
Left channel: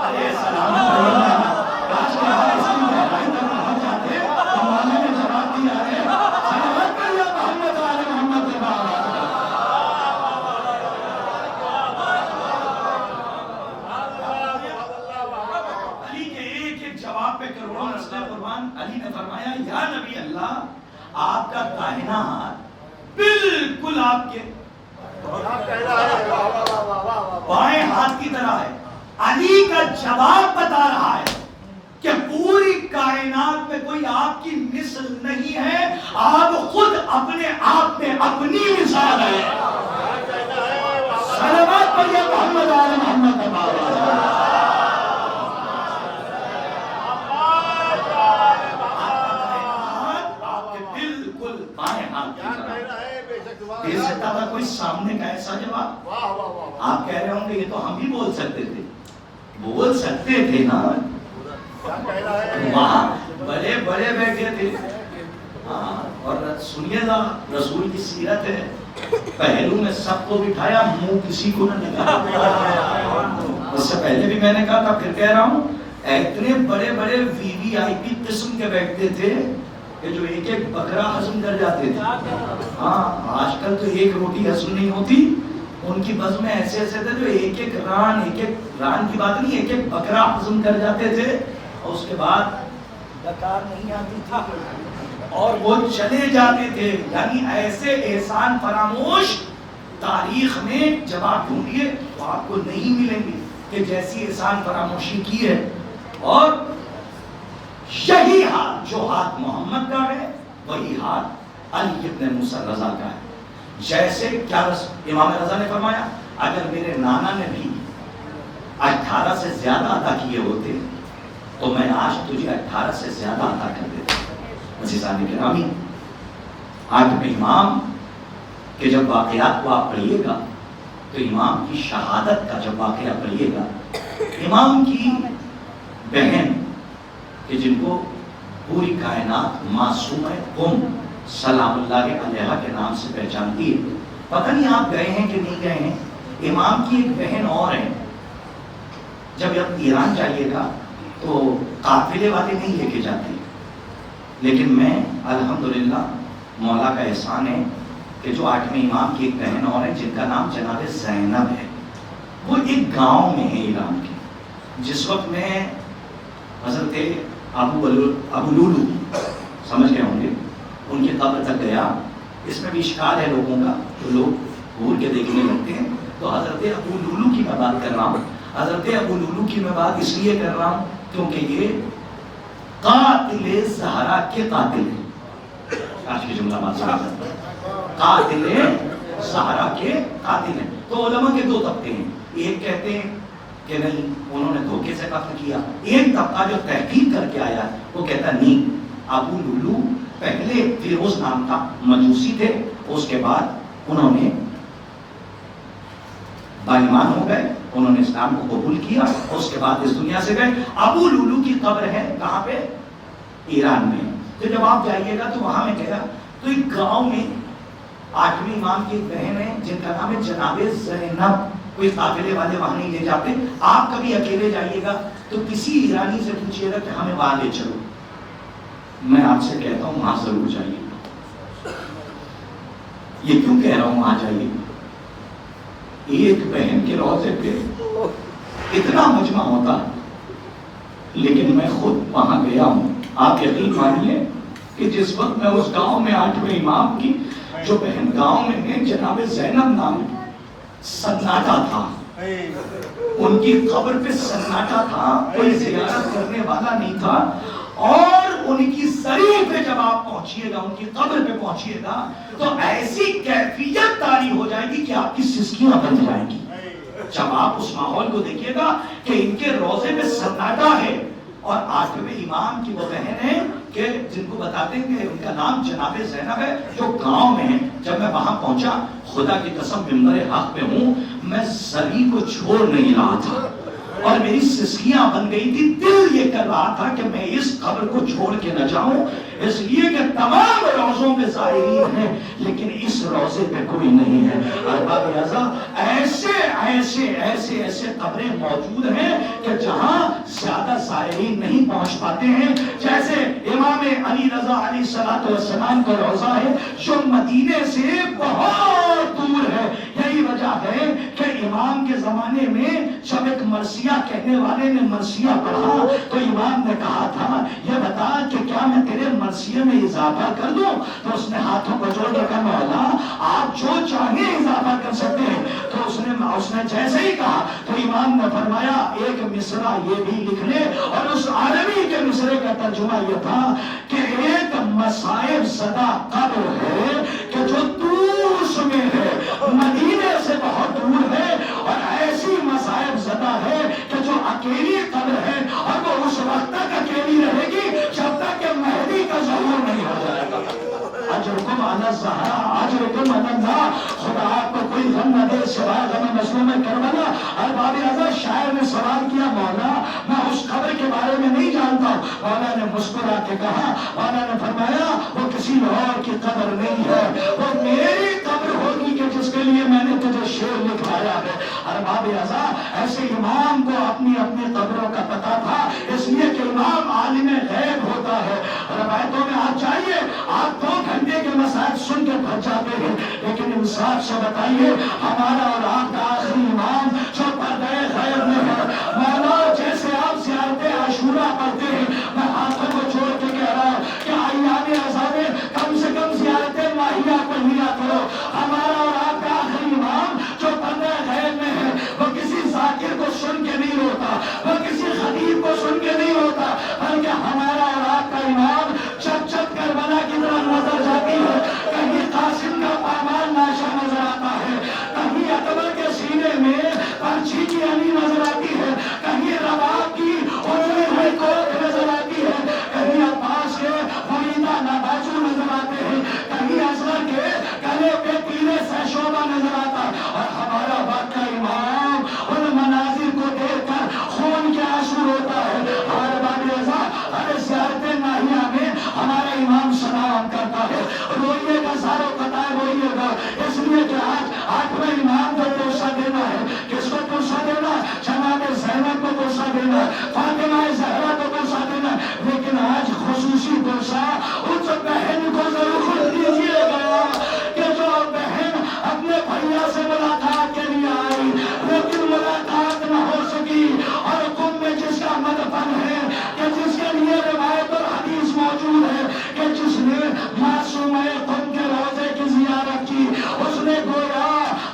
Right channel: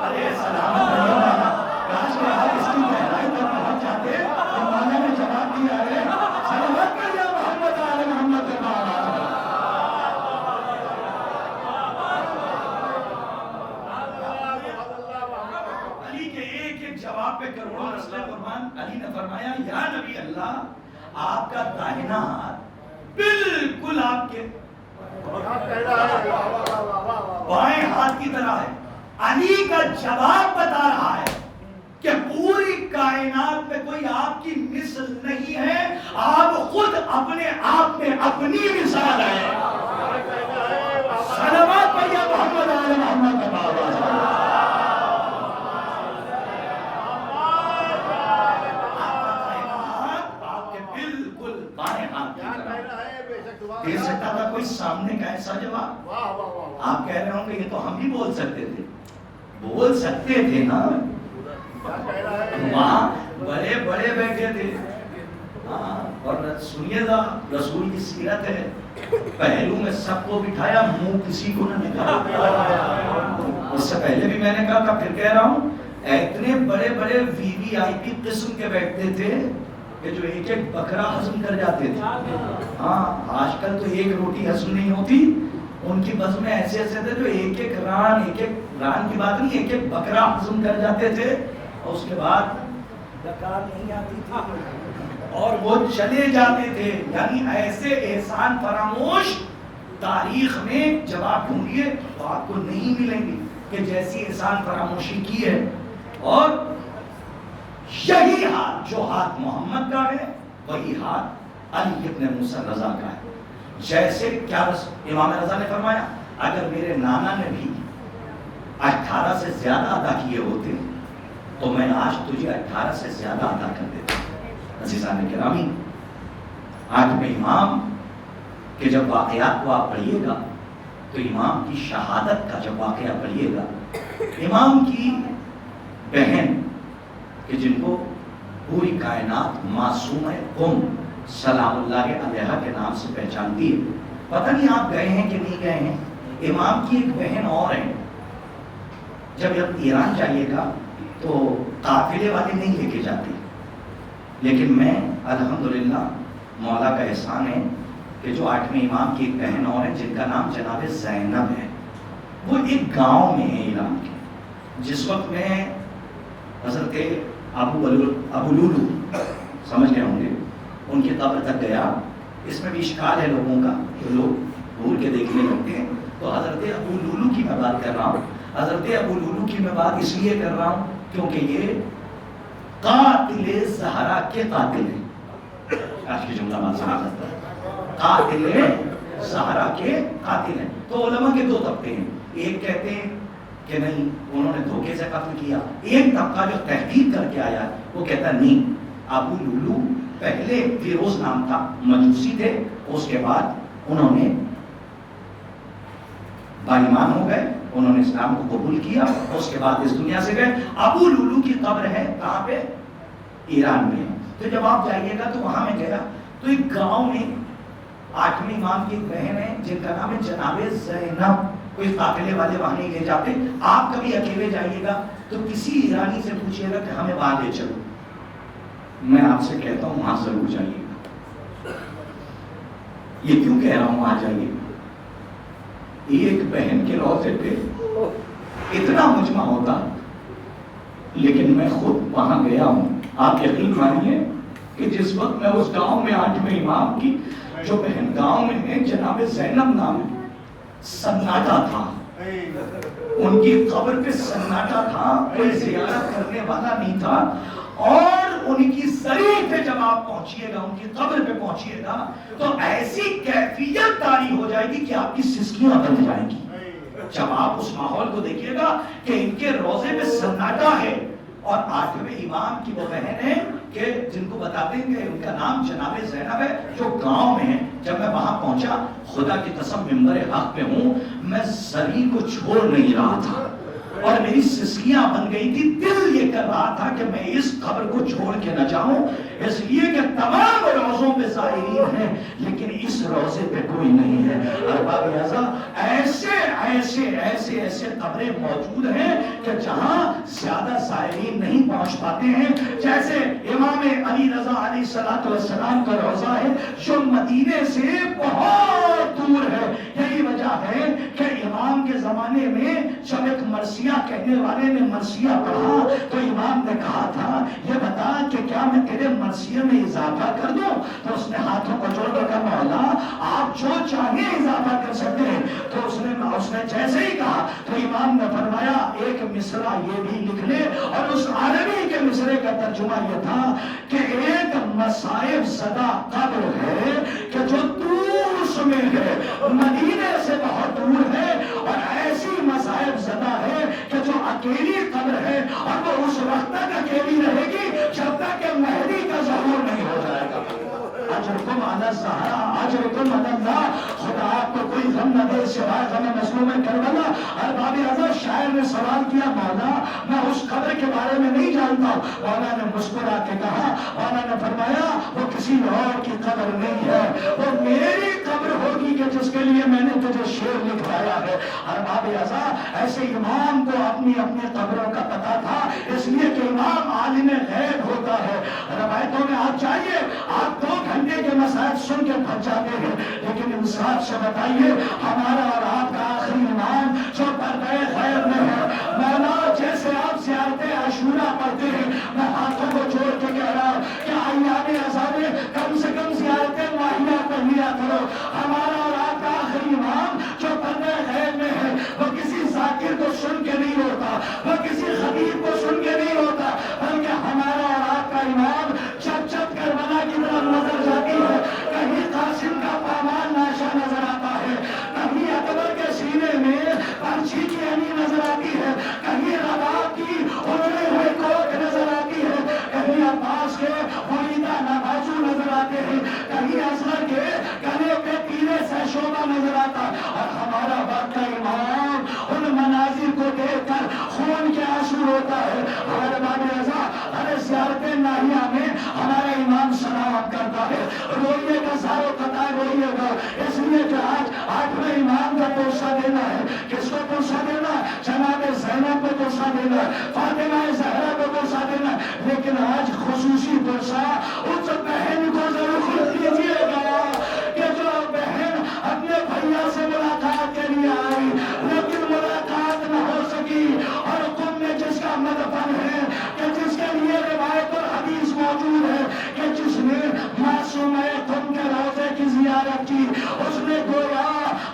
ارے سلام علیکم. کاش کے آپ اس کی گہرائی تک پہنچ جاتے تو مولانا نے جواب دیا ہے سلامت کر یا محمد علی محمد. علی کے ایک ایک جواب پہ کروڑوں نسلیں قربان. علی نے فرمایا یا نبی اللہ آپ کا داہنا ہاتھ بالکل آپ کے بائیں ہاتھ کی طرح ہے. علی کا جواب بتا رہا ہے کہ پوری کائنات میں کوئی آپ کی مثل نہیں ہے, آپ خود اپنے آپ میں اپنی مثال ہے. صلوات پڑھیے محمد آل محمد. آپ کے بالکل بائیں ہاتھ کی طرح. دے سکتا تھا کوئی سامنے کا ایسا جواب. آپ کہہ رہے ہوں گے یہ تو ہم بھی بول سکتے تھے. بول سکتے تھے نا, وہاں بڑے بڑے بیٹھے تھے. اور سنیے گا رسول کی سیرت ہے, پہلو میں سب کو بٹھایا, منہ کسی کو نہ دکھایا. اس سے پہلے بھی میں نے کہا تھا, پھر کہہ رہا ہوں, اتنے بڑے بڑے VVIP قسم کے بیٹھتے تھے کہ جو ایک ایک بکرا ہضم کر جاتے تھے. ہاں آج کل تو ایک روٹی ہضم نہیں ہوتی, ان کی بزم میں ایسے ایسے تھے جو ایک ایک ران کی بات نہیں, ایک ایک بکرا ہضم کر جاتے تھے. اور اس کے بعد زکات نہیں آتی تھی اور وہ چلے جاتے تھے. یعنی ایسے احسان فراموش تاریخ میں جب آپ ڈھونڈیے تو آپ کو نہیں ملیں گے کہ جیسی احسان فراموشی کی ہے. اور یہی ہاتھ جو ہاتھ محمد کا ہے وہی ہاتھ علی ابن موسیٰ رضا کا ہے. جیسے کیا امام رضا نے فرمایا اگر میرے نانا نے بھی 18 سے زیادہ ادا کیے ہوتے تو میں آج تجھے 18 سے زیادہ ادا کر دیتا. عزیزان گرامی, آٹھویں امام کے جب واقعات کو آپ پڑھیے گا تو امام کی شہادت کا جب واقعہ پڑھیے گا, امام کی بہن کہ جن کو پوری کائنات معصومہ سلام اللہ علیہ کے نام سے پہچانتی ہے. پتہ نہیں آپ گئے ہیں کہ نہیں گئے ہیں. امام کی ایک بہن اور ہے, جب ایران جائیے گا تو قافلے والے نہیں لے کے جاتے, لیکن میں الحمدللہ مولا کا احسان ہے کہ جو آٹھویں امام کی ایک بہن اور ہے جن کا نام جناب زینب ہے, وہ ایک گاؤں میں ہے ایران کے. جس وقت میں حضرت ابو لولو سمجھ گئے ہوں گے ان کی قبر تک گیا. اس میں بھی اشکال ہے لوگوں کا, تو لوگ گھور کے دیکھنے لگتے ہیں. تو حضرت ابو لولو کی میں بات کر رہا ہوں. حضرت ابو لولو کی میں بات اس لیے کر رہا ہوں کیونکہ یہ قاتل زہرا کے قاتل ہیں. آج کی جملہ بات سنا, قاتل زہرا کے قاتل ہیں. تو علماء کے دو طبقے ہیں. ایک کہتے ہیں کہ نہیں انہوں نے دھوکے سے قتل کیا. ایک طبقہ جو تحقیق کر کے آیا وہ کہتا نہیں, ابو لولو پہلے فیروز نام کا مجوسی تھے, اس کے بعد انہوں نے بائیمان ہو گئے, انہوں انہوں نے اسلام کو قبول کیا اور اس کے بعد اس دنیا سے گئے. ابو لولو کی قبر ہے کہاں پہ؟ ایران میں. تو جب آپ جائیے گا تو وہاں میں گیا تو ایک گاؤں میں 8ویں امام کی ایک بہن ہے جن کا نام ہے جناب زینب. کوئی قافلے والے وہاں نہیں لے جاتے. آپ کبھی اکیلے جائیے گا تو کسی ایرانی سے پوچھیے گا کہ ہمیں وہاں لے چلو. میں آپ سے کہتا ہوں وہاں ضرور جائیے. یہ کیوں کہہ رہا ہوں وہاں جائیے؟ ایک بہن کے روضے پہ اتنا مجمع ہوتا لیکن میں خود وہاں گیا ہوں. آپ یقین مانیے کہ جس وقت میں اس گاؤں میں 8ویں امام کی جو بہن گاؤں میں جناب زینب نام سناٹا تھا. ان کی قبر پہ سناٹا تھا. کوئی زیارت کرنے والا نہیں تھا. اور ان کی سری پہ جب آپ پہنچیے گا ان کی قبر پہ پہنچیے گا تو ایسی کیفیت طاری ہو جائے گی کہ آپ کی سسکیاں بن جائیں گی. جب آپ اس ماحول کو دیکھیے گا کہ ان کے روزے میں سناٹا ہے اور 8ویں امام کی وہ بہن ہے کہ جن کو بتاتے ہیں کہ ان کا نام جناب زینب ہے جو گاؤں میں ہے. جب میں وہاں پہنچا خدا کی قسم ممبر حق پہ ہوں میں سری کو چھوڑ نہیں رہا تھا اور میری سسکیاں بن گئی تھی. دل یہ کر رہا تھا کہ میں اس قبر کو چھوڑ کے نہ جاؤں اس لیے کہ تمام روزوں پہ زائرین ہیں لیکن اس روزے پہ کوئی نہیں ہے. ارباب اعضا ایسے ایسے ایسے ایسے قبریں موجود ہیں کہ جہاں زیادہ زائرین نہیں پہنچ پاتے ہیں. جیسے امام علی رضا علیہ الصلوۃ والسلام کا روزہ ہے جو مدینے سے بہت دور ہے. یہی وجہ ہے کہ امام کے زمانے میں جب ایک مرثیہ کہنے والے نے مرثیہ پڑھا تو امام نے کہا تھا یہ بتا کہ کیا میں تیرے مرثیے میں اضافہ کر دوں؟ تو اس نے ہاتھوں کو جوڑ کے کہا مولا آپ جو چاہیں اضافہ کر سکتے ہیں. تو اس نے جیسے ہی کہا تو امام نے فرمایا ایک مصرع یہ بھی لکھ لے. اور اس عربی کے مصرے کا ترجمہ یہ تھا کہ ایک مصائب زدہ قبر ہے کہ جو طوس میں ہے مدینے سے بہت دور ہے اور ایسی مصائب زدہ ہے کہ جو اکیلی قبر ہے اور وہ اس وقت تک اکیلی رہے گی جب تک کہ مہدی کا ظہور نہیں ہو جائے گا. اجرکم علی الزہرا اجرکم علی اللہ. خدا آپ کو کوئی غم نہ دے سوائے غم مظلوم کربلا. ارباب اعضاء شاعر نے سوال کیا مولا میں اس قبر کے بارے میں نہیں جانتا ہوں. مولا نے مسکرا کے کہا مولا نے فرمایا وہ کسی اور کی قبر نہیں ہے وہ میری قبر ہوگی کہ جس کے لیے میں نے تجھے شعر لکھایا ہے. ارباب اعضاء ایسے امام کو اپنی اپنی قبروں کا پتا تھا اس لیے کہ امام عالم غیب ہوتا ہے. روایتوں میں آپ جائیے آپ 2 گھنٹے کے مسائل سن کے پھنس جاتے ہیں لیکن انصاف سے بتائیے ہمارا اور آپ کا آخری امام جو پردہ غیب میں ہے مولا جیسے آپ زیارت عاشورہ پڑھتے ہیں میں ہاتھوں کو جوڑ کے کہہ رہا ہوں کہ ایام عذاب کم سے کم زیارت ماہیہ پڑھ لیا کرو. ہمارا اور آپ کا آخری امام جو پردہ غیب میں ہے وہ کسی ذاکر کو سن کے نہیں ہوتا وہ کسی خطیب کو سن کے نہیں ہوتا بلکہ ہمارا اور آپ کا امام چپ چپ کربلا کی طرف نظر جاتی ہے. کہیں قاسم کا پامال ناشا نظر آتا ہے کہیں اکبر کے سینے میں پنچھی کی علی نظر آتی ہے کہیں رباب کی اجڑی ہوئی کوٹ نظر آتی ہے کہیں عباس کے مریدہ نبازو نظر آتے ہیں کہیں اصغر کے گلے پہ پیلے سہشوبہ نظر آتا ہے. اور ہمارا وقت کا امام ان مناظر کو دیکھ کر خون کے آنسو روتا ہے. ہمارے باب رضا ارے زیارت ناہیہ میں ہمارا امام سلام کرتا ہے. روئیے گا ساروں قطار روئیے گا اس لیے کہ آج 8ویں امام کا توسہ دینا ہے. کس کو توسہ دینا؟ جناب زینب کو توسہ دینا فاطمہ زہرا کو توسہ دینا. لیکن آج خصوصی توسہ اس بہن کو ضرور دیجیے گا کہ جو بہن اپنے بھیا سے ملاقات کے لیے آئی لیکن ملاقات نہ ہو سکی اور تم میں جس کا مدفن ہے کہ جس کے لیے روایت اور حدیث موجود ہے کہ جس نے معصوم تم کے روزے کی زیارت کی اس نے گویا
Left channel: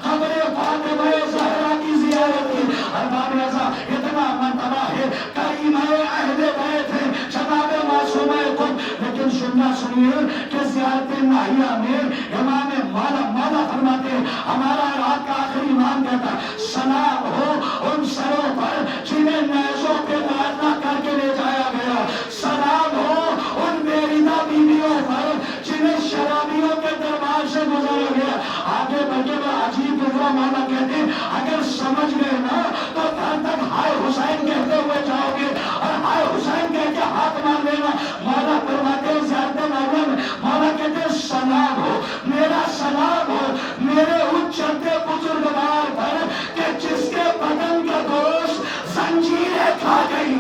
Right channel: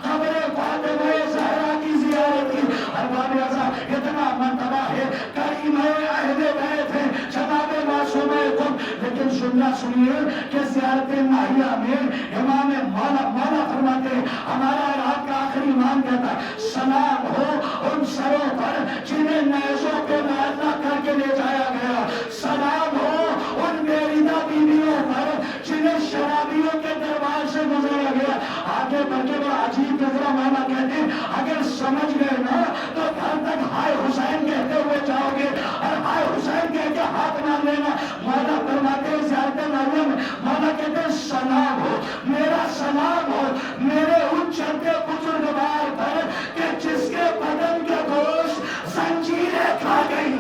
قبر فاطمہ زہرا کی زیارت کی. ارباب اعضاء اتنا مرتبہ ہے کریم اہل بیت ہے جناب معصوم تم لیکن سننا سنیے کہ زیارت ناہیہ میں امام مولا فرماتے ہیں ہمارا اور آپ کا آخری امام کہتا سلام ہو ان سروں پر جنہیں نیزوں پہ مارنا کر کے لے جایا گیا. سلام ہو ان بیریدہ بیویوں پر جنہیں شرابیوں کے دربار سے گزارا گیا. آگے بڑھ کے وہ عجیب گزرا مولا کہتے ہیں اگر سمجھ گئے نا تو جب تک ہائے حسین کہتے ہوئے جاؤ گے اور ہائے حسین کہہ کے ہاتھ مار لینا، مولا فرماتے ہیں زیارت مریم، مولا کہتے ہیں سلام ہو، میرا سلام ہو میرے اس چلتے بزرگوار پر کہ جس کے بدن کا گوشت زنجیریں کھا گئی۔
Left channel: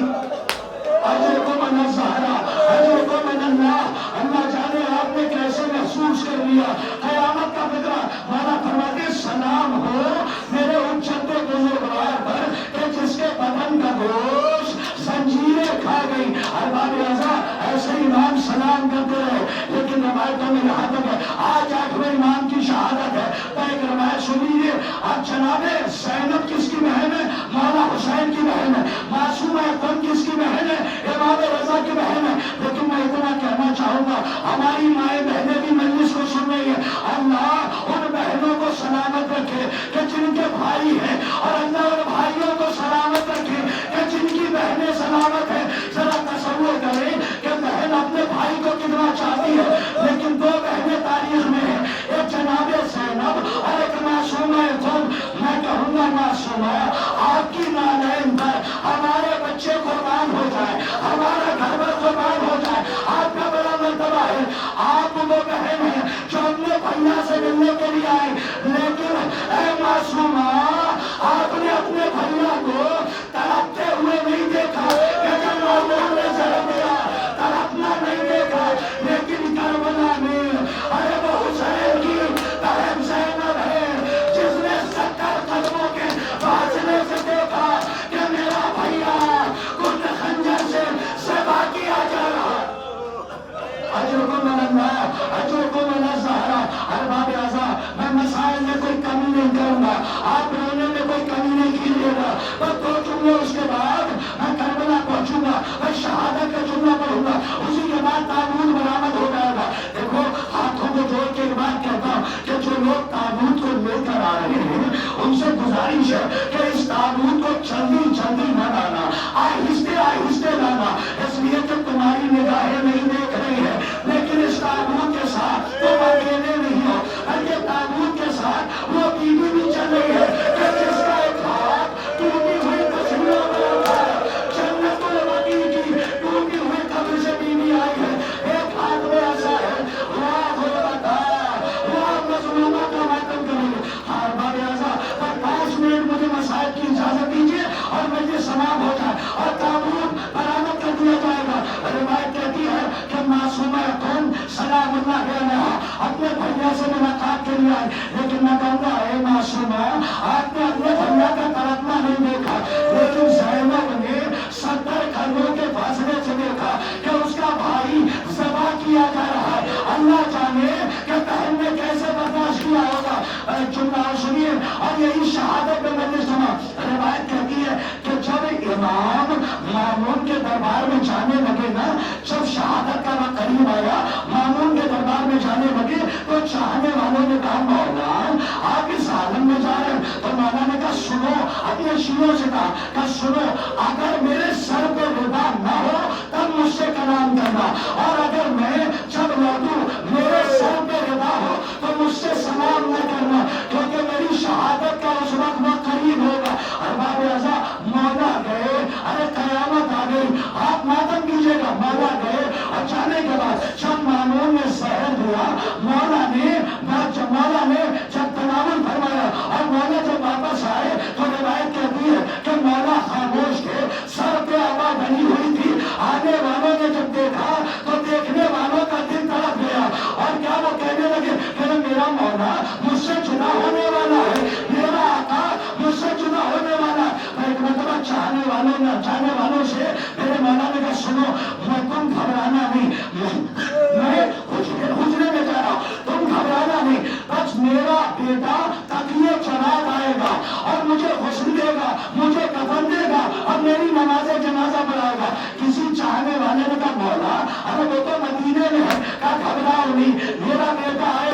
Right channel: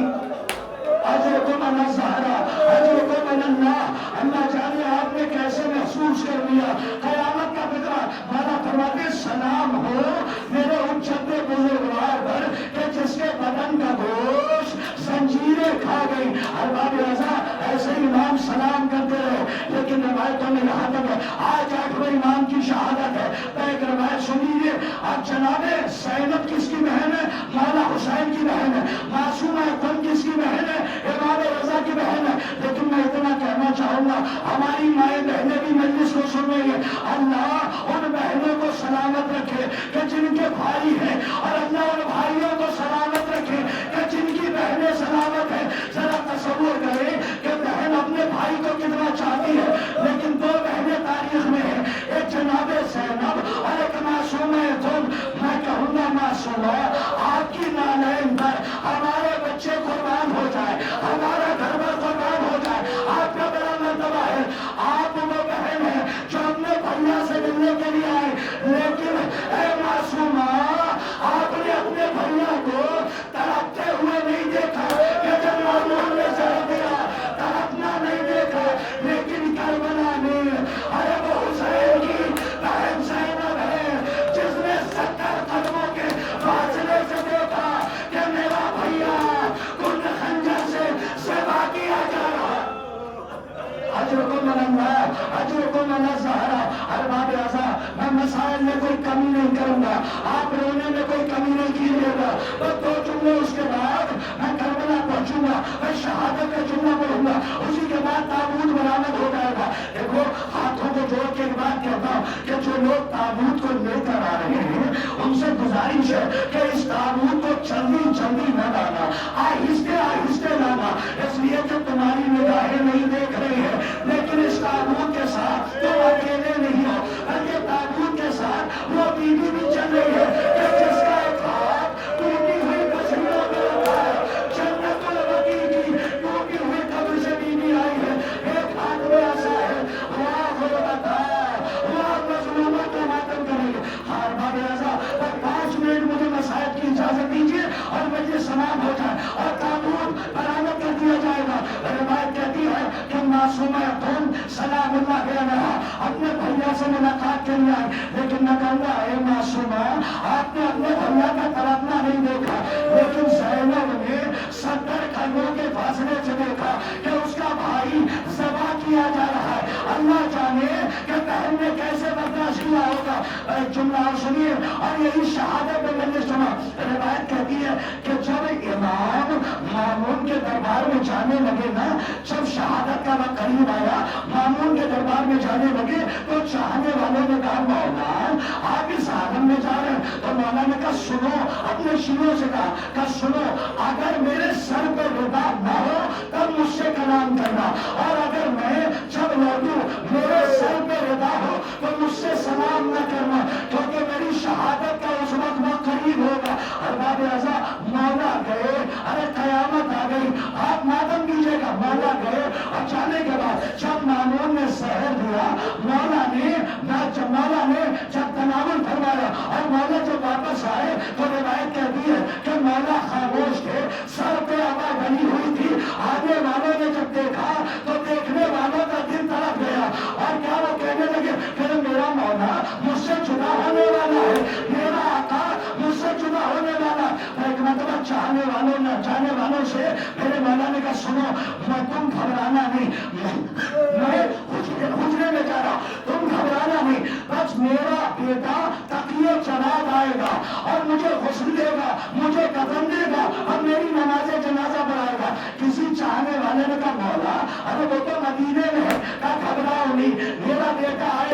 اجرکم الزہرا اجرکم اللہ، اللہ جانے آپ نے کیسے محسوس کر لیا قیامت کا فکرہ۔ مولا فرماتے سلام ہو میرے اچھتے بزرگوار پر کہ جس کے بدن کا گوشت زنجیریں کھا گئی۔ ارباب رضا ایسے امام سلام کرتے رہے، لیکن روایتوں میں یہاں تک ہے آج 8ویں امام کی شہادت ہے۔ تو ایک روایت سنیے، اب جناب زینب کس کی بہن ہے؟ مولا حسین کی بہن ہے۔ معصومہ اکرم کس کی بہن ہے؟ امام رضا کی بہن ہے۔ لیکن میں اتنا کہنا چاہوں گا، ہماری مائیں بہنیں بھی مجلس کو سن رہی ہیں، اللہ ان بہنوں کو سلامت رکھے کہ جن کے بھائی ہیں، اور اللہ ان بھائیوں کو سلامت رکھے کہ جن کی بہنیں سلامت ہیں۔ ذرا تصور کریں کہ بہن اپنے بھائی کو کتنا چاہتی ہے، لیکن دو بہنیں تاریخ میں ہیں، ایک جناب زینب اور ایک معصومہ اکرم۔ میں کہوں گا معصومہ، آپ کی نالین پر ہمارے بچے قربان ہو جائے، ہمارا گھر پر قربان ہو جائے، آپ کا بڑا مرتبہ ہے۔ آپ وہ بہن ہیں جو اپنے بھیا سے ملنے کے لیے آئے، لیکن اے معصومہ، آپ نے اپنے بھیا کو تڑپتے ہوئے نہیں دیکھا کہ جب مامون نے زہر دیا، تڑپنا نہیں دیکھا، لیکن کربلا میں ارے وہ حسین کی بہن زینب ہے جس نے 70 قدموں کے فاصلے سے دیکھا کہ میرا بھیا کنڈ خنجر سے ذبح کیا جا رہا۔ اجرکم اللہ اجرکم الزہرا۔ ارباب اعضاء، میں مسائل میں کوئی کمی نہیں کروں گا، آپ رونے میں کوئی کمی نہیں کیجیے گا، بس 2 جملے اس کے بعد میں کربلا پہنچوں گا، میں شہادت کا جملہ پڑھوں گا، اسی کے بعد تابوت برآمد ہو جائے گا۔ دیکھو ہاتھوں کو جوڑ کے بات کہتا ہوں کہ جو لوگ تابوت کو لے کر آ رہے ہیں ان سے گزارش ہے کہ اس تابوت کو جلدی جلدی نہ لانا، آہستہ آہستہ لانا، اس لیے کہ تمہاری نگاہیں نہیں دیکھ رہی ہیں، لیکن اس تابوت کے ساتھ تم اکیلے نہیں ہو، بلکہ تابوت کے ساتھ وہ بیوی بھی چل رہی ہے کہ جس کا ایک ہاتھ ٹوٹی ہوئی تصویروں میں ہوتا ہے، جنت البقیع کی ٹوٹی ہوئی قبر سے بیوی آئی ہے، ایک ہاتھ میں ایسا ہے واہ غربتا واہ مظلومہ کا ماتم کریں گے۔ ہار باب اعضاء، 5 منٹ مجھے مسائل کی اجازت دیجیے اور مجھے سلام ہو جائے اور تابوت برآمد کر دیا جائے گا۔ روایت کہتی ہے کہ معصومہ اکرم سلام اللہ علیہا اپنے بھیا سے ملاقات کے لیے آئے، لیکن میں کہوں گا اے معصومہ، آپ نے اپنے بھیا کا تڑپنا نہیں دیکھا، لیکن زینب نے 70 قدموں کے فاصلے سے دیکھا کہ اس کا بھائی ذبح کیا جا رہا ہے۔ اللہ جانے کہ بہن نے کیسے برداشت کیا ہوگا۔ ایک جملہ اور سنیے، اور یہی شہادت میں میں نے سنا، روایت کہتی ہے کہ جب امام مامون کے دربار میں جانے لگے نا، جب شہادت کا وقت قریب آیا، مامون کے دربار میں جانے لگے تو چاہنے والوں نے کہا مولا آپ اس عالم میں جا رہے ہیں، تو مولا نے کہا سنو، اپنے شیعوں سے کہا سنو، اگر میرے سر پہ رضا نہ ہو تب مجھ سے کلام کرنا، اور اگر میں جب لوٹوں میرے سر پہ رضا ہو تو مجھ سے سلام نہ کرنا، کیونکہ میری شہادت کا اس وقت قریب ہوگا۔ اور باب اعضاء مولا گئے، ارے قیامت آ گئی، آپ ماتم کیجیے گا، مولا گئے اور جانے کے بعد جب مامون نے زہر دیا، مولا نے جب تناول فرمایا اور مولا جب واپس آئے تو روایت کہتی ہے کہ مولا خاموش تھے، سر پہ آواز بنی ہوئی تھی، آنے والوں نے جب دیکھا تو دیکھنے والوں کا دل تڑپ گیا، اور کیا وہ کہنے لگے کہ میرا مولا مجھ سے جدا ہونے والا ہے، میرا آقا مجھ سے جدا ہونے والا ہے۔ ایک مرتبہ چاہنے والوں نے جانے والوں سے میرے مولا نے کہا سنو، تم گھبرانا نہیں، میں حجرے میں جا رہا ہوں، تم گھبرانا نہیں، بس میرا بیٹا تقیے چلا آئے گا اور مجھے غسل دے گا، مجھے کفن دے گا اور میری نماز جنازہ پڑھائے گا۔ کسی چاہنے والے نے کہا مولا ارے وہ تو مدینے میں ہے، کہا گھبراؤ نہیں، میرا بیٹا آئے